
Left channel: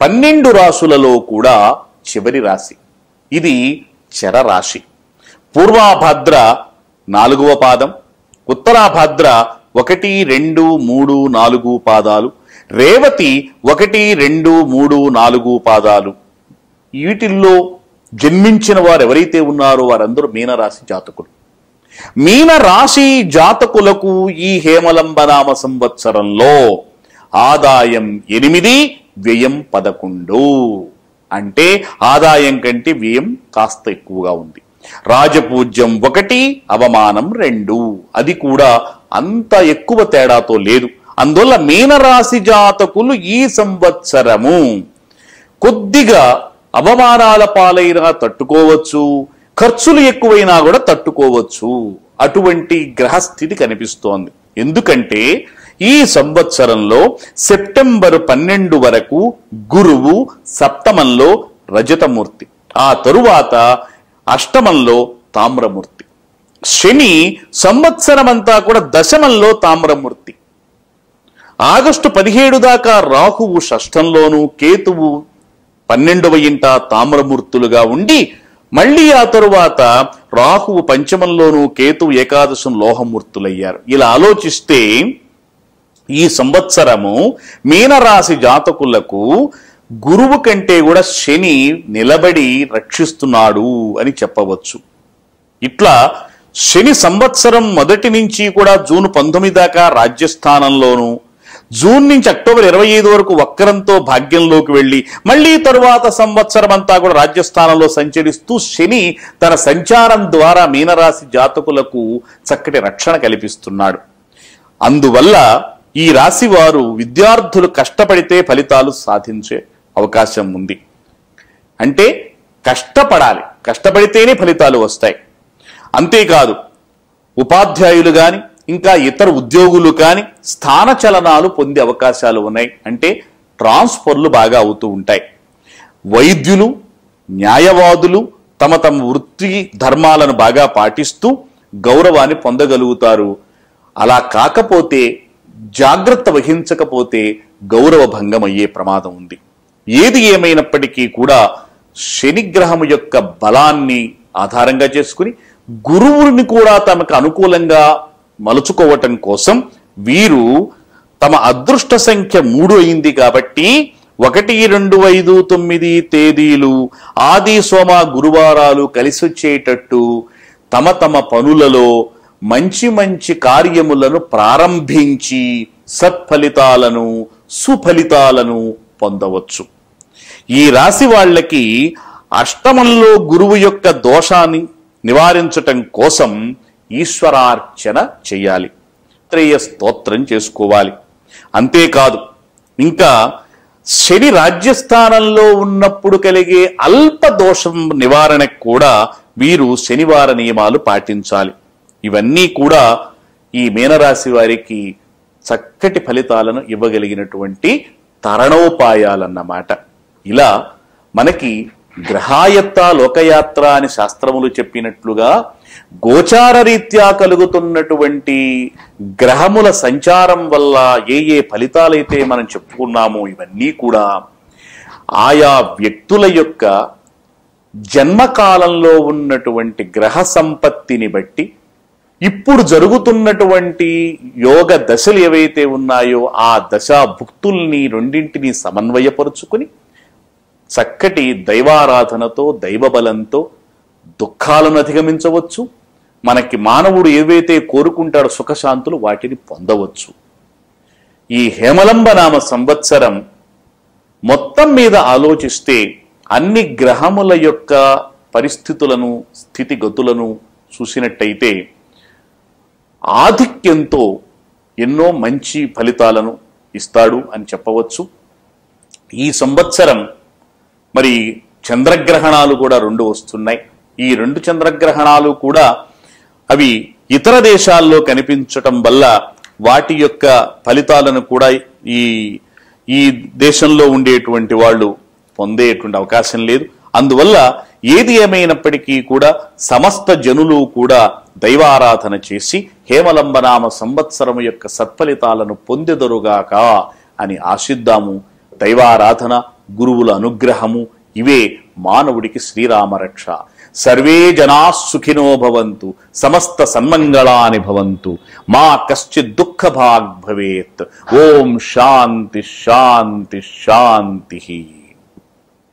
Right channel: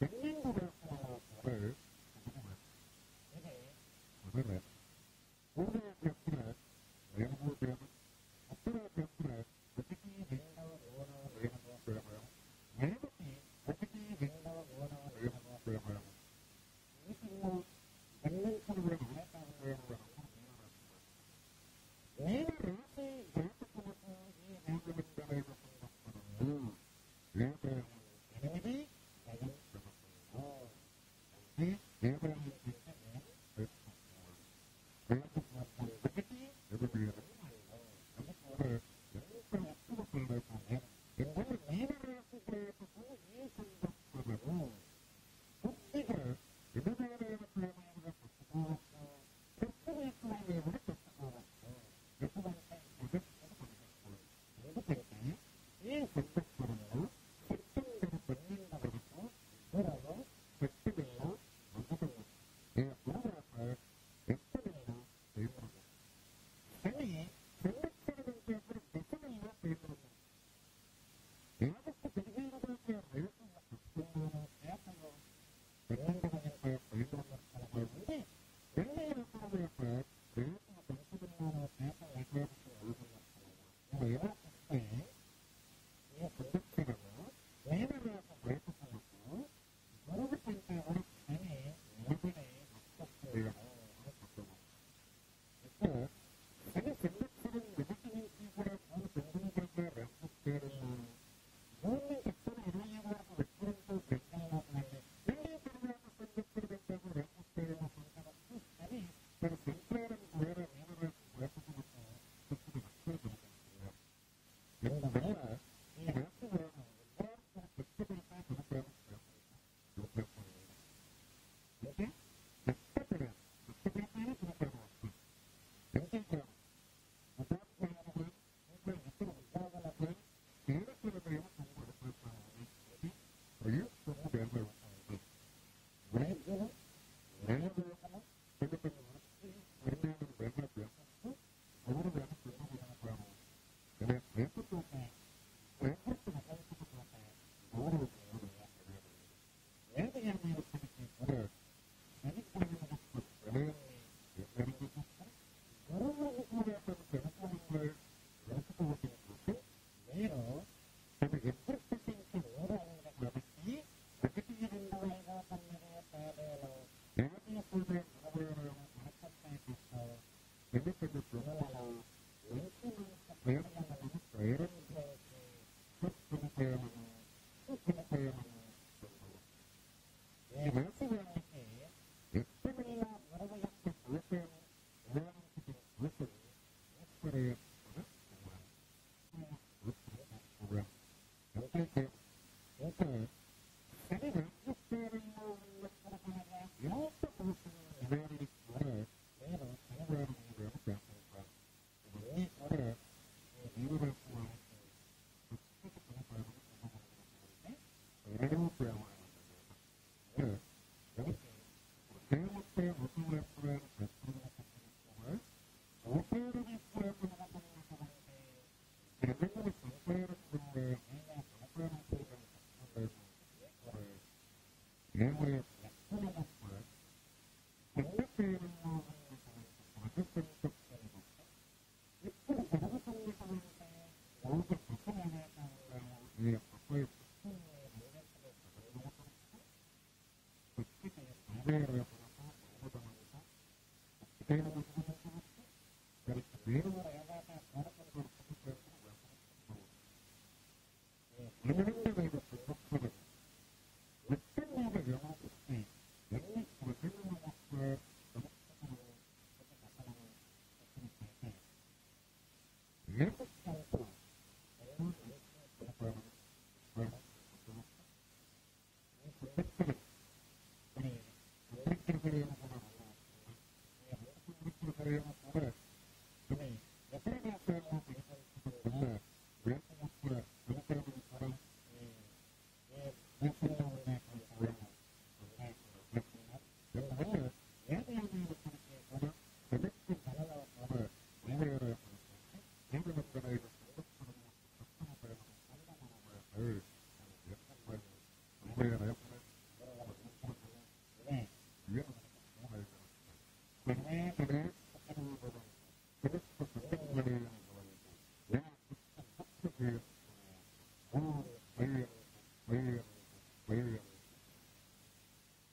12 రాశులలో కూడా చివరి రాశి. ఇది చరరాశి. పూర్వాభాద్ర 4వ పాదం, ఉత్తరాభాద్ర 1, 2, 3, 4 పాదాలు, రేవతి 1, 2, 3, 4 పాదాలు. వీటిల్లో జన్మించిన వారు ఎవరైతే ఉన్నారో వారందరూ మీనరాశి జాతకులు. మీనరాశి జాతకులకు ఈ హేమలంబనామ సంవత్సరంలో ఆదాయం 8, వ్యయం 11. అంటే ఆదాయం కంటే వ్యయం కాస్త ఎక్కువగా ఉంది. రాజపూజ్యం 1, అవమానం 2. అది కూడా అంత ఎక్కువ తేడాతో లేదు. అందువల్ల మీనరాశి జాతకులు ఈ సంవత్సరము కొద్దిగా అవమానాల పాలైనా తట్టుకోవచ్చు, ఖర్చులు ఎక్కువైనా కూడా తట్టుకోవచ్చు. అటువంటి గ్రహస్థితి కనిపిస్తోంది. ఎందుకంటే ఈ సంవత్సరంలో సెప్టెంబర్ 12 వరకు గురువు సప్తమంలో రజతమూర్తి, ఆ తరువాత అష్టమంలో తామ్రమూర్తి. శని సంవత్సరమంతా కూడా దశమంలో తామ్రమూర్తి. ఆగస్టు 17 దాకా రాహువు షష్ఠంలోను, కేతువు 12వ ఇంట తామ్రమూర్తులుగా ఉండి మళ్ళీ ఆ తరువాత రాహువు పంచమంలోను, కేతువు ఏకాదశం లోహమూర్తులయ్యారు. ఇలా ఆలోచిస్తే ఈ సంవత్సరము మీనరాశి జాతకులకు గురువు కంటే కూడా శని నిలబడి రక్షిస్తున్నాడు అని చెప్పవచ్చు. ఇట్లా శని సంవత్సరం మొదటి నుంచి కూడా జూన్ 19 దాకా రాజ్యస్థానంలోను, జూన్ నుంచి అక్టోబర్ 25 వరకు వక్రంతో భాగ్యంలోకి వెళ్ళి మళ్ళీ తరువాత సంవత్సరం అంతా కూడా రాజ్యస్థానంలో సంచరిస్తూ శని తన సంచారం ద్వారా మీనరాశి జాతకులకు చక్కటి రక్షణ కల్పిస్తున్నాడు. అందువల్ల ఈ రాశి వారు విద్యార్థులు కష్టపడితే ఫలితాలు సాధించే అవకాశం ఉంది. అంటే కష్టపడాలి, కష్టపడితేనే ఫలితాలు వస్తాయి. అంతేకాదు ఉపాధ్యాయులు కానీ ఇంకా ఇతర ఉద్యోగులు కానీ స్థానచలనాలు పొందే అవకాశాలు ఉన్నాయి. అంటే ట్రాన్స్ఫర్లు బాగా అవుతూ ఉంటాయి. వైద్యులు, న్యాయవాదులు తమ తమ వృత్తి ధర్మాలను బాగా పాటిస్తూ గౌరవాన్ని పొందగలుగుతారు. అలా కాకపోతే, జాగ్రత్త వహించకపోతే గౌరవ భంగం అయ్యే ప్రమాదం ఉంది. ఏది ఏమైనప్పటికీ కూడా శనిగ్రహం యొక్క బలాన్ని ఆధారంగా చేసుకుని గురువుని కూడా తమకు అనుకూలంగా మలుచుకోవటం కోసం వీరు తమ అదృష్ట సంఖ్య 3 అయింది కాబట్టి 1, 2, 5, 9 తేదీలు ఆది సోమ గురువారాలు కలిసి వచ్చేటట్టు తమ తమ పనులలో మంచి మంచి కార్యములను ప్రారంభించి సత్ఫలితాలను, సుఫలితాలను పొందవచ్చు. ఈ రాశి వాళ్ళకి అష్టమంలో గురువు యొక్క దోషాన్ని నివారించటం కోసం ఈశ్వరార్చన చేయాలి, త్రేయ స్తోత్రం చేసుకోవాలి. అంతేకాదు ఇంకా శని రాజ్యస్థానంలో ఉన్నప్పుడు కలిగే అల్ప దోషం నివారణకు కూడా వీరు శనివార నియమాలు పాటించాలి. ఇవన్నీ కూడా ఈ మీనరాశి వారికి చక్కటి ఫలితాలను ఇవ్వగలిగినటువంటి తరణోపాయాలన్నమాట. ఇలా మనకి గ్రహాయత్త లోకయాత్ర అని శాస్త్రములు చెప్పినట్లుగా గోచార రీత్యా కలుగుతున్నటువంటి గ్రహముల సంచారం వల్ల ఏ ఏ ఫలితాలైతే మనం చెప్పుకున్నామో ఇవన్నీ కూడా ఆయా వ్యక్తుల యొక్క జన్మకాలంలో ఉన్నటువంటి గ్రహ సంపత్తిని బట్టి ఇప్పుడు జరుగుతున్నటువంటి యోగ దశలు ఏవైతే ఉన్నాయో ఆ దశా భుక్తుల్ని రెండింటినీ సమన్వయపరుచుకుని చక్కటి దైవారాధనతో, దైవబలంతో దుఃఖాలను అధిగమించవచ్చు. మనకి మానవుడు ఏవైతే కోరుకుంటాడో సుఖశాంతులు వాటిని పొందవచ్చు. ఈ హేమలంబనామ సంవత్సరం మొత్తం మీద ఆలోచిస్తే అన్ని గ్రహముల యొక్క పరిస్థితులను, స్థితిగతులను చూసినట్టయితే ఆధిక్యంతో ఎన్నో మంచి ఫలితాలను ఇస్తాడు అని చెప్పవచ్చు. ఈ సంవత్సరం మరి చంద్రగ్రహణాలు కూడా 2 వస్తున్నాయి. ఈ 2 చంద్రగ్రహణాలు కూడా అవి ఇతర దేశాల్లో కనిపించటం వల్ల వాటి యొక్క ఫలితాలను కూడా ఈ ఈ దేశంలో ఉండేటువంటి వాళ్ళు పొందేటువంటి అవకాశం లేదు. అందువల్ల ఏది ఏమైనప్పటికీ కూడా సమస్త జనులు కూడా దైవారాధన చేసి హేమలంబనామ సంవత్సరము యొక్క సత్ఫలితాలను పొందెదరుగాక అని ఆశిద్దాము. దైవారాధన, గురువుల అనుగ్రహము ఇవే మానవుడికి శ్రీరామరక్ష. సర్వే జనా సుఖినో భవంతు, సమస్త సన్మంగళాని భవంతు, మా కశ్చిత్ దుఃఖ భాగ్ భవేత్. ఓం శాంతి శాంతి శాంతి.